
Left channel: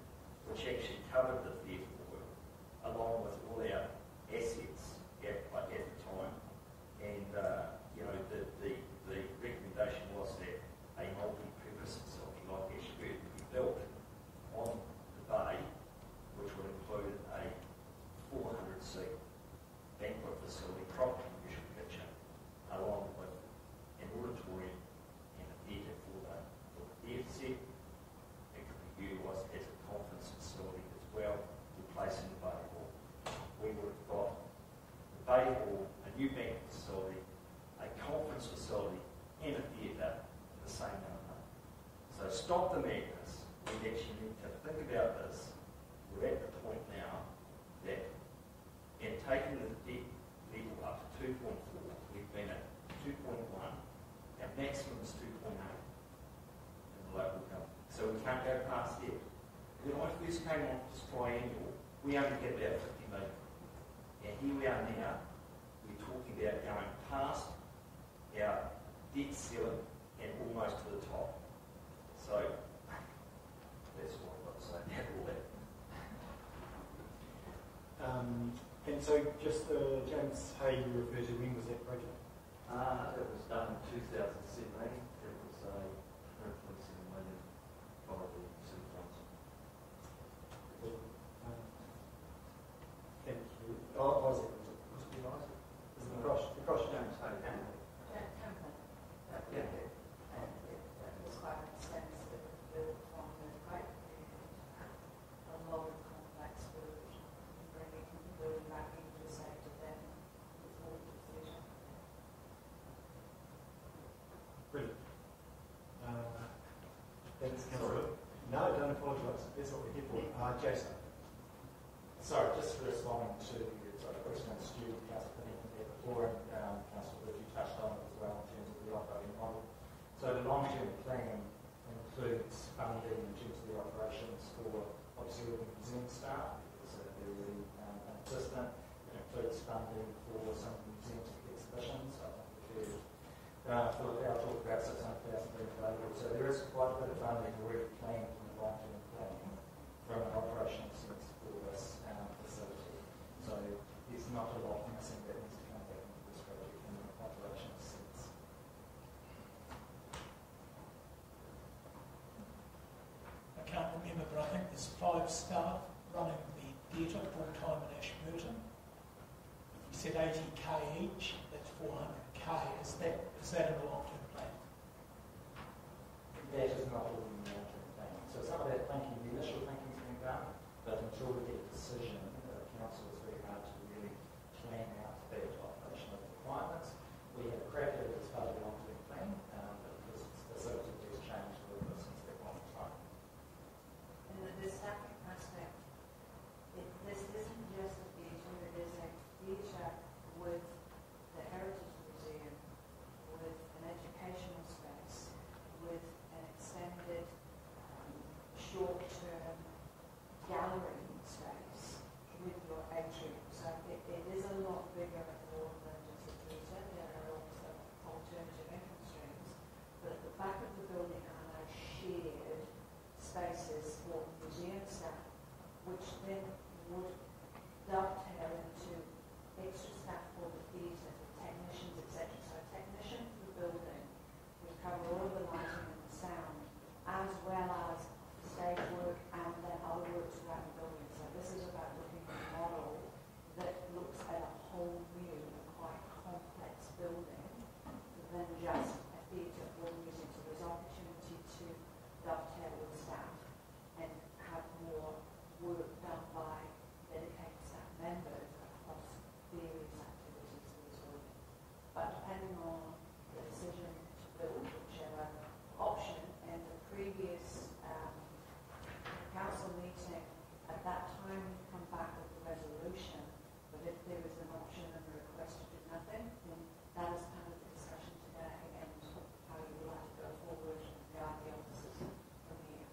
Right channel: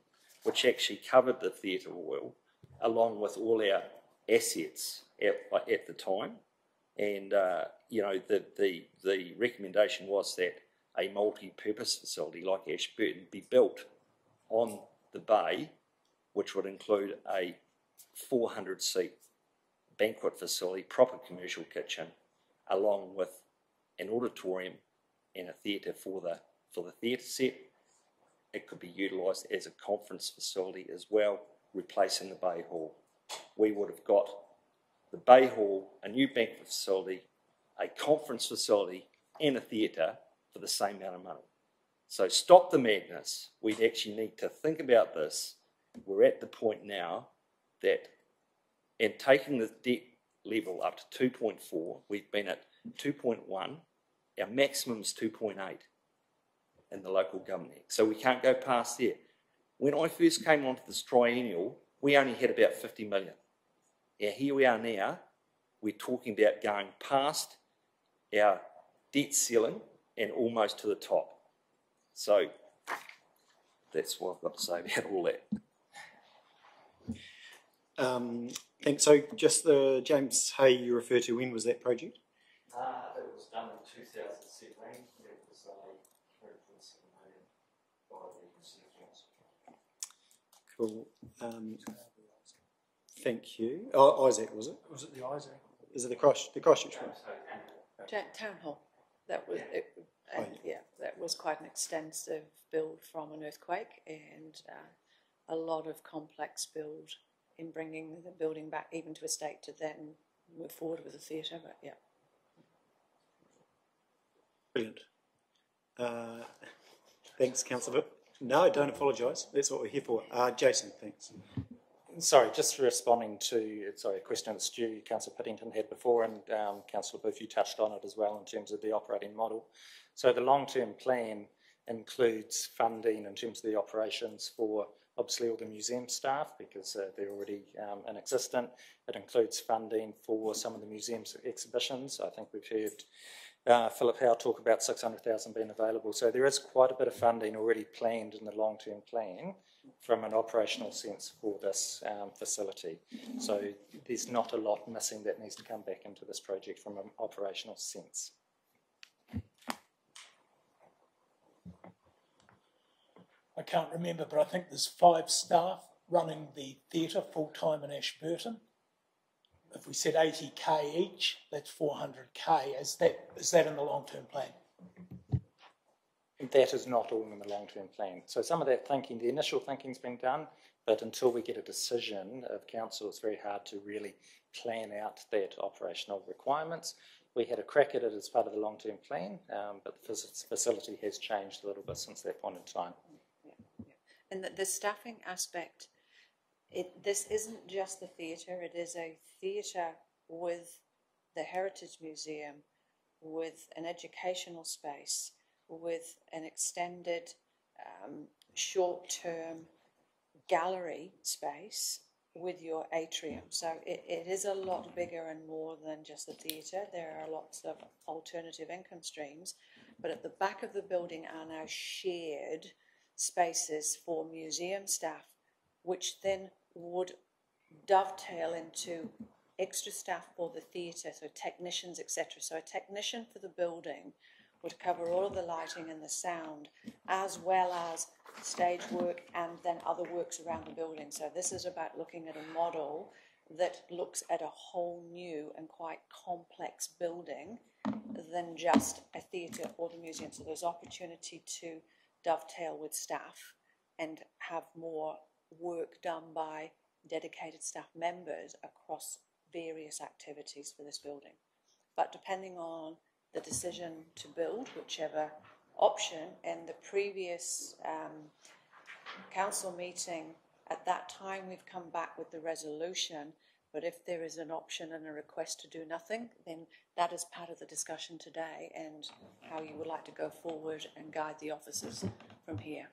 which actually covered the Theatre Royal, along with all our assets at the time. And the recommendation was that a multi-purpose facility like Ashburton be built on the bay, which would include a 400-seat banquet facility, proper commercial kitchen, along with an auditorium and a theatre for the theatre set. It could be utilised as a conference facility as well, replacing the Bay Hall. We would have got the Bay Hall, a new banquet facility, a conference facility and a theatre for the same amount of money. So stop the madness. We actually need to think about this. We're at the point now that, and taking the debt level up to 2.4, we've been at 2.1, our maximum is 2.8 in the local government. So we can't go past there. When I first came onto this triennial, we only had about 50 million. Now here we are now, we're talking about going past our debt ceiling and almost to the top. So that's what I've got to say about all that. And so just the James Hay you refer to, when was that project? It was done in 2017. It was a $127 million Cool. Thank you. Oh, Isaac, was it? Was it the Isaac? Is it the Christchurch one? Town Hall. That was it, and yeah, that was quite an extensive build from an earthquake, and a lot of complex build in bringing the building back even to a state to then move forward with the theatre. But yeah. Brilliant. Thanks, Councillor. No, don't apologise. That's what we're here for. Jason, thanks. Sorry, just responding to a question that Stu, Councillor Piddington had before, and Councillor Booth, you touched on it as well in terms of the operating model. So the long-term plan includes funding in terms of the operations for obviously all the museum staff, because they're already in existence. It includes funding for some of the museum's exhibitions. I think we've heard Philip Howe talk about 600,000 being available. So there is quite a bit of funding already planned in the long-term plan from an operational sense for this facility. So there's not a lot missing that needs to come back into this project from an operational sense. I can't remember, but I think there's 5 staff running the theatre full-time in Ashburton. If we said 80k each, that's 400k. Is that in the long-term plan? That is not all in the long-term plan. So some of that thinking, the initial thinking's been done, but until we get a decision of council, it's very hard to really plan out that operational requirements. We had a crack at it as part of the long-term plan, but the facility has changed a little bit since that point in time. And the staffing aspect, this isn't just the theatre, it is a theatre with the Heritage Museum, with an educational space, with an extended short-term gallery space with your atrium. So it is a lot bigger and more than just the theatre. There are lots of alternative income streams, but at the back of the building are now shared spaces for museum staff, which then would dovetail into extra staff for the theatre, so technicians, etc. So a technician for the building would cover all of the lighting and the sound, as well as stage work and then other works around the building. So this is about looking at a model that looks at a whole new and quite complex building than just a theatre or the museum. So there's opportunity to dovetail with staff and have more work done by dedicated staff members across various activities for this building. But depending on the decision to build, whichever option, and the previous council meeting, at that time we've come back with the resolution, but if there is an option and a request to do nothing, then that is part of the discussion today and how you would like to go forward and guide the officers from here.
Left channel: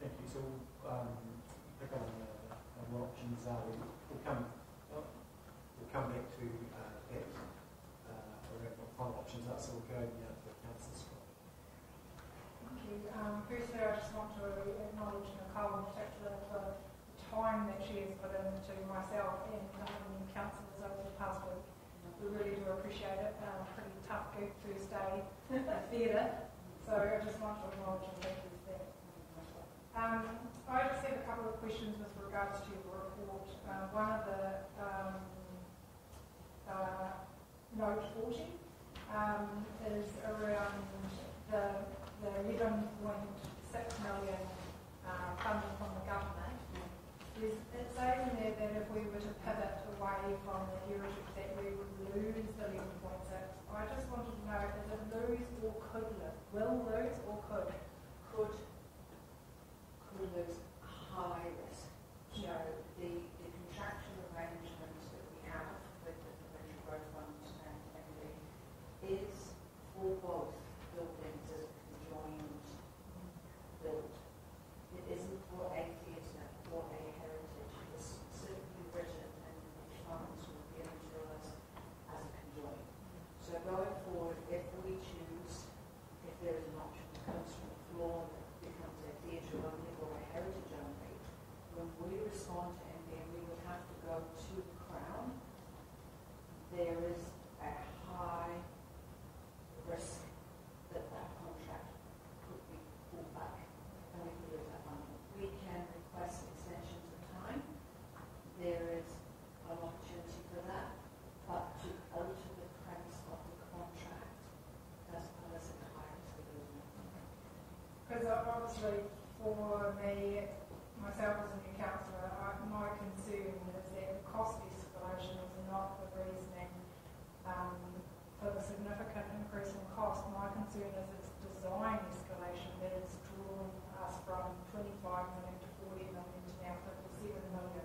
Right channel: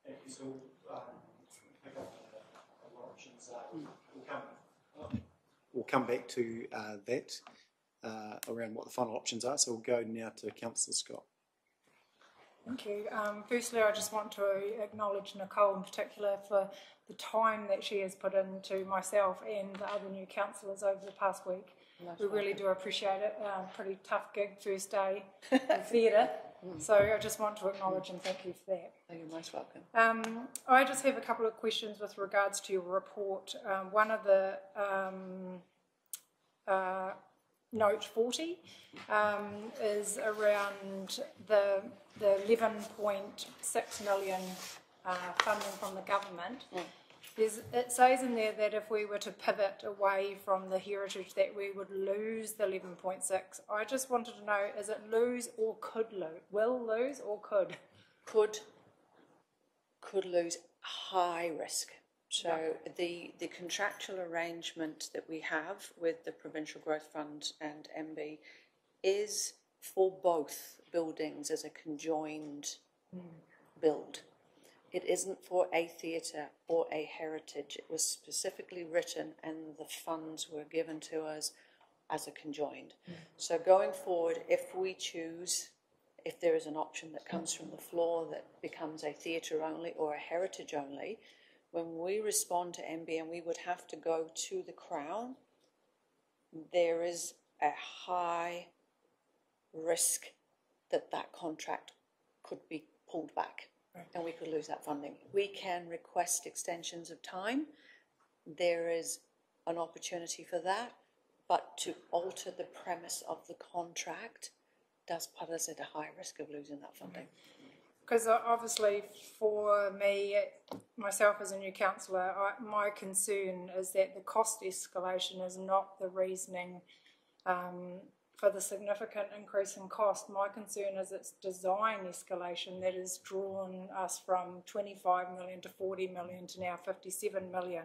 Thank you. So pick on what options are. We'll come back to that around what the final options are. So we'll go now to Councillor Scott. Thank you. Firstly, I just want to acknowledge Nicole in particular for the time that she has put into myself and the other new councillors over the past week. We really do appreciate it. Pretty tough gig, first day theatre. So I just want to acknowledge and thank you for that. You're most welcome. I just have a couple of questions with regards to your report. One of the note 40 is around the 11.6 million funding from the government. it says in there that if we were to pivot away from the heritage that we would lose the 11.6. I just wanted to know, is it lose or could lose? Will lose or could? Could lose high risk. So the contractual arrangement that we have with the Provincial Growth Fund and MB is for both buildings as a conjoined build. It isn't for a theatre or a heritage. It was specifically written and the funds were given to us as a conjoined. So going forward, if we choose, if there is an option that comes from the floor that becomes a theatre only or a heritage only, when we respond to MB and we would have to go to the Crown, there is a high risk that that contract could be pulled back and we could lose that funding. We can request extensions of time. There is an opportunity for that, but to alter the premise of the contract does put us at a high risk of losing that funding. Because obviously for me, myself as a new councillor, my concern is that the cost escalation is not the reasoning for the significant increase in cost. My concern is its design escalation that has drawn us from 25 million to 40 million to now 57 million.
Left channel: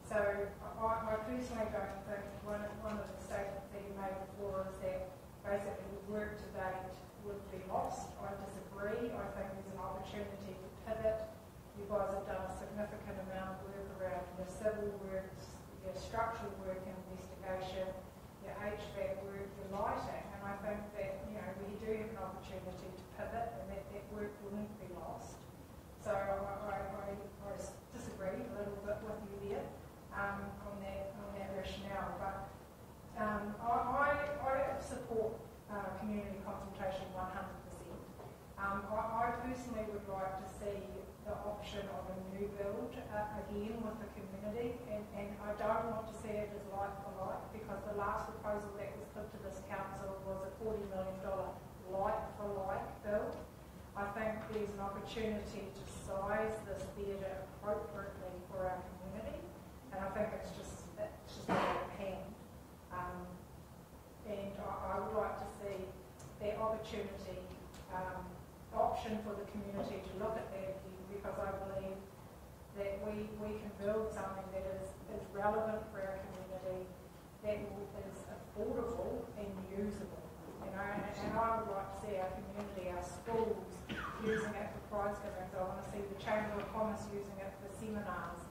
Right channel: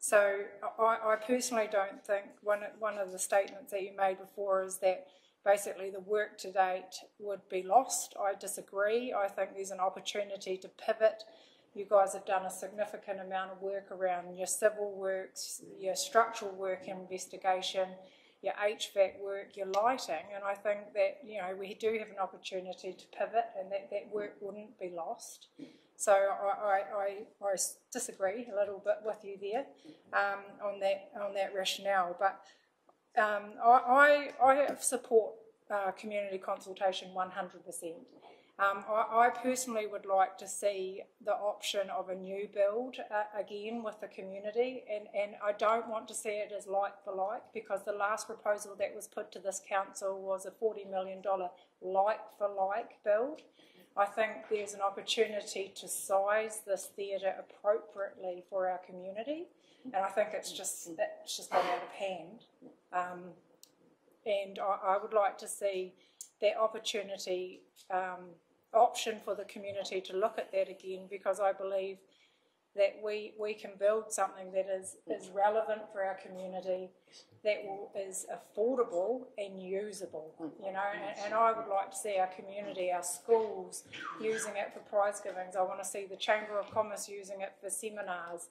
So I personally don't think one of the statements that you made before is that basically the work to date would be lost. I disagree. I think there's an opportunity to pivot. You guys have done a significant amount of work around your civil works, your structural work investigation, your HVAC work, your lighting, and I think that, you know, we do have an opportunity to pivot and that work wouldn't be lost. So I disagree a little bit with you there on that rationale, but I support community consultation 100%. I personally would like to see the option of a new build again with the community, and I don't want to see it as like for like, because the last proposal that was put to this council was a $40 million like for like build. I think there's an opportunity to size this theatre appropriately for our community, and I think it's just not out of hand. And I would like to see that opportunity option for the community to look at that again, because I believe that we can build something that is relevant for our community, that is affordable and usable, you know, and I would like to see our community, our schools using it for prize givings. I want to see the Chamber of Commerce using it for seminars.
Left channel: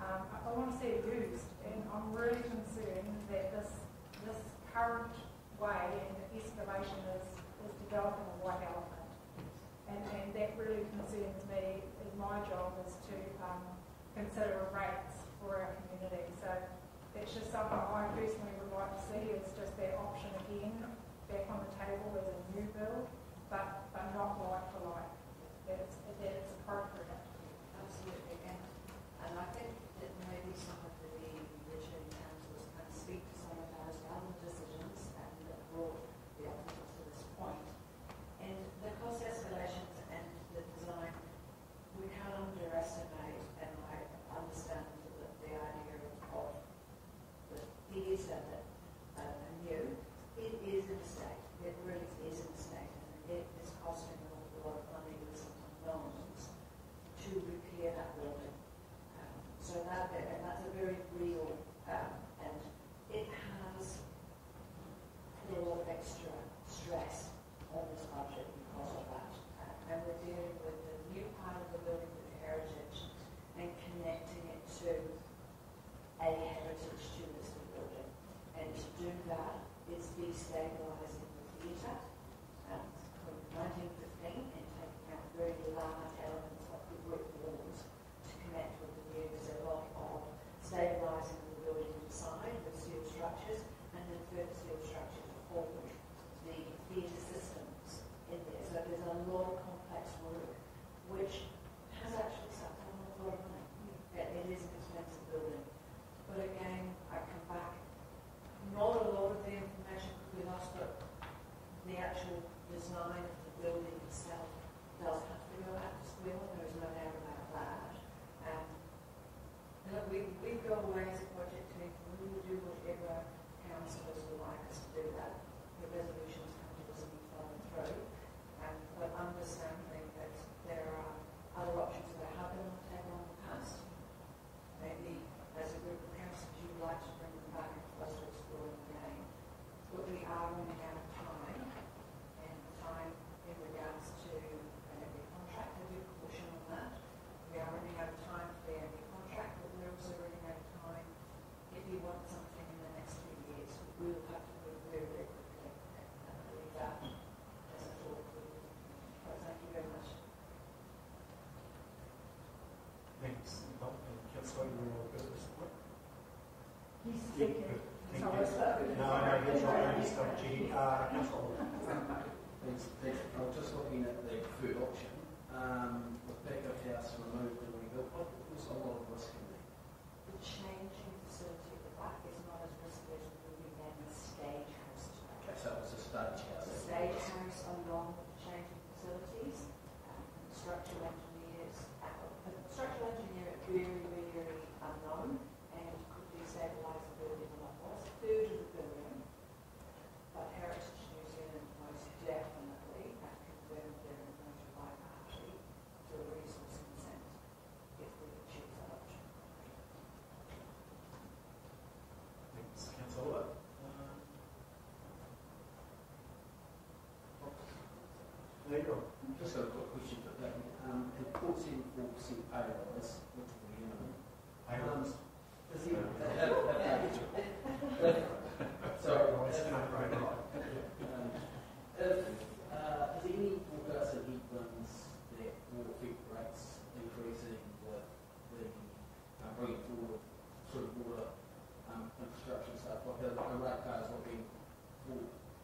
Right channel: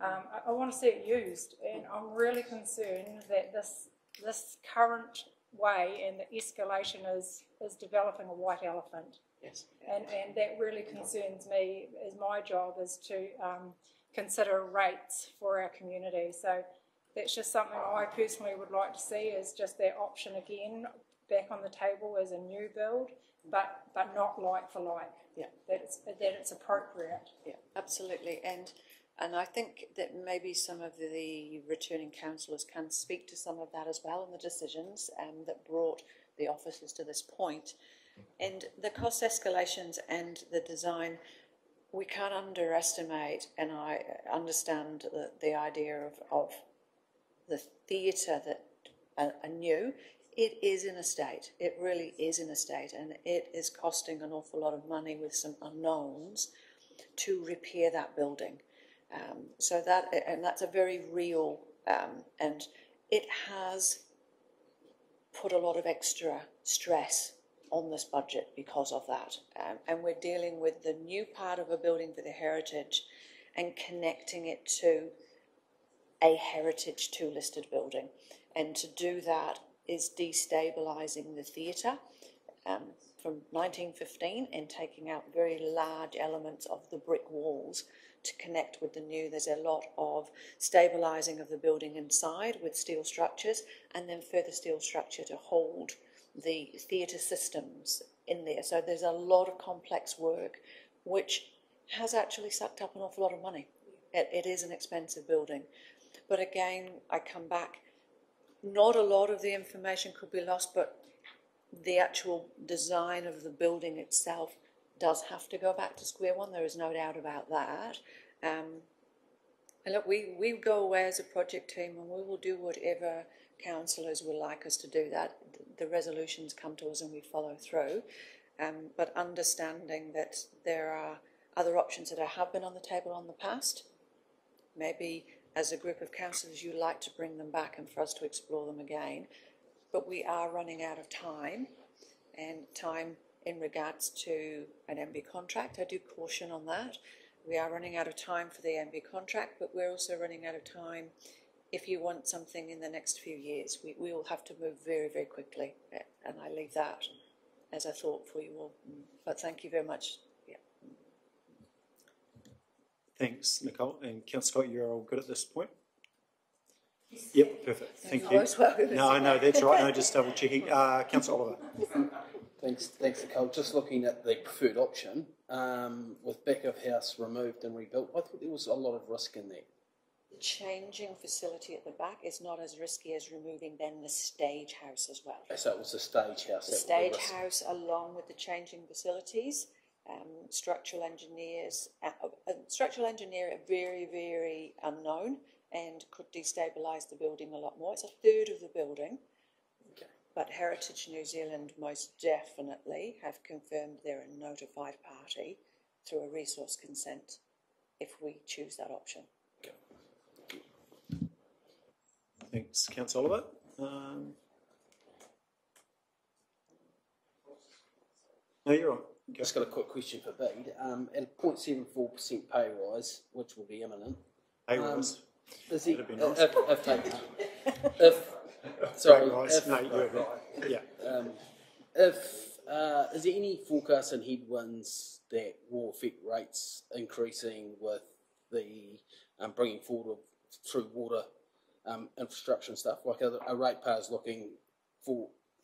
I want to see it used, and I'm really concerned that this current way and the escalation is developing a white elephant. Yes. And that really concerns me, as my job is to consider rates for our community. So that's just something I personally would like to see, is just that option again back on the table as a new build, but not like for like. Yeah. That it's appropriate. Yeah, absolutely. And I think that maybe some of the returning councillors can speak to some of that as well in the decisions that brought the officers to this point. And the cost escalations and the design, we can't underestimate, and I understand the idea of the theatre that are new. It is in a state, it really is in a state, and it is costing an awful lot of money with some unknowns to repair that building. So that's a very real, and it has put a lot of extra stress on this budget because of that. And we're dealing with the new part of a building for the heritage and connecting it to a heritage 2 listed building. And to do that is destabilising the theatre from 1915 and taking out very large elements of the brick walls to connect with the new. There's a lot of stabilising of the building inside with steel structures, and then further steel structure to hold the theatre systems in there. So there's a lot of complex work which has actually sucked up an awful lot of money. It is an expensive building. But again, I come back, not a lot of the information could be lost, but the actual design of the building itself does have to go back to square one. There is no doubt about that. And look, we go away as a project team and we will do whatever councillors would like us to do that. The resolutions come to us and we follow through. But understanding that there are other options that have been on the table in the past, maybe as a group of councillors you'd like to bring them back and for us to explore them again. But we are running out of time, and time in regards to an MB contract, I do caution on that. We are running out of time for the MB contract, but we're also running out of time if you want something in the next few years. We will have to move very, very quickly, and I leave that as a thought for you all. But thank you very much. Yeah. Thanks, Nicole. And Councillor Scott, you're all good at this point? Yes. Yep, perfect. Thank you. No, that's right. No, just double checking. Councillor Oliver. Thanks, Nicole. Just looking at the preferred option, with back of house removed and rebuilt, I thought there was a lot of risk in there. Changing facility at the back is not as risky as removing then the stage house as well. So it was the stage house. The stage house, along with the changing facilities, structural engineers, structural engineer are very, very unknown and could destabilise the building a lot more. It's a third of the building, but Heritage New Zealand most definitely have confirmed they're a notified party through a resource consent if we choose that option. Thanks, Councillor Oliver. No, you're on. Just got a quick question for Bede. At a 0.74% pay rise, which will be imminent. Pay rise? Is he, is there any forecast in headwinds that will affect rates increasing with the bringing forward through water infrastructure and stuff, like a ratepayers looking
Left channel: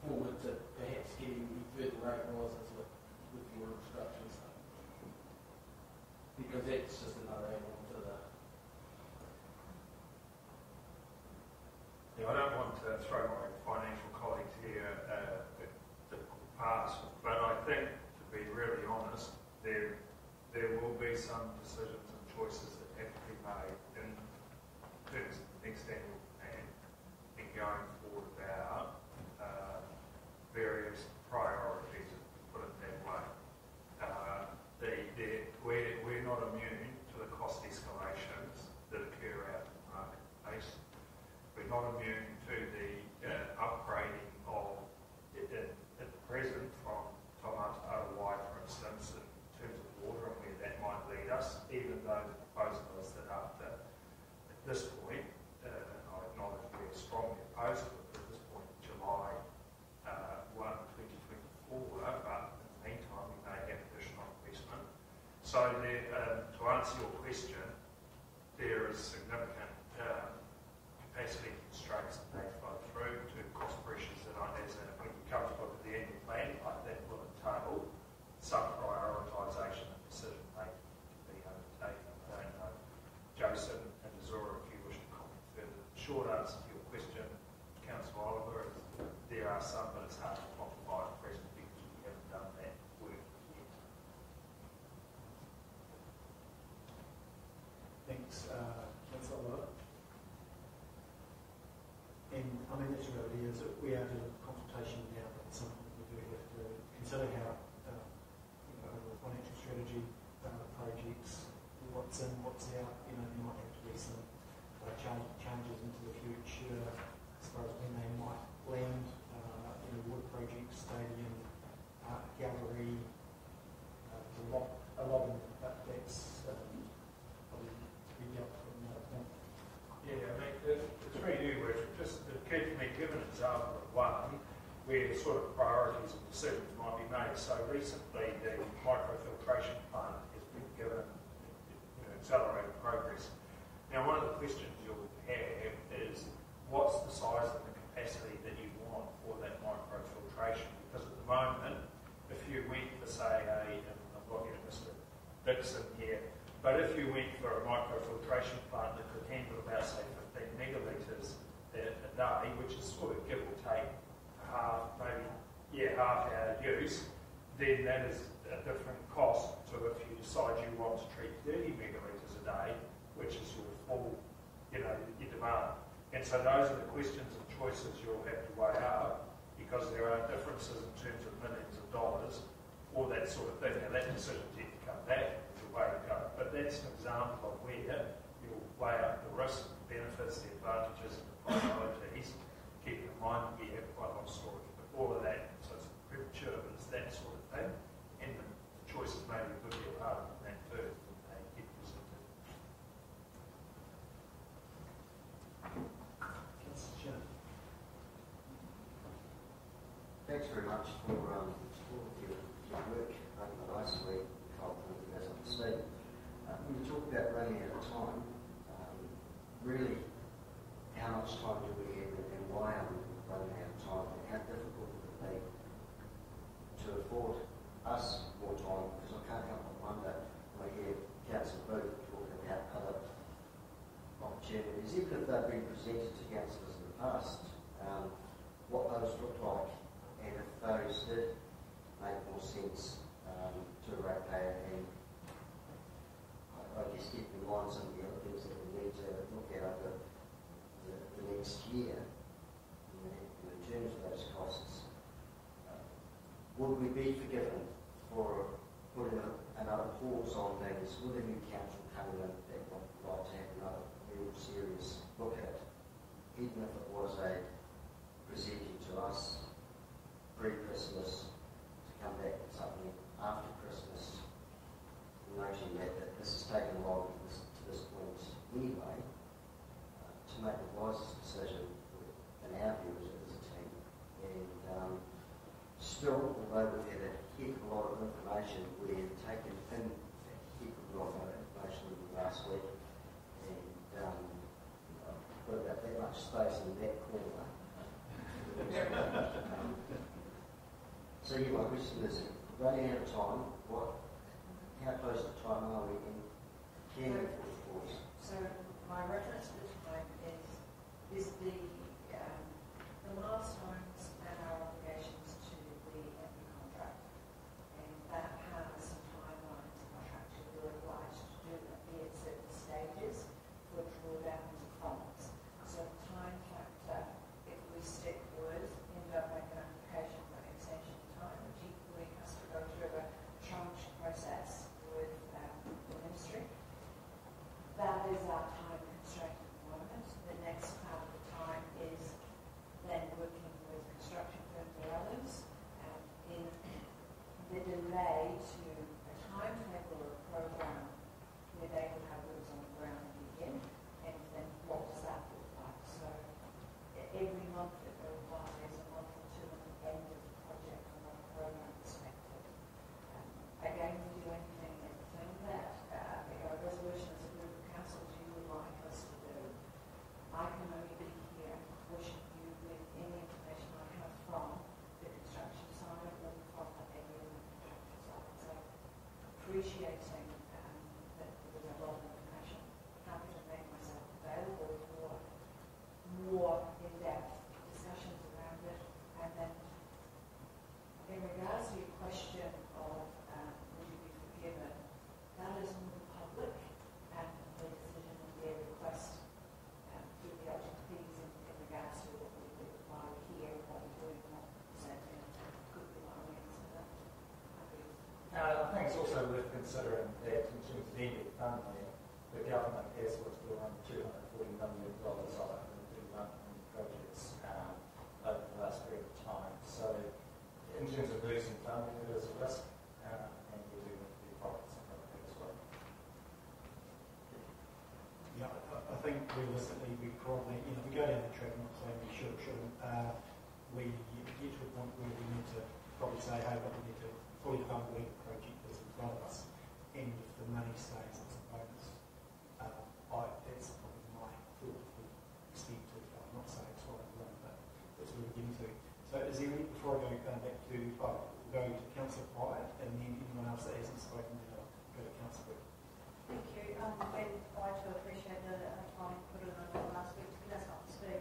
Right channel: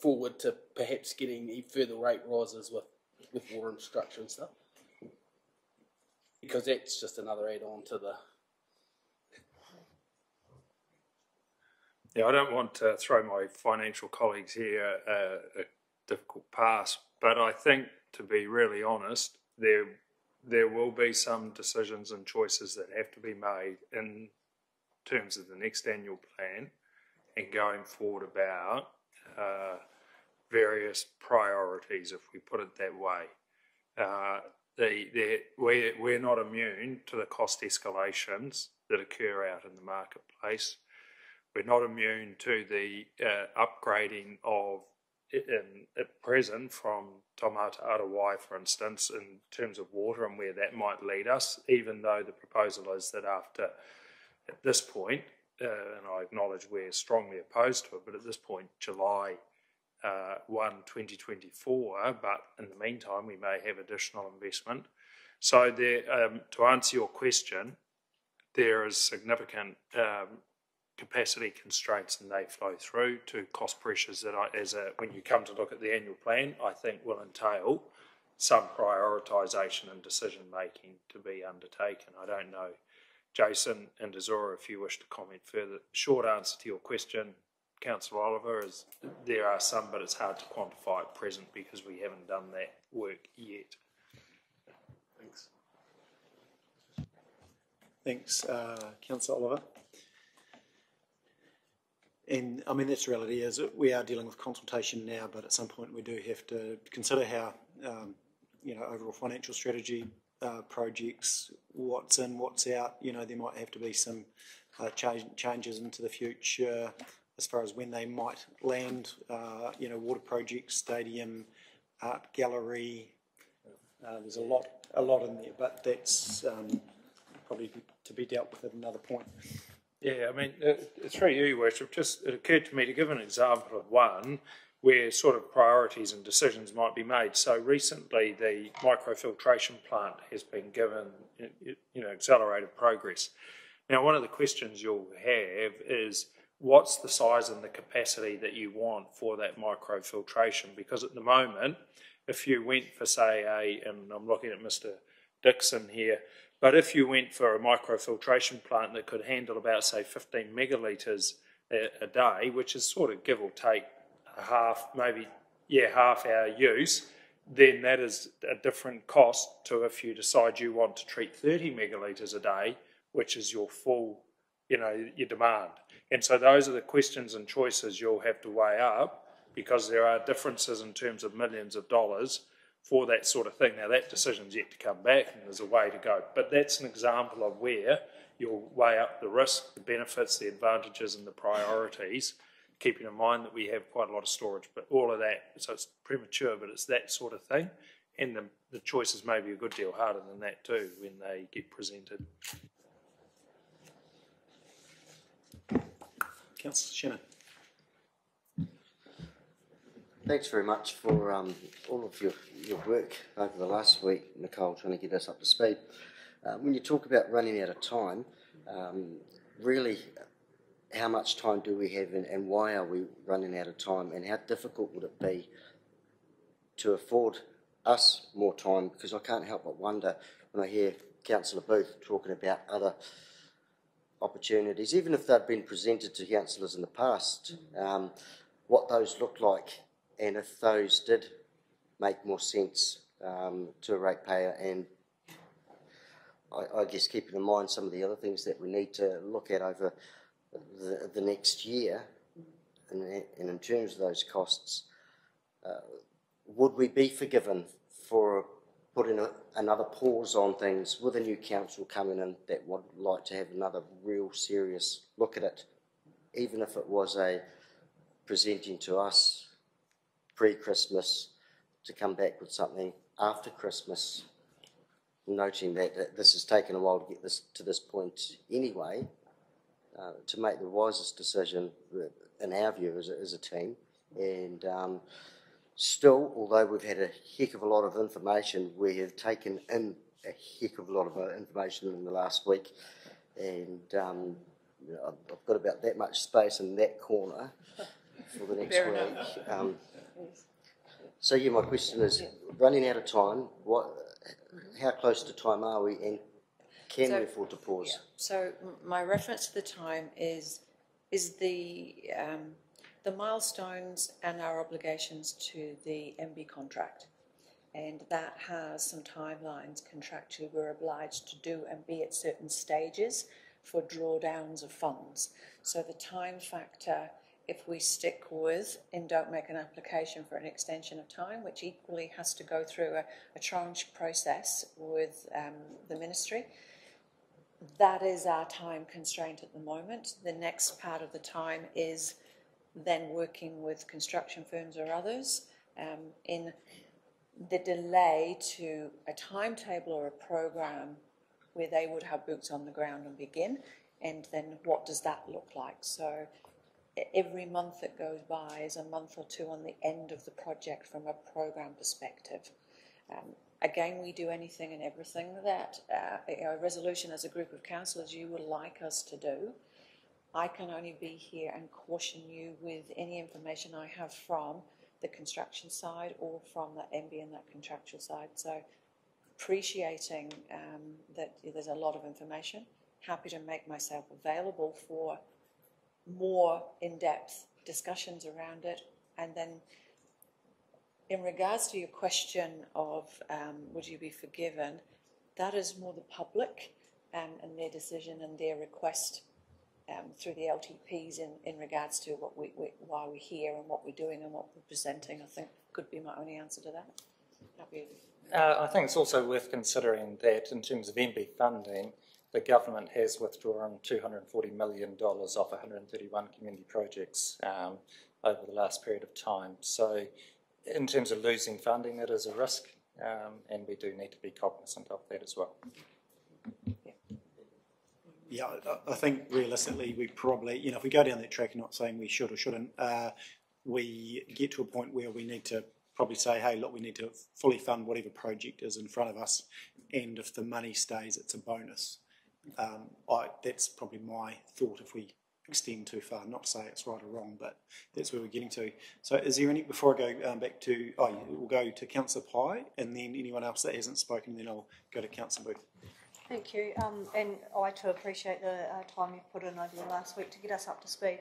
forward to perhaps getting further rate rises with water infrastructure and stuff? Because that's just another add-on to the... Yeah, I don't want to throw my financial colleagues here a difficult pass, but I think, to be really honest, there will be some decisions and choices that have to be made in terms of the next annual plan and going forward about various priorities, if we put it that way. We're not immune to the cost escalations that occur out in the marketplace. We're not immune to the upgrading of, at present, from Taumata Arawai, for instance, in terms of water and where that might lead us, even though the proposal is that after, at this point, and I acknowledge we're strongly opposed to it, but at this point, July 1, 2024, but in the meantime, we may have additional investment. So there, to answer your question, there is significant capacity constraints, and they flow through to cost pressures that, when you come to look at the annual plan, I think will entail some prioritisation and decision making to be undertaken. I don't know, Jason and Azura, if you wish to comment further. Short answer to your question, Councillor Oliver, is there are some, but it's hard to quantify at present because we haven't done that work yet. Thanks, Councillor Oliver. And I mean, that's the reality is that we are dealing with consultation now, but at some point we do have to consider how, overall financial strategy, projects, what's in, what's out. There might have to be some changes into the future as far as when they might land. Water projects, stadium, art gallery. There's a lot in there, but that's probably to be dealt with at another point. Yeah, I mean, through you, Worship, it occurred to me to give an example of one where sort of priorities and decisions might be made. So recently the microfiltration plant has been given, accelerated progress. Now, one of the questions you'll have is what's the size and the capacity that you want for that microfiltration? Because at the moment, if you went for, say, and I'm looking at Mr. Dixon here, but if you went for a microfiltration plant that could handle about, say, 15 megalitres a day, which is sort of give or take half our use, then that is a different cost to if you decide you want to treat 30 megalitres a day which is your full, your demand. And so those are the questions and choices you'll have to weigh up, because there are differences in terms of millions of dollars for that sort of thing. Now that decision's yet to come back, and there's a way to go. But that's an example of where you'll weigh up the risk, the benefits, the advantages and the priorities, keeping in mind that we have quite a lot of storage, but all of that, so it's premature, but it's that sort of thing. And the choices may be a good deal harder than that too when they get presented. Councillor Shannon. Thanks very much for all of your work over the last week, Nicole, trying to get us up to speed. When you talk about running out of time, really how much time do we have and why are we running out of time, and how difficult would it be to afford us more time? Because I can't help but wonder when I hear Councillor Booth talking about other opportunities, even if they've been presented to councillors in the past, what those look like, and if those did make more sense to a ratepayer, and I guess keeping in mind some of the other things that we need to look at over the next year, and in terms of those costs, would we be forgiven for putting another pause on things with a new council coming in that would like to have another real serious look at it, even if it was a presenting to us pre-Christmas to come back with something after Christmas, noting that this has taken a while to get this to this point anyway, to make the wisest decision in our view as a team. And still, although we've had a heck of a lot of information, we have taken in a heck of a lot of information in the last week, and I've got about that much space in that corner for the next week. So yeah, my question is, running out of time, how close to time are we, and can we afford to pause? Yeah. So my reference to the time is the milestones and our obligations to the MB contract, and that has some timelines contractually we're obliged to do and be at certain stages for drawdowns of funds. So the time factor, if we stick with and don't make an application for an extension of time, which equally has to go through a tranche process with the ministry, that is our time constraint at the moment. The next part of the time is then working with construction firms or others in the delay to a timetable or a program where they would have boots on the ground and begin, and then what does that look like? So every month that goes by is a month or two on the end of the project from a program perspective. Again, we do anything and everything that a resolution as a group of councillors you would like us to do. I can only be here and caution you with any information I have from the construction side or from the MB and that contractual side. So appreciating that there's a lot of information, happy to make myself available for more in-depth discussions around it. And then in regards to your question of would you be forgiven, that is more the public and their decision and their request through the LTPs in regards to why we're here and what we're doing and what we're presenting. I think could be my only answer to that. I think it's also worth considering that in terms of MB funding, the government has withdrawn $240 million off 131 community projects over the last period of time. So in terms of losing funding, it is a risk, and we do need to be cognizant of that as well. Yeah, I think realistically we probably, if we go down that track, I'm not saying we should or shouldn't, we get to a point where we need to probably say, hey, look, we need to fully fund whatever project is in front of us, and if the money stays, it's a bonus. That's probably my thought if we extend too far. Not to say it's right or wrong, but that's where we're getting to. So is there any, before I go back to, we'll go to Councillor Pye, and then anyone else that hasn't spoken, then I'll go to Councillor Booth. Thank you, and I too appreciate the time you put in over the last week to get us up to speed.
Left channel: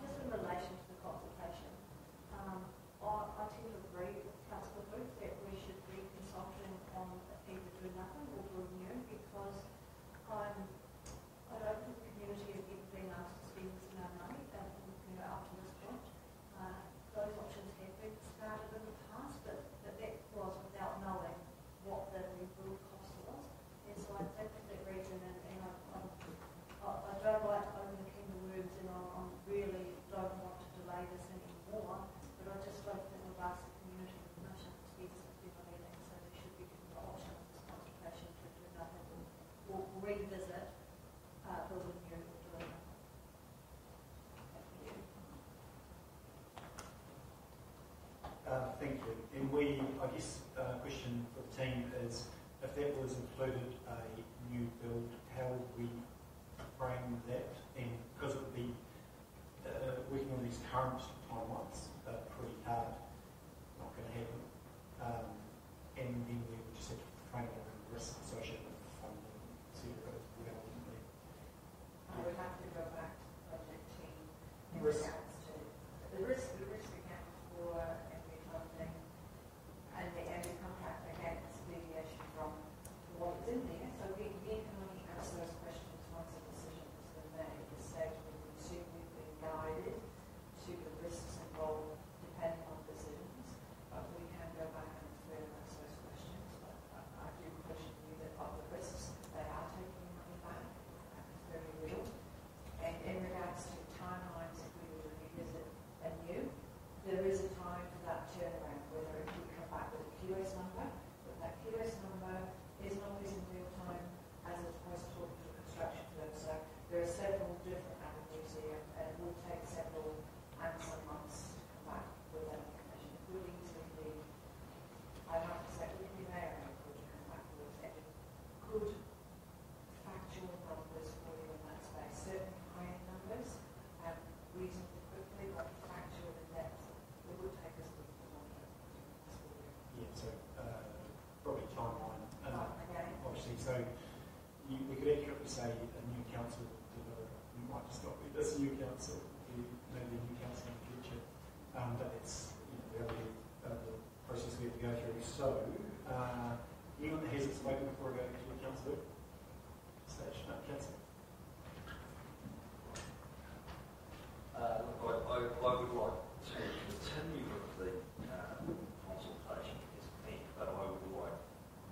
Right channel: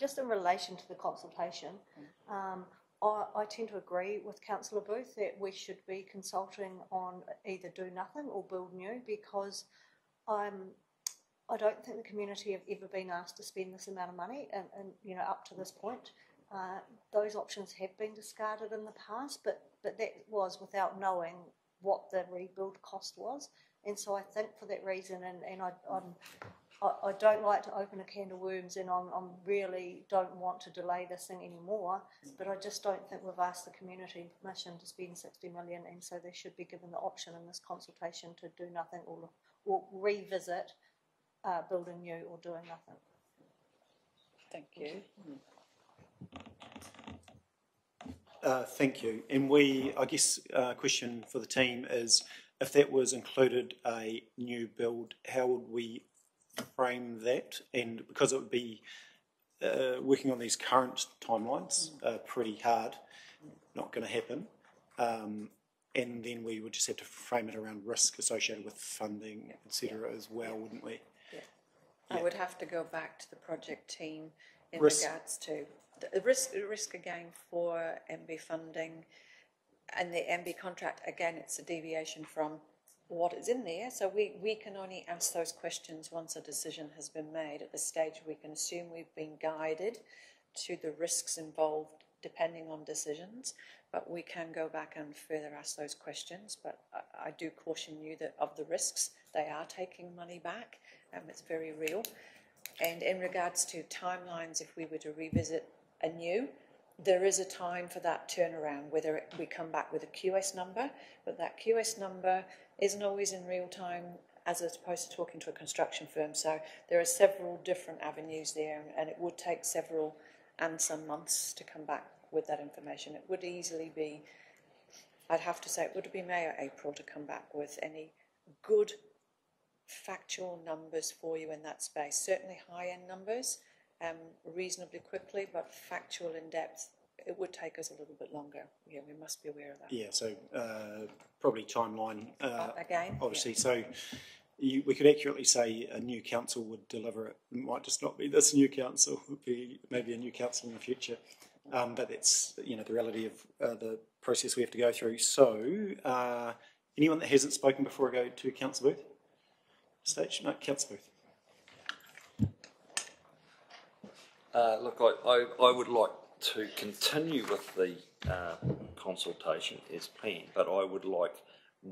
Just in relation to the consultation, I tend to agree with Councillor Booth that we should be consulting on either do nothing or build new, because I don't think the community have ever been asked to spend this amount of money, and up to this point. Those options have been discarded in the past, but that was without knowing what the rebuild cost was. And so I think for that reason, and I don't like to open a can of worms, and I really don't want to delay this anymore, but I just don't think we've asked the community permission to spend 60 million, and so they should be given the option in this consultation to do nothing or revisit building new or doing nothing. Thank you. Thank you. And I guess, question for the team is, if that was included a new build, how would we frame that? And because it would be working on these current timelines, pretty hard, not going to happen. And then we would just have to frame it around risk associated with funding, etc. as well, wouldn't we? I would have to go back to the project team in Risk. regards to the risk again for MB funding and the MB contract. Again, it's a deviation from what is in there, so we can only ask those questions once a decision has been made. At this stage, we can assume we've been guided to the risks involved depending on decisions, but we can go back and further ask those questions. But I do caution you that of the risks, they are taking money back. It's very real. And in regards to timelines, if we were to revisit anew, there is a time for that turnaround, whether we come back with a QS number, but that QS number isn't always in real time as opposed to talking to a construction firm. So there are several different avenues there, and it would take several and some months to come back with that information. It would easily be, I'd have to say, it would be May or April to come back with any good factual numbers for you in that space. Certainly high-end numbers, reasonably quickly, but factual in depth, it would take us a little bit longer. Yeah, we must be aware of that. Yeah, so probably timeline, again, obviously. So we could accurately say a new council would deliver it. It might just not be this new council, it would be maybe a new council in the future. But that's the reality of the process we have to go through. So anyone that hasn't spoken before I go to Councillor Booth? Stage, no, Councillor Booth. Look, I would like to continue with the consultation as planned, but I would like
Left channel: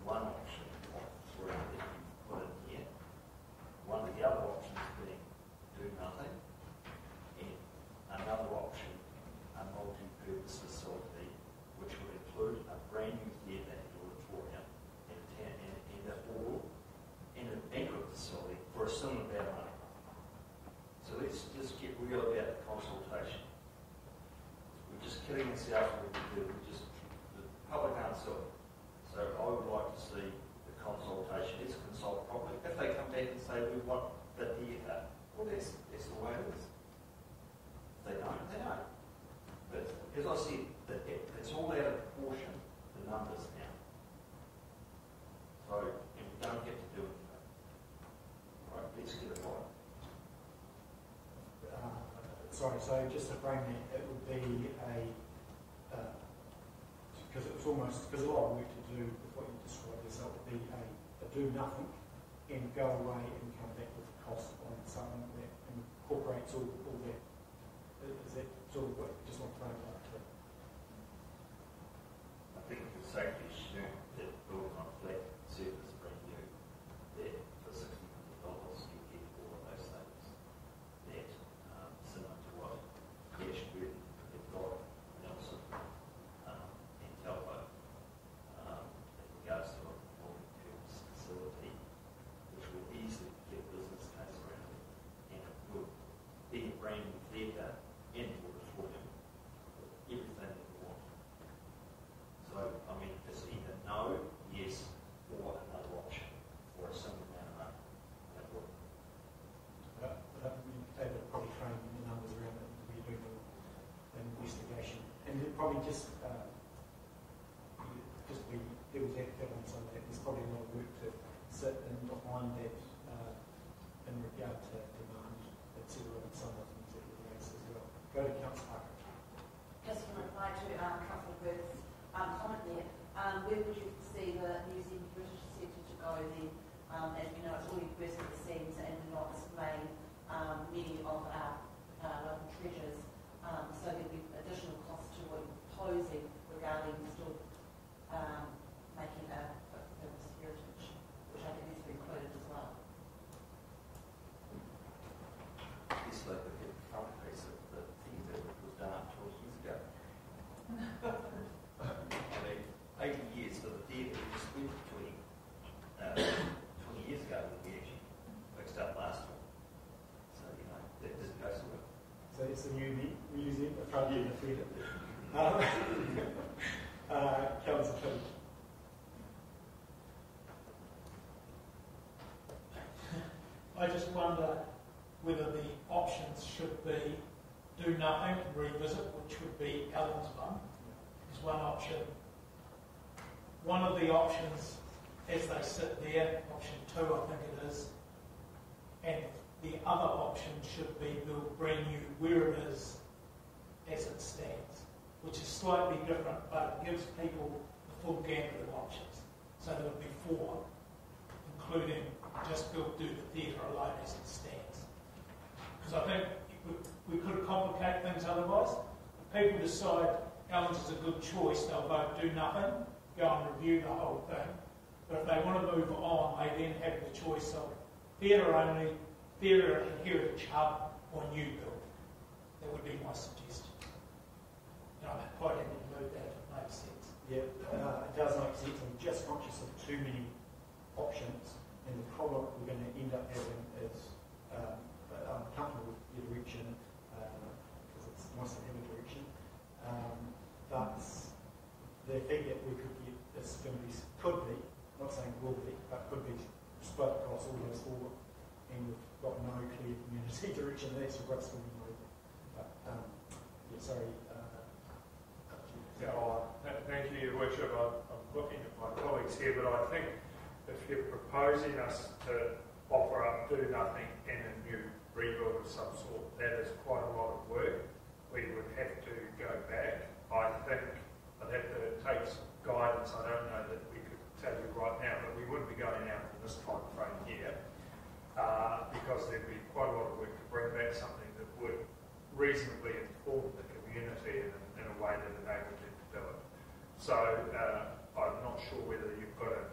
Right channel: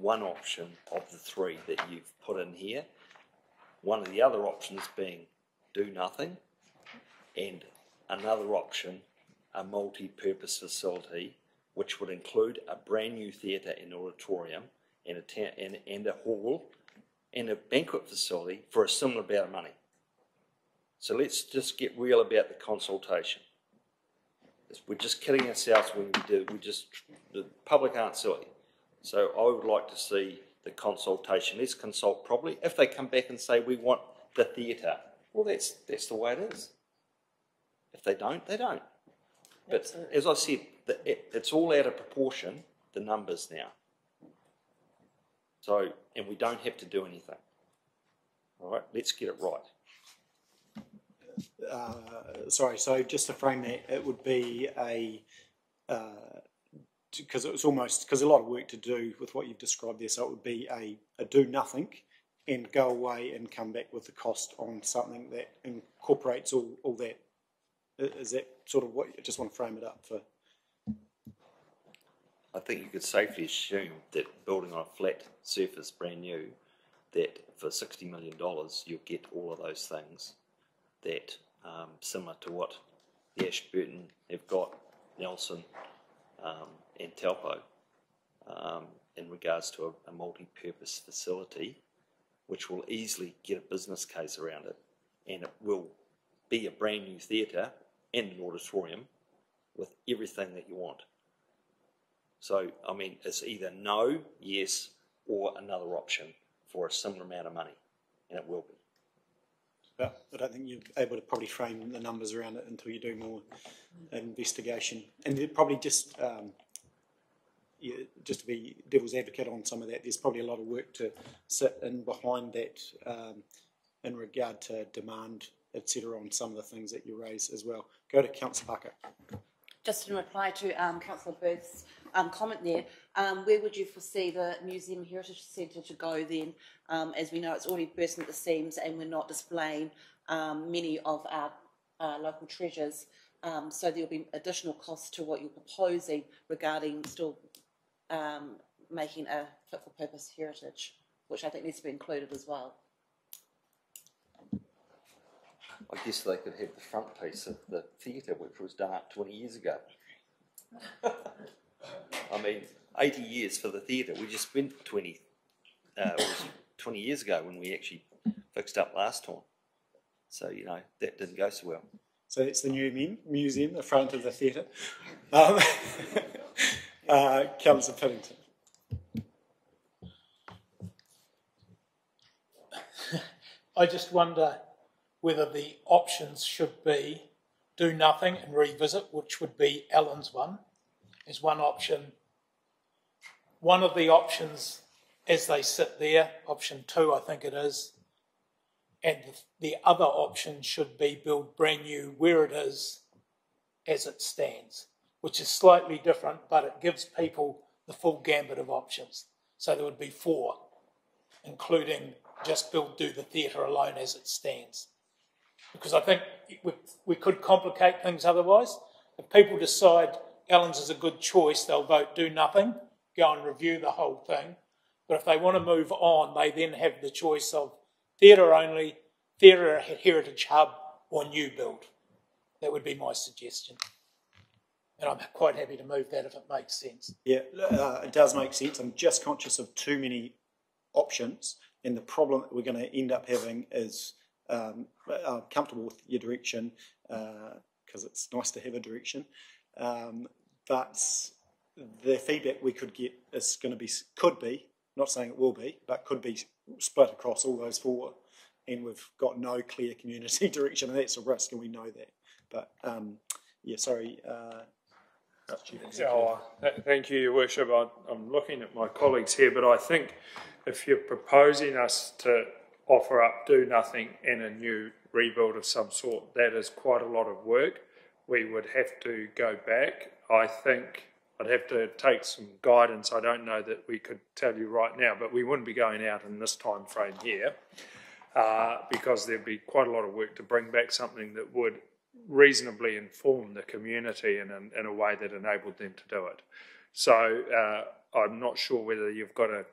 one option of the three that you've put in here. One of the other options being do nothing, and another option, a multi-purpose facility, which would include a brand new theatre and auditorium and a hall and a banquet facility for a similar amount of money. So let's just get real about the consultation. We're just kidding ourselves when we do. The public aren't silly. So I would like to see the consultation. Let's consult properly. If they come back and say we want the theatre, well, that's the way it is. If they don't, they don't. But absolutely, as I said, it's all out of proportion, the numbers now. So, and we don't have to do anything. All right, let's get it right. Sorry, so just to frame that, it would be because it was almost, because a lot of work to do with what you've described there, so it would be a do nothing and go away and come back with the cost on something that incorporates all that. Is that sort of what you just want to frame it up for? I think you could safely assume that building on a flat surface, brand new, that for $60 million you'll get all of those things that similar to what Ashburton have got, Nelson and Taupo, in regards to a multi-purpose facility, which will easily get a business case around it, and it will be a brand new theatre and an auditorium with everything that you want. So, I mean, it's either no, yes, or another option for a similar amount of money, and it will be. But I don't think you're able to probably frame the numbers around it until you do more investigation. And probably just to be devil's advocate on some of that, there's probably a lot of work to sit in behind that in regard to demand, etc., on some of the things that you raise as well. Go to Councillor Parker. Just in reply to Councillor Booth's comment there, where would you foresee the Museum Heritage Centre to go then As we know, it's already bursting at the seams and we're not displaying many of our local treasures. So there'll be additional costs to what you're proposing regarding still making a fit-for-purpose heritage, which I think needs to be included as well. I guess they could have the front piece of the theatre, which was done up 20 years ago. I mean, 80 years for the theatre. We just spent 20 years ago when we actually fixed up last time. So, you know, that didn't go so well. So it's the new museum, the front of the theatre. Councillor Piddington. I just wonder whether the options should be do nothing and revisit, which would be Alan's one, is one option. One of the options, as they sit there, option 2 I think it is, and the other option should be build brand new where it is as it stands, which is slightly different, but it gives people the full gambit of options. So there would be 4, including just do the theatre alone as it stands. Because I think we could complicate things otherwise. If people decide Allen's is a good choice, they'll vote do nothing, go and review the whole thing. But if they want to move on, they then have the choice of theatre only, theatre heritage hub, or new build. That would be my suggestion. And I'm quite happy to move that if it makes sense. Yeah, it does make sense. I'm just conscious of too many options, and the problem that we're going to end up having is I'm comfortable with your direction because it's nice to have a direction, but the feedback we could get is going to be, could be, not saying it will be, but could be split across all those 4, and we've got no clear community direction, and that's a risk, and we know that. But yeah, sorry. Thank you, Your Worship. I'm looking at my colleagues here, but I think if you're proposing us to offer up do nothing and a new rebuild of some sort, that is quite a lot of work. We would have to go back. I think I'd have to take some guidance. I don't know that we could tell you right now, but we wouldn't be going out in this time frame here because there'd be quite a lot of work to bring back something that would reasonably inform the community in a way that enabled them to do it. So I'm not sure whether you've got a...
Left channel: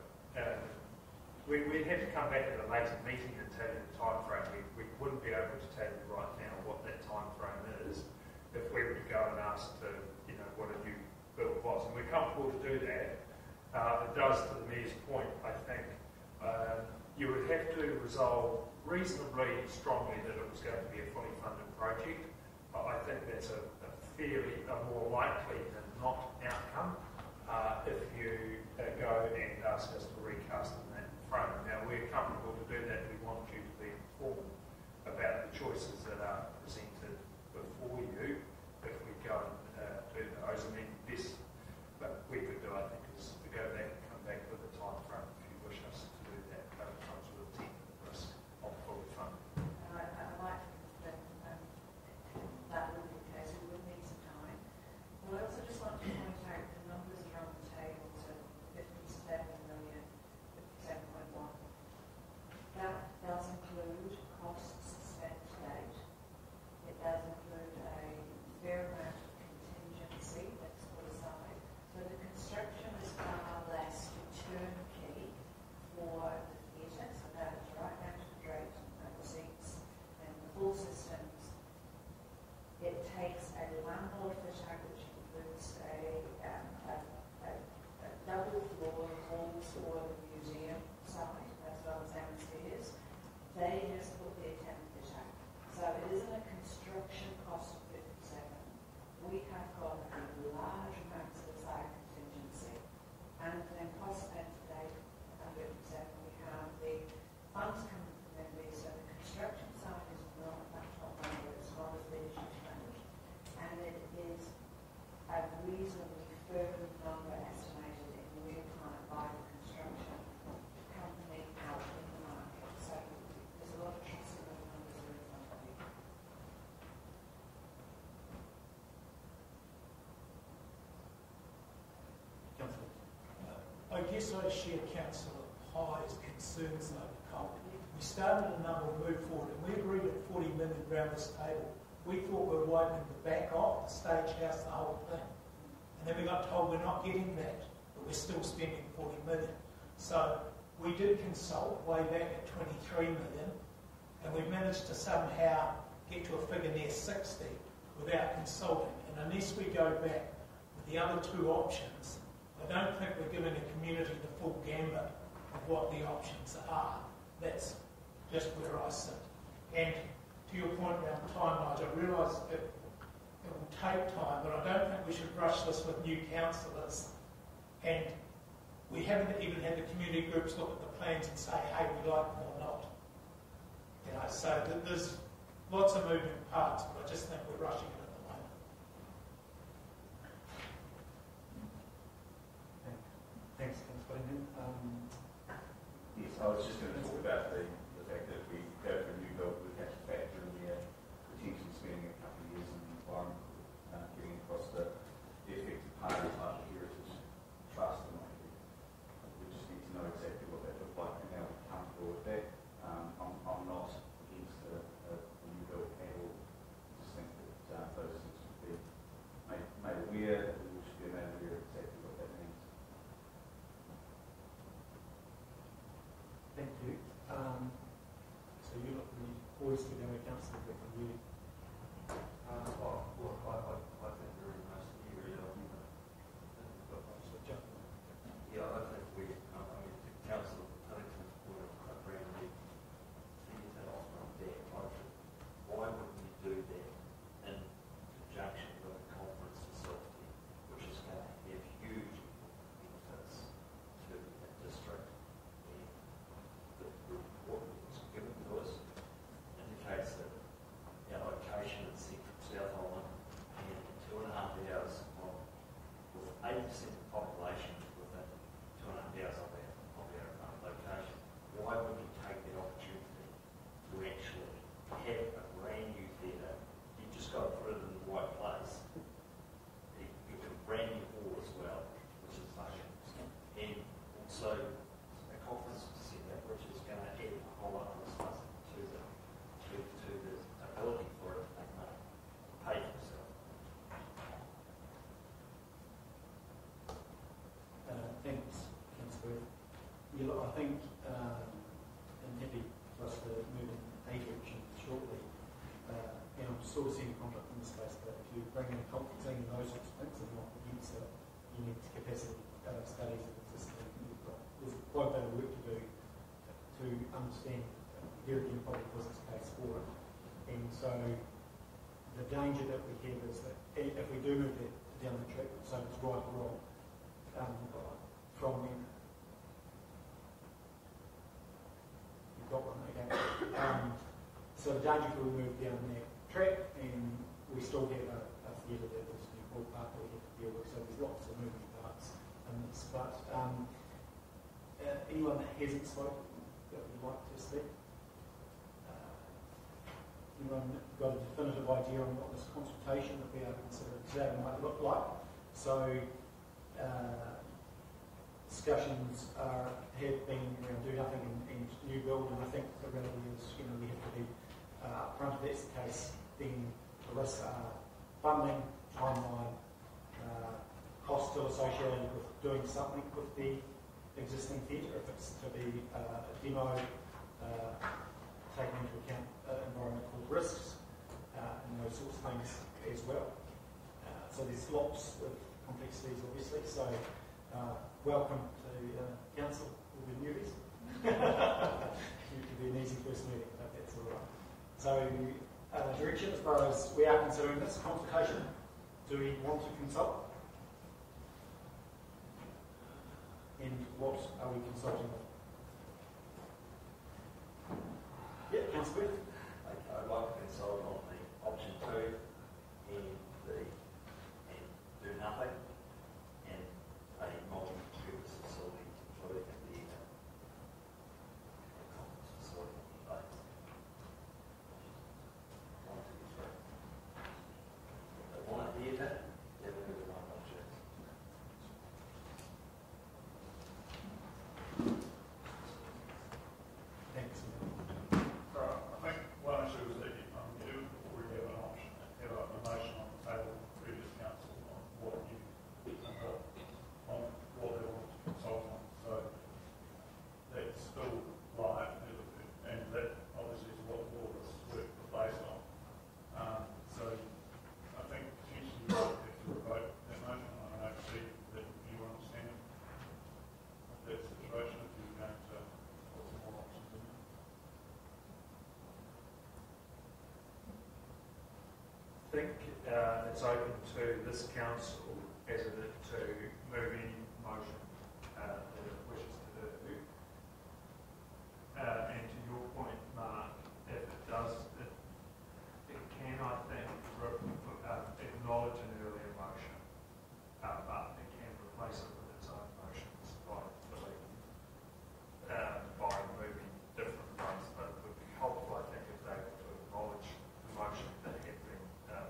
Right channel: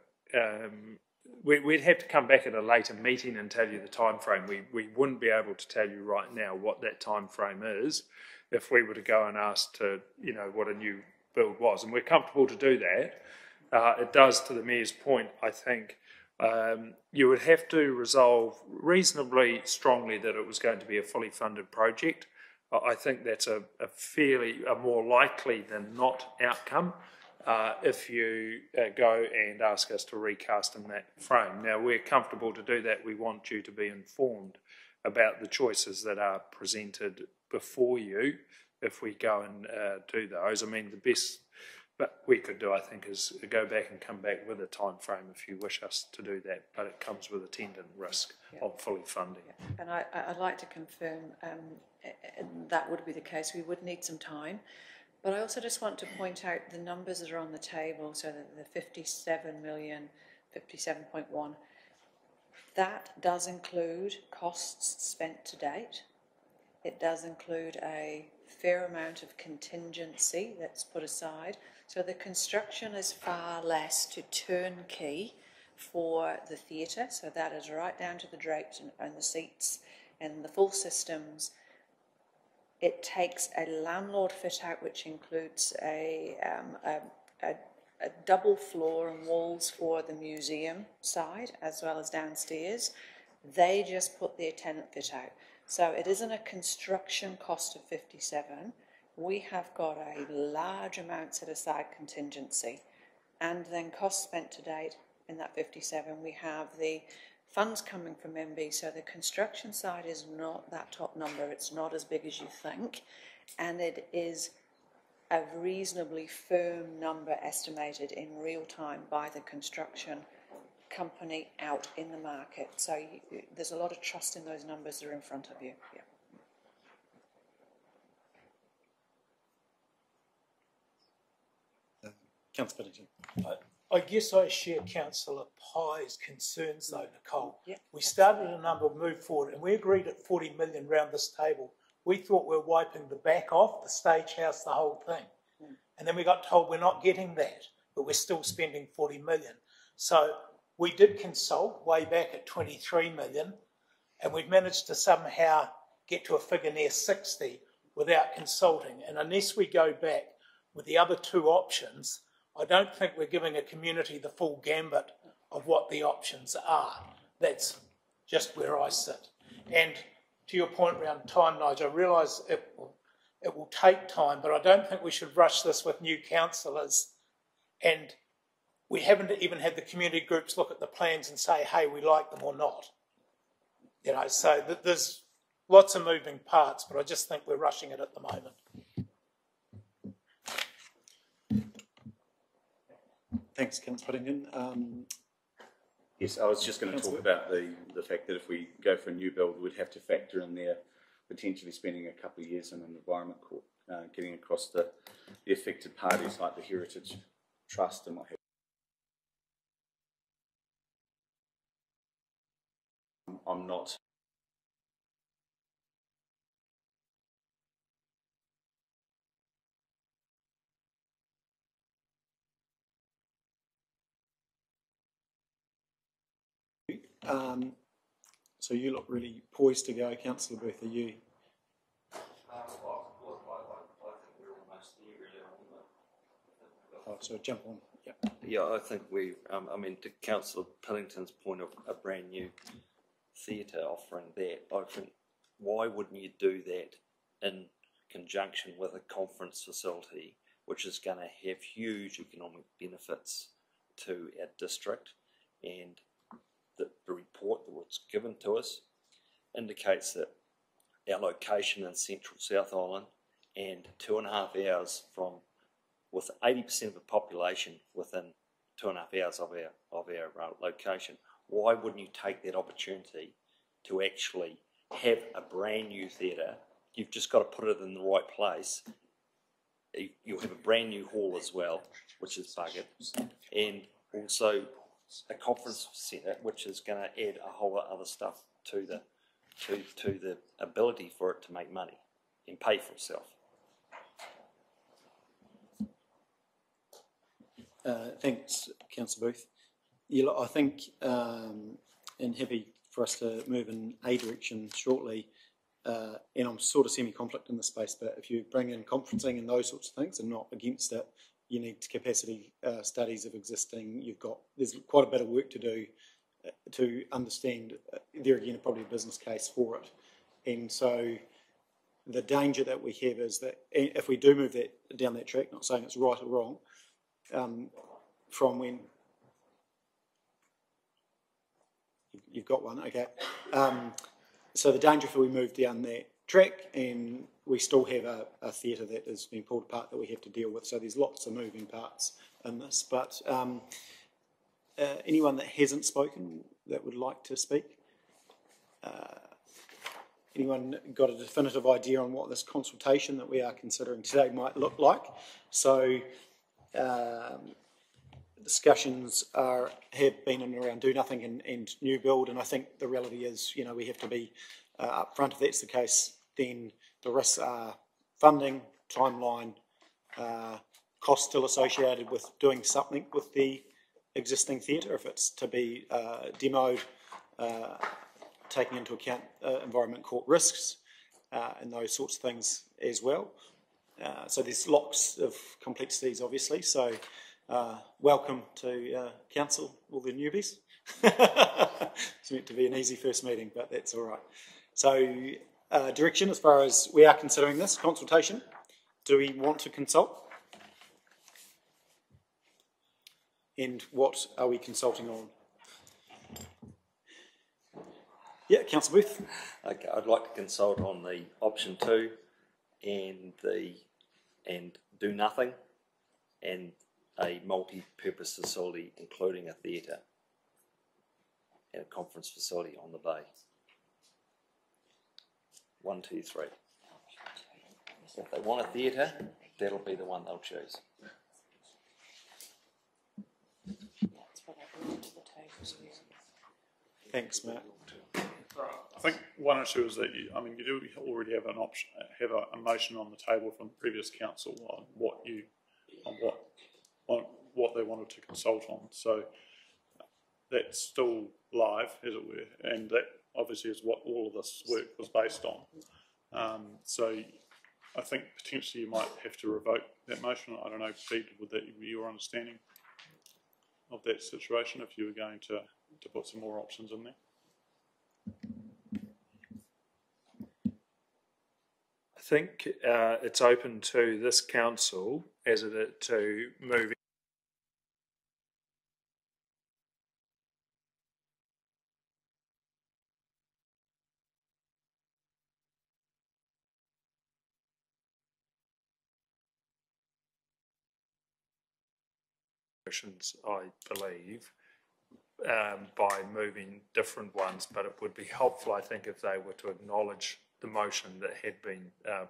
we'd have to come back at a later meeting and tell you the time frame. We wouldn't be able to tell you right now what that time frame is if we were to go and ask to, you know, what a new build was. And we're comfortable to do that. It does, to the Mayor's point, I think, you would have to resolve reasonably strongly that it was going to be a fully funded project. I think that's a more likely than not outcome if you go and ask us to recast in that frame. Now, we're comfortable to do that. We want you to be informed about the choices that are presented before you if we go and do those. I mean, the best that we could do, I think, is go back and come back with a time frame if you wish us to do that, but it comes with attendant risk of fully funding it. And I'd like to confirm that would be the case. We would need some time. But I also just want to point out the numbers that are on the table, so that the 57 million, 57.1, that does include costs spent to date. It does include a fair amount of contingency that's put aside. So the construction is far less to turnkey for the theatre, so that is right down to the drapes and the seats and the full systems. It takes a landlord fit out, which includes a double floor and walls for the museum side as well as downstairs. They just put their tenant fit out. So it isn't a construction cost of 57. We have got a large amount set aside contingency, and then costs spent to date in that 57. We have the funds coming from MB, so the construction side is not that top number. It's not as big as you think, and it is a reasonably firm number estimated in real time by the construction company out in the market. So there's a lot of trust in those numbers that are in front of you. Yeah. Councillor Piddington. I guess I share Councillor high as concerns though, Nicole. Yep. We started a number, move forward, and we agreed at 40 million round this table. We thought we were wiping the back off, the stage house, the whole thing. And then we got told we're not getting that, but we're still spending 40 million. So we did consult way back at 23 million, and we managed to somehow get to a figure near 60 without consulting. And unless we go back with the other two options, I don't think we're giving a community the full gambit of what the options are. That's just where I sit. And to your point around time, Nigel, I realise it will take time, but I don't think we should rush this with new councillors. And we haven't even had the community groups look at the plans and say, hey, we like them or not. You know, so there's lots of moving parts, but I just think we're rushing it at the moment. Thanks, Councillor Whittington. Yes, I was just going to talk about the fact that if we go for a new build, we'd have to factor in there potentially spending a couple of years in an environment court, getting across the affected parties like the Heritage Trust and what have you. We just need to know exactly what that looks like and how we're comfortable with that. I'm not against a new build at all. I just think that those things should be made aware, that we should be made aware exactly what that means. Thank you. So you look really poised to go, Councillor Booth. Are you? So jump on. Yeah. Yeah, I think we. I mean, to Councillor Pillington's point of a brand new theatre offering that, I think why wouldn't you do that in conjunction with a conference facility, which is going to have huge economic benefits to our district, and the report that was given to us indicates that our location in central South Island and 2.5 hours from, with 80% of the population within 2.5 hours of our location, why wouldn't you take that opportunity to actually have a brand new theatre? You've just got to put it in the right place. You'll have a brand new hall as well, which is buggered, and also a conference centre, which is going to add a whole lot of other stuff to the ability for it to make money and pay for itself. Thanks, Councillor Booth. Yeah, look, I think, and happy for us to move in a direction shortly, and I'm sort of semi-conflict in this space, but if you bring in conferencing and those sorts of things, I'm not against it. You need capacity studies of existing. There's quite a bit of work to do to understand, there again, probably a business case for it. And so the danger that we have is that if we do move down that track, not saying it's right or wrong, from when you've got one, okay. So the danger if we move down that track and we still have a theatre that is being pulled apart that we have to deal with. So there's lots of moving parts in this. But anyone that hasn't spoken that would like to speak? Anyone got a definitive idea on what this consultation that we are considering today might look like? So discussions have been in and around do nothing and new build, and I think the reality is, we have to be upfront. If that's the case, then the risks are funding, timeline, cost still associated with doing something with the existing theatre, if it's to be demoed, taking into account environment court risks and those sorts of things as well. So there's lots of complexities, obviously. So welcome to council, all the newbies. It's meant to be an easy first meeting, but that's all right. So direction as far as we are considering this consultation. Do we want to consult? And what are we consulting on? Yeah, Councillor Booth. Okay, I'd like to consult on the option 2 and do nothing, and a multi-purpose facility including a theatre and a conference facility on the bay. 1, 2, 3. If they want a theatre, that'll be the one they'll choose. Thanks, Matt. I think one issue is that you already have an option, have a motion on the table from previous council on what they wanted to consult on. So that's still live, as it were, and that obviously is what all of this work was based on. So I think potentially you might have to revoke that motion. I don't know, Pete, would that be your understanding of that situation if you were going to put some more options in there? I think it's open to this council as it is to move any motion that it wishes to do. And to your point, Mark, if it does, it can, I think, acknowledge an earlier motion, but it can replace it with its own motions, I believe, by moving different ones. But it would be helpful, I think, if they were to acknowledge the motion that had been, that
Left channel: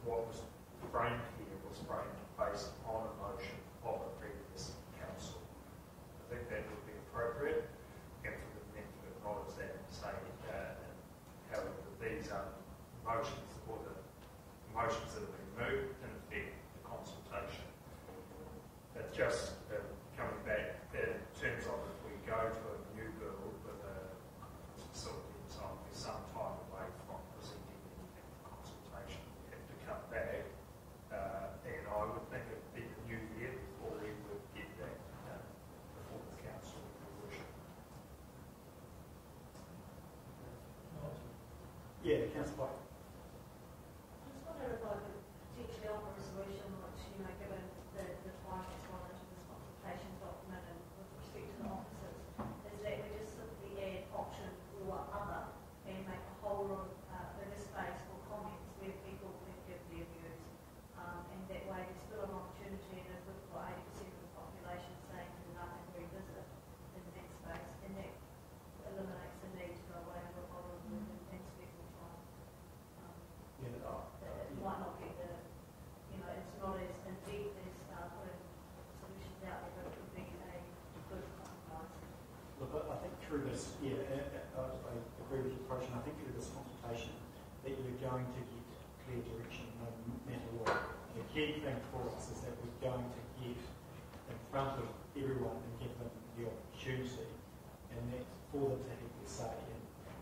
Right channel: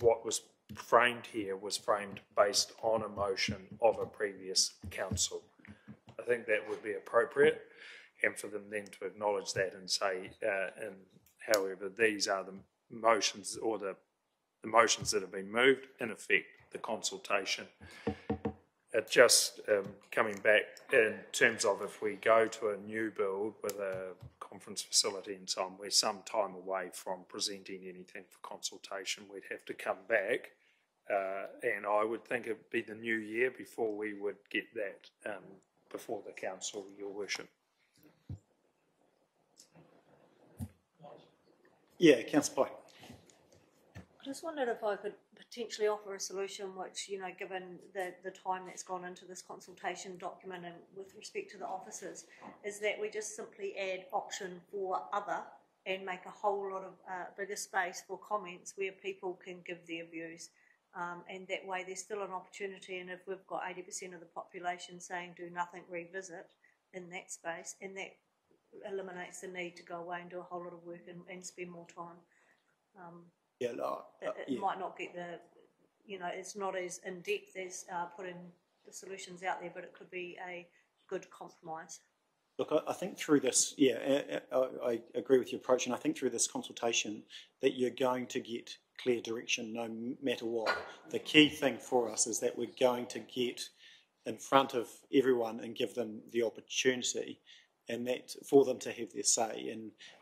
what was framed here was framed based on a motion of a previous council. I think that would be appropriate, and for them then to acknowledge that and say, however, these are the motions or the motions that have been moved, in effect, the consultation. Just coming back in terms of if we go to a new build with a conference facility and so on, we're some time away from presenting anything for consultation. We'd have to come back, and I would think it'd be the new year before we would get that before the council, Your Worship. Yeah, Councillor Pike. I just wondered if I could potentially offer a solution which, given the time that's gone into this consultation document and with respect to the officers, is that we just simply add option or other and make a whole lot of bigger space for comments where people can give their views. And that way there's still an opportunity, and if we've got 80% of the population saying do nothing, revisit in that space, and that eliminates the need to go away and do a whole lot of work and spend more time. It might not get the, it's not as in depth as putting the solutions out there, but it could be a good compromise. Look, I think through this, I agree with your approach, and I think through this consultation that you're going to get clear direction no matter what. The key thing for us is that we're going to get in front of everyone and give them the opportunity, and that for them to have their say.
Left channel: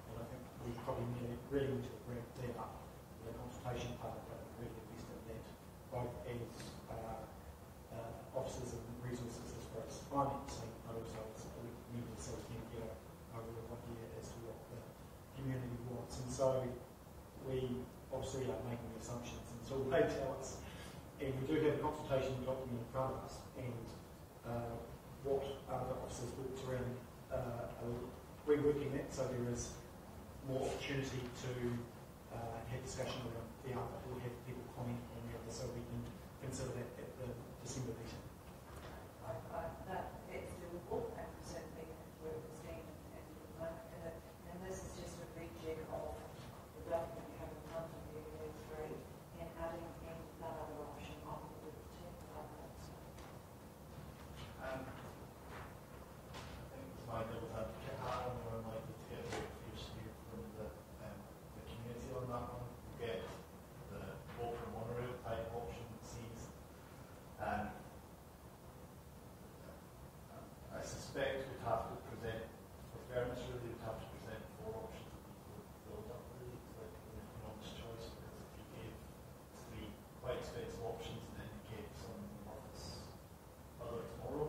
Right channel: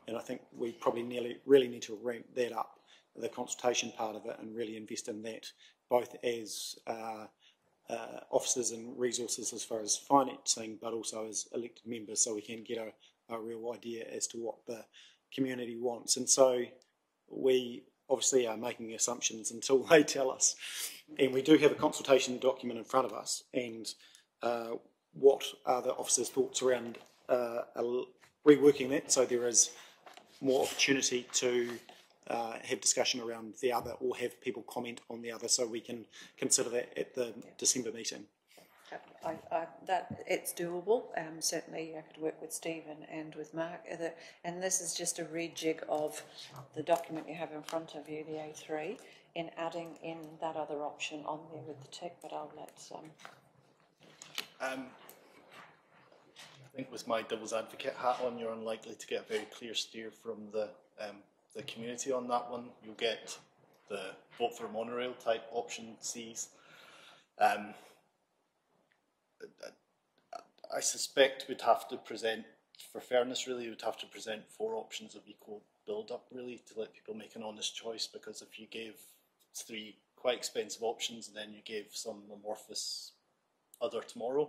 And I think we probably really need to ramp that up, the consultation part of it, and really invest in that, both as officers and resources as far as financing, but also as elected members, so we can get a real idea as to what the community wants. And so we obviously are making assumptions until they tell us. And we do have a consultation document in front of us, and what are the officers' thoughts around reworking that so there is more opportunity to have discussion around the other, or have people comment on the other, so we can consider that at the December meeting. That it's doable. Certainly I could work with Steve and with Mark. And this is just a rejig of the document you have in front of you, the A3, in adding in that other option on there with the tick, but I'll let I think with my devil's advocate hat on, you're unlikely to get a very clear steer from the community on that one. You'll get the vote for a monorail type option C's. I suspect we'd have to present, for fairness really, we'd have to present 4 options of equal build-up really to let people make an honest choice, because if you gave 3 quite expensive options and then you gave some amorphous other tomorrow,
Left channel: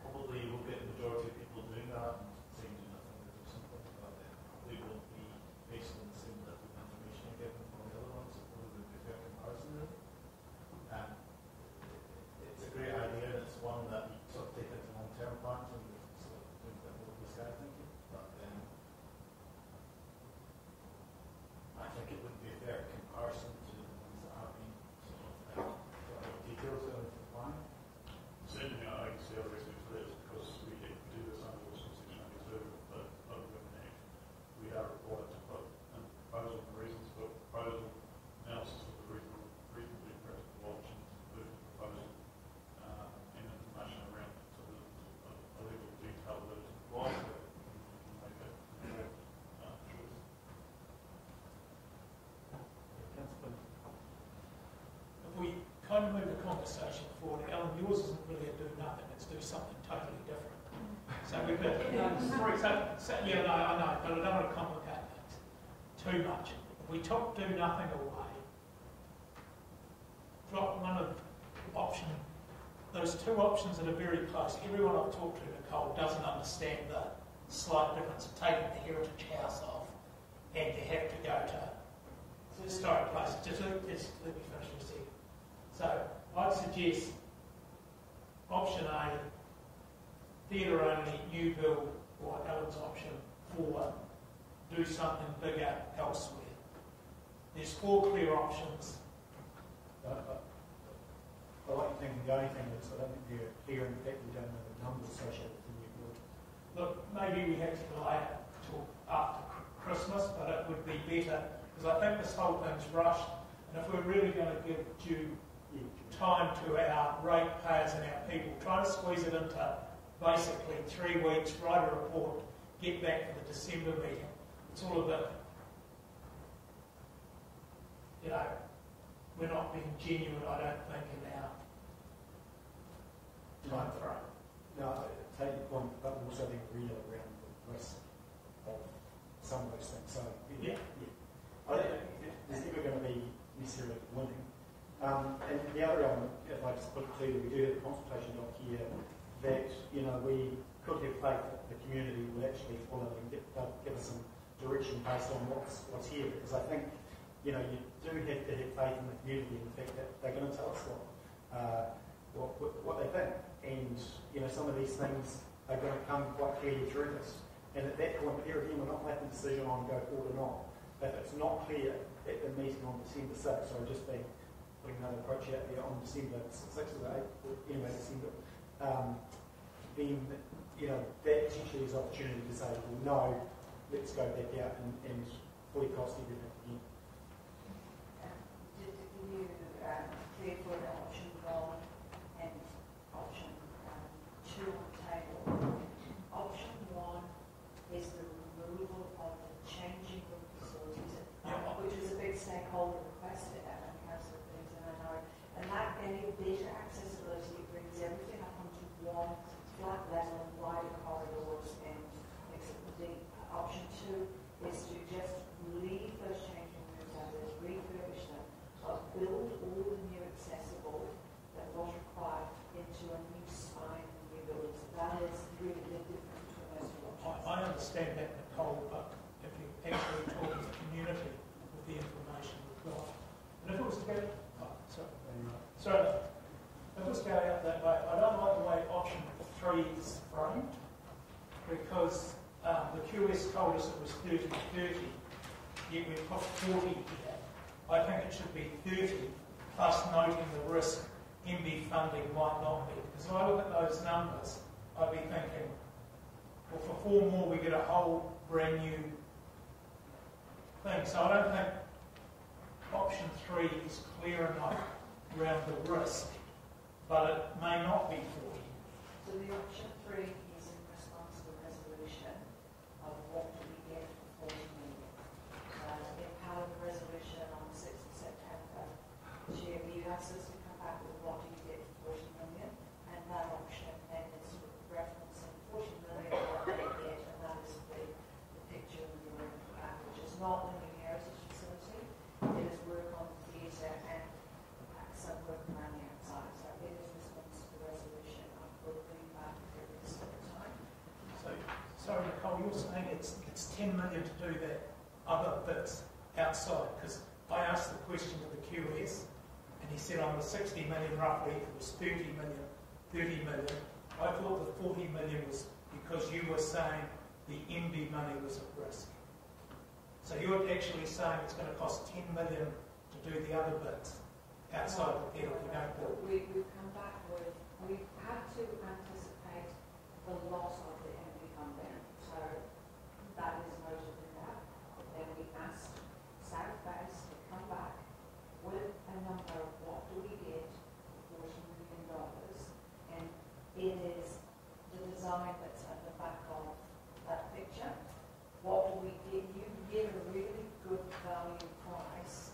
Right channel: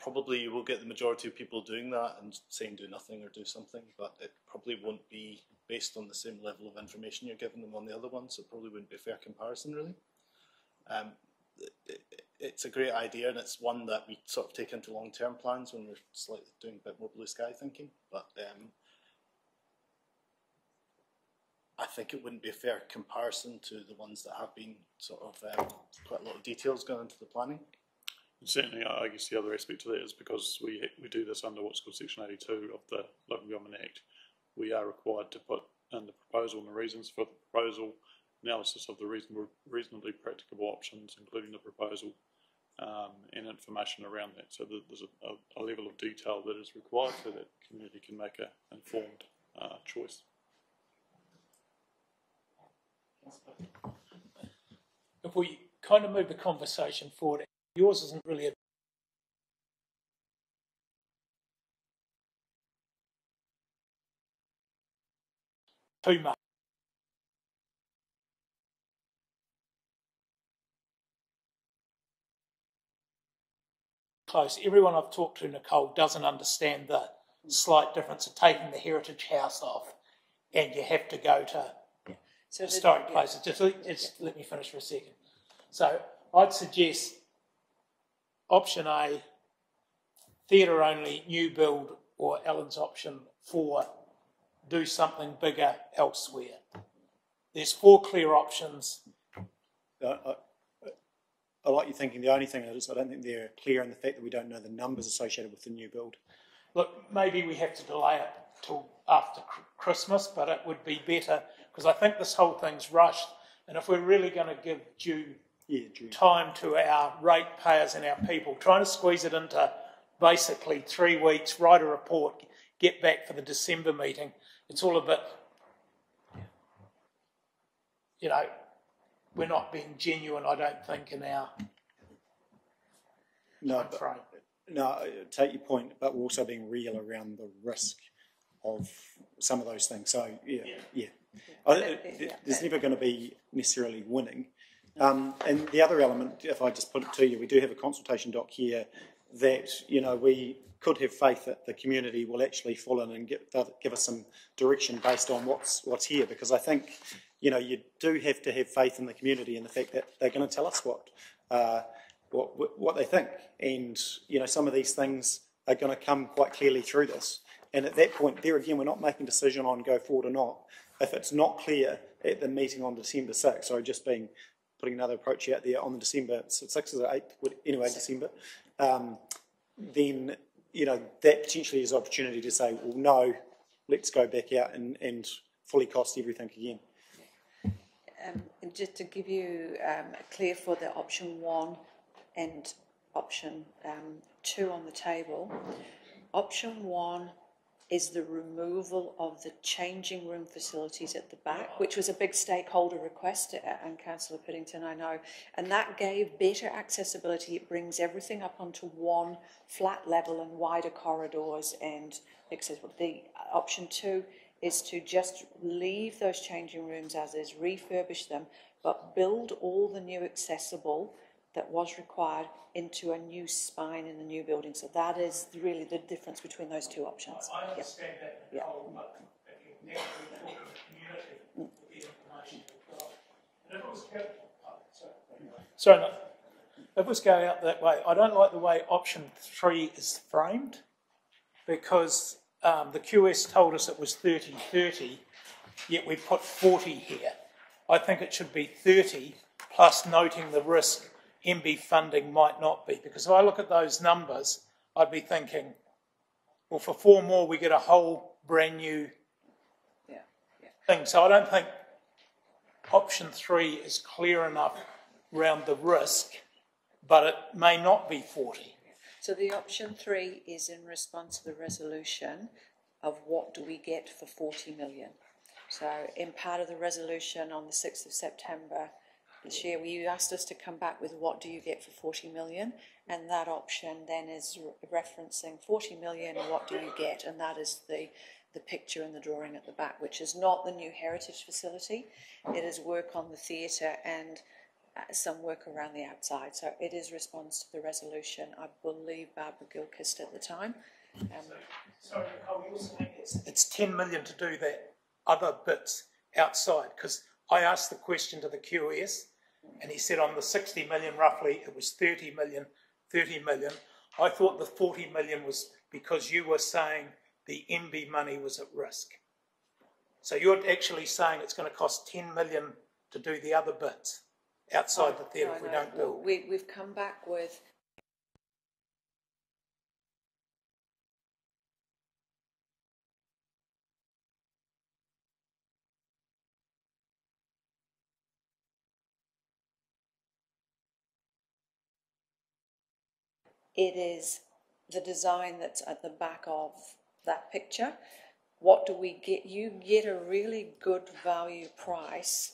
probably you will get the majority of people doing that and saying do nothing or do something, but it probably won't be based on the same level of information you're giving them on the other ones. It probably wouldn't be a fair comparison really. It's a great idea, and it's one that we sort of take into long-term plans when we're slightly doing a bit more blue sky thinking, but I think it wouldn't be a fair comparison to the ones that have been sort of quite a lot of details going into the planning. Certainly, I guess the other aspect to that is because we do this under what's called Section 82 of the Local Government Act, we are required to put in the proposal and the reasons for the proposal, analysis of the reasonably practicable options, including the proposal, and information around that. So there's a level of detail that is required so that the community can make an informed choice. If we kind of move the conversation forward, Alan, yours isn't really a do nothing, it's do something totally different. So we've got, yeah, no, I know, but I don't want to complicate things too much. If we took do nothing away, drop one of the option, those two options that are very close. Everyone I've talked to, Nicole, doesn't understand the slight difference of taking the heritage house off and you have to go to historic places. Just let me finish for a second. So I'd suggest option A, theatre only, new build, or Alan's option 4, do something bigger elsewhere. There's 4 clear options. I like your thinking. The only thing is I don't think they're clear in the fact that we don't know the numbers associated with the new build. Look, maybe we have to delay it till after Christmas, but it would be better because I think this whole thing's rushed, and if we're really going to give due time to our ratepayers and our people, trying to squeeze it into basically 3 weeks, write a report, get back for the December meeting, it's all a bit, you know, we're not being genuine, I don't think, in our time frame. No, I take your point, but we're also being real around the risk of some of those things. So, yeah. There's never going to be necessarily winning. And the other element, if I just put it to you, we do have a consultation doc here that, you know, we could have faith that the community will actually fall in and give us some direction based on what's here, because I think, you know, you do have to have faith in the community and the fact that they're going to tell us what they think. And, you know, some of these things are going to come quite clearly through this. And at that point, there again, we're not making a decision on go forward or not. If it's not clear at the meeting on December 6th, so just putting another approach out there on December 6th or 8th, anyway, December, then, you know, that potentially is an opportunity to say, well, no, let's go back out and fully cost everything again. And just to give you clear for the option 1 and option 2 on the table, option 1 is the removal of the changing room facilities at the back, which was a big stakeholder request, and Councillor Piddington, I know, and that gave better accessibility. It brings everything up onto one flat level and wider corridors and accessible. The option 2 is to just leave those changing rooms as is, refurbish them, but build all the new accessible that was required into a new spine in the new building. So that is really the difference between those two options. I understand that, Nicole, but if you actually talk to the community with the information we've got, and if it was if it was going out that way, I don't like the way option 3 is framed, because the QS told us it was 30-30, yet we put 40 here. I think it should be 30 plus noting the risk MB funding might not be, because if I look at those numbers, I'd be thinking, well, for 4 more we get a whole brand new thing. So I don't think option 3 is clear enough around the risk, but it may not be 40. So the option 3 is in response to the resolution of what do we get for 40 million. So in part of the resolution on the 6th of September this year, you asked us to come back with what do you get for 40 million, and that option then is referencing 40 million and what do we get, and that is the picture and the drawing at the back, which is not the new heritage facility. It is work on the theatre and some work around the outside. So it is response to the resolution. I believe Barbara Gilchrist at the time. Sorry, Nicole, you're saying it's 10 million to do that other bits outside, because I asked the question to the QS and he said on the 60 million roughly it was 30 million. I thought the 40 million was because you were saying the MB money was at risk. So you're actually saying it's going to cost 10 million to do the other bits outside the theatre if we don't build. We've come back with, we had to anticipate the loss of the MB funding, so that is noted in that. Then we asked South Base to come back with a number of what do we get for $40 million It is the design that's at the back of that picture. What do we get? You get a really good value price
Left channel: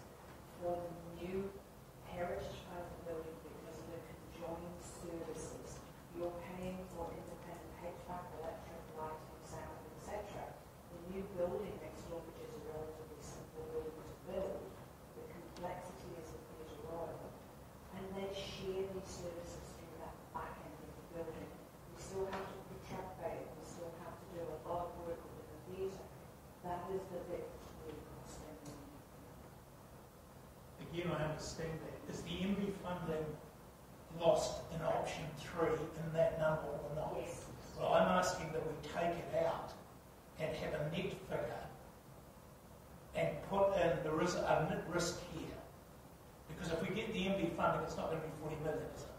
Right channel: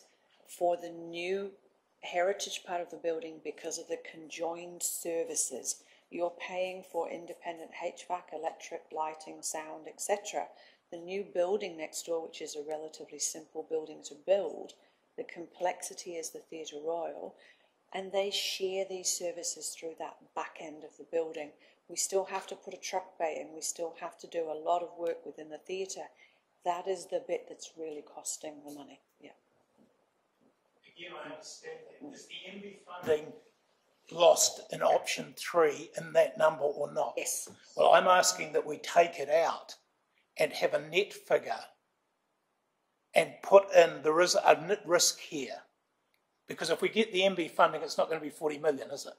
for the new heritage part of the building because of the conjoined services. You're paying for independent HVAC, electric, lighting, sound, etc. The new building next door, which is a relatively simple building to build, the complexity is the Theatre Royal, and they share these services through that back end of the building. We still have to put a truck bay in, we still have to do a lot of work within the theatre. That is the bit that's really costing the money. Yeah. Again, I understand that. Is the MB funding lost in option 3 in that number or not? Yes. Well, I'm asking that we take it out and have a net figure and put in, there is a net risk here. Because if we get the MB funding, it's not going to be 40 million, is it?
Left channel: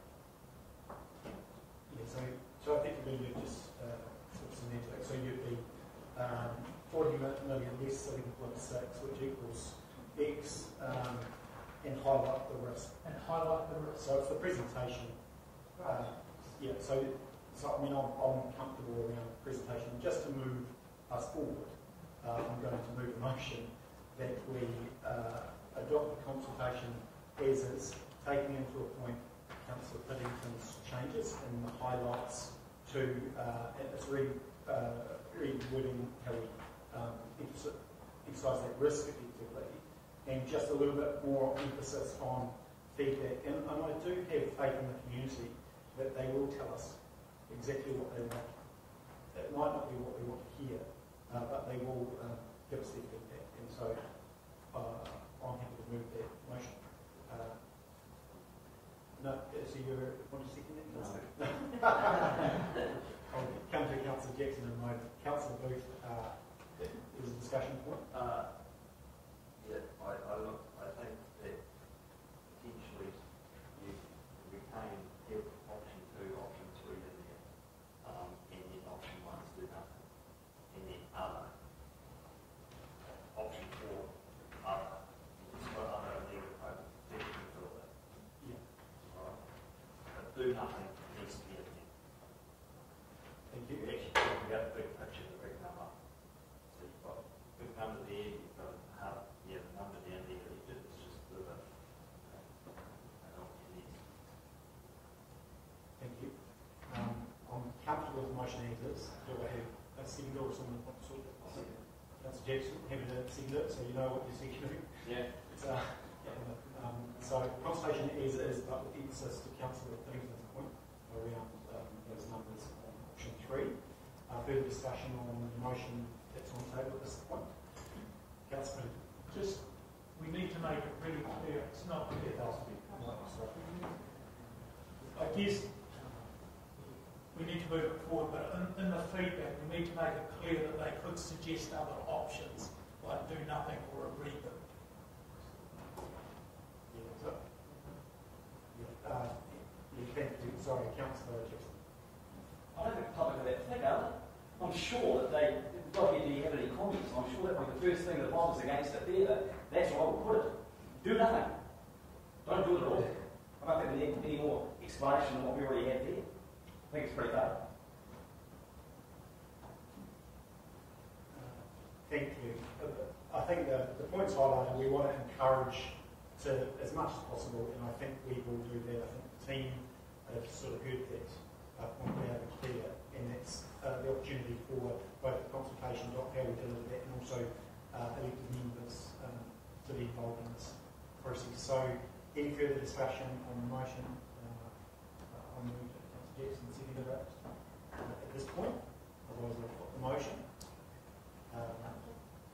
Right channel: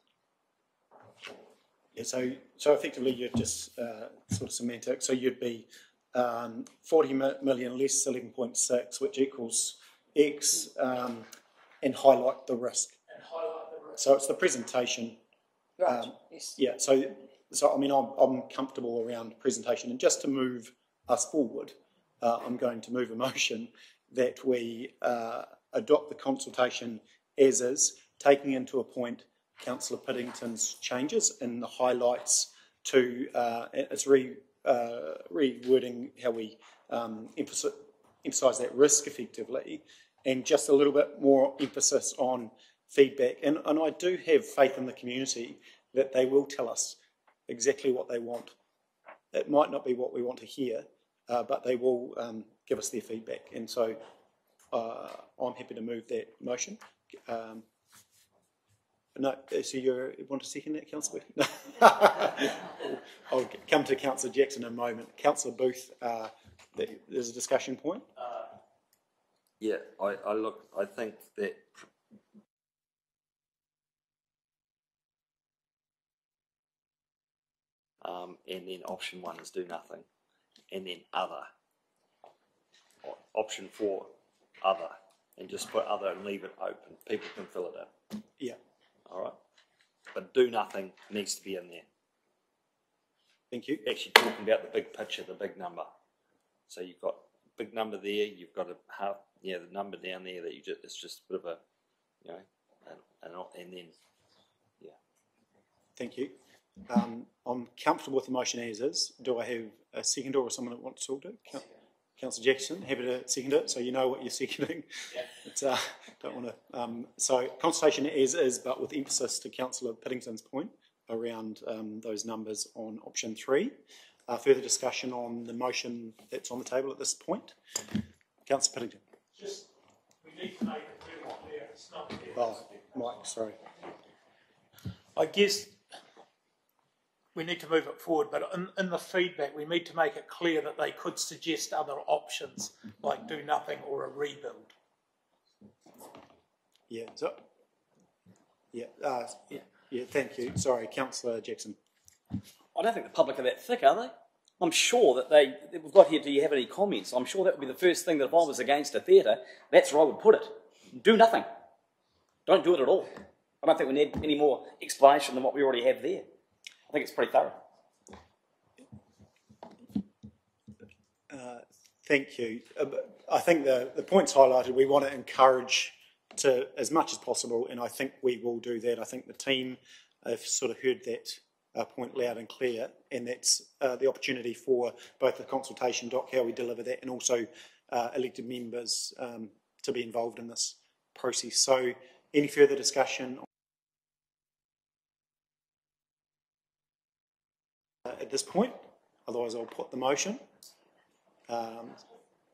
Yeah, so effectively you're just sort of semantic. So you'd be 40 million less 11.6, which equals X, and highlight the risk. And highlight the risk. So it's the presentation. Right. Yes. Yeah. So I mean, I'm comfortable around presentation, and just to move us forward, I'm going to move a motion that we adopt the consultation as is, taking into a point Councillor Piddington's changes and the highlights to it's rewording how we emphasise that risk effectively, and just a little bit more emphasis on feedback. And I do have faith in the community that they will tell us exactly what they want. It might not be what we want to hear, but they will give us their feedback. And so I'm happy to move that motion. No, so you want to second that, Councillor? I'll come to Councillor Jackson in a moment. Councillor Booth, there's a discussion point. Yeah, I think that potentially you retain option 2, option 3 in there, and then option 1 is do nothing, and then other. Option 4, other, and just put other and leave it open. People can fill it in. Yeah. All right. But do nothing needs to be in there. Thank you. Actually talking about the big picture, the big number. So you've got big number there, you've got the number down there that it's just a bit of a, you know, and then, yeah. Thank you. I'm comfortable with the motion as is. Do I have a seconder or someone that wants to talk to it? Councillor Jackson, happy to second it, so you know what you're seconding. Yeah. Don't want to. So consultation as is, but with emphasis to Councillor Piddington's point around those numbers on option 3. Further discussion on the motion that's on the table at this point. Councillor Piddington. Just, we need to make it really clear. It's not clear. Oh, Mike, sorry. I guess we need to move it forward, but in the feedback, we need to make it clear that they could suggest other options, like do nothing or a rebuild. Yeah. So. Yeah. Thank you. Sorry, Councillor Jackson. I don't think the public are that thick, are they? I'm sure that we've got here, do you have any comments? I'm sure that would be the first thing that if I was against a theatre, that's where I would put it. Do nothing. Don't do it at all. I don't think we need any more explanation than what we already have there. I think it's pretty thorough. Thank you. I think the points highlighted, we want to encourage to as much as possible, and I think we will do that. I think the team have sort of heard that point loud and clear, and that's the opportunity for both the consultation doc, how we deliver that, and also elected members to be involved in this process. So any further discussion on the motion? At this point, otherwise I'll put the motion.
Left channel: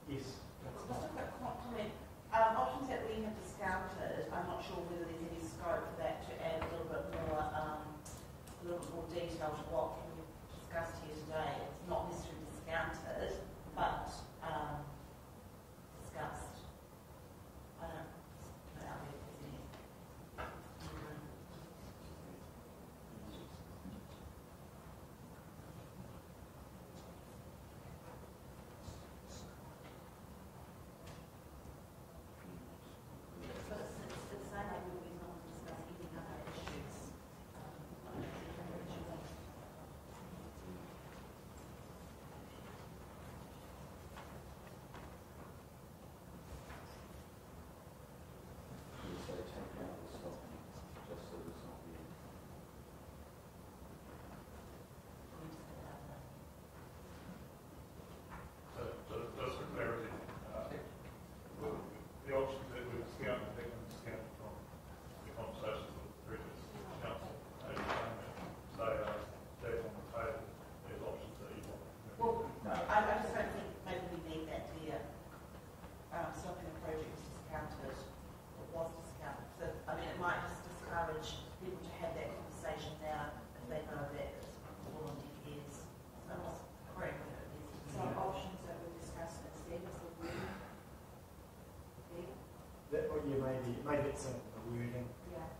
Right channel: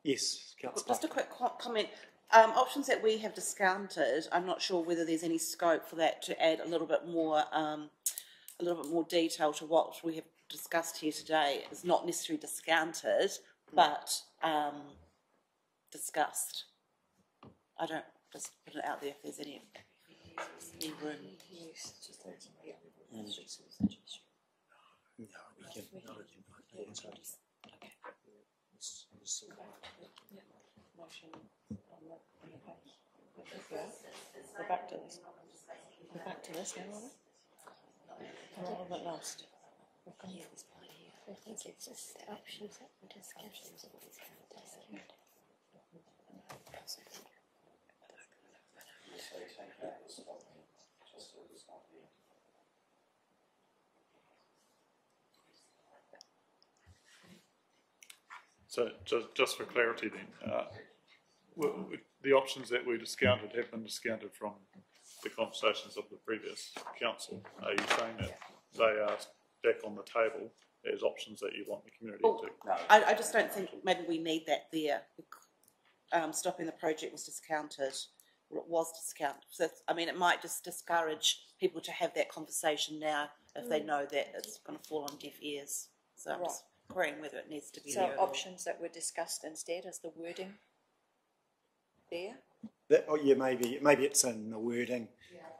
Yes, Councillor. Just a quick comment. Options that we have discounted, I'm not sure whether there's any scope for that to add a little bit more detail to what we have discussed here today. It's not necessarily discounted, but discussed. I don't just put it out there if there's any room. Back to this. Back to this. So just for clarity then, the options that we discounted have been discounted from the conversations of the previous council. Are you saying that they are back on the table as options that you want the community to? No. I just don't think maybe we need that there. Stopping the project was discounted. So, I mean, it might just discourage people to have that conversation now if they know that it's going to fall on deaf ears. So I'm just querying whether it needs to be So there. options that were discussed instead is the wording there? Yeah, maybe it's in the wording,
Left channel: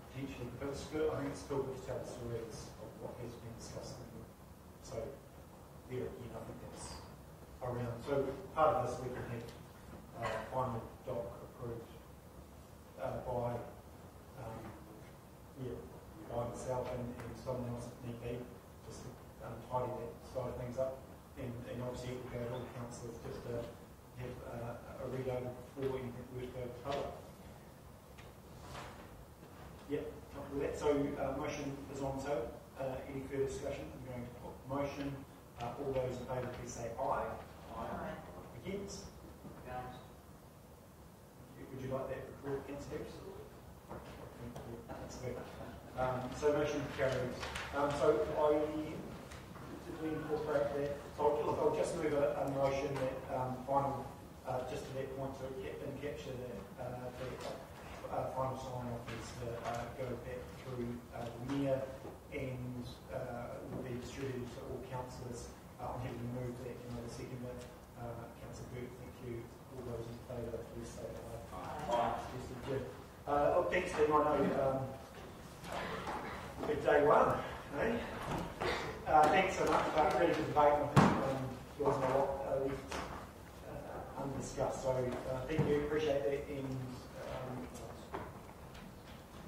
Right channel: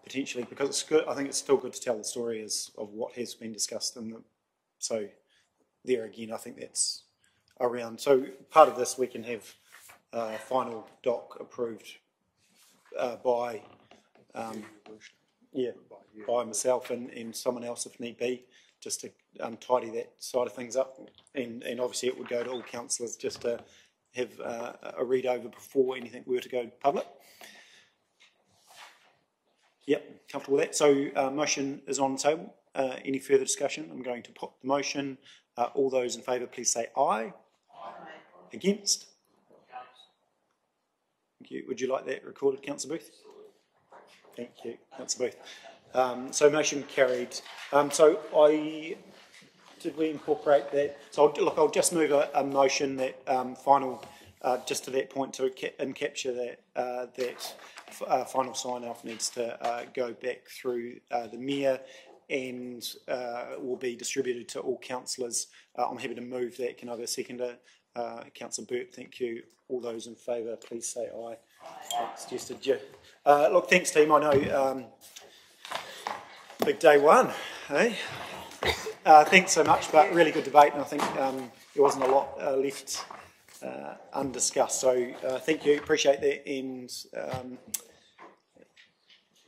potentially, because it's good. I think it's still good to tell the story of what has been discussed. So there again, I think that's around. So part of this we can have final doc approved by myself and someone else if need be, just to tidy that side of things up. And obviously it would go to all councillors just to have a read over before anything were to go public. Yep, comfortable with that. So motion is on the table. Any further discussion? I'm going to pop the motion. All those in favour, please say aye. Aye. Against? Thank you. Would you like that recorded, Councillor Booth? Thank you, Councillor Booth. So motion carried. Did we incorporate that? So I'll just move a motion that final, just to that point, to capture that final sign-off needs to go back through the Mayor and will be distributed to all councillors. I'm happy to move that. Can I have a seconder? Councillor Burt, thank you. All those in favour, please say aye. Aye. Suggested you. Look, thanks team. I know big day one, eh? Thanks so much, but really good debate, and I think there wasn't a lot left undiscussed. So thank you, appreciate that, and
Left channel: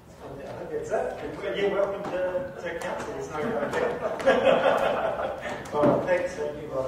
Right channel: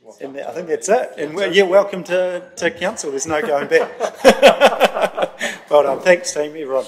I think that's it. And welcome to council. There's no going back. Well done. Thanks, team. Everyone.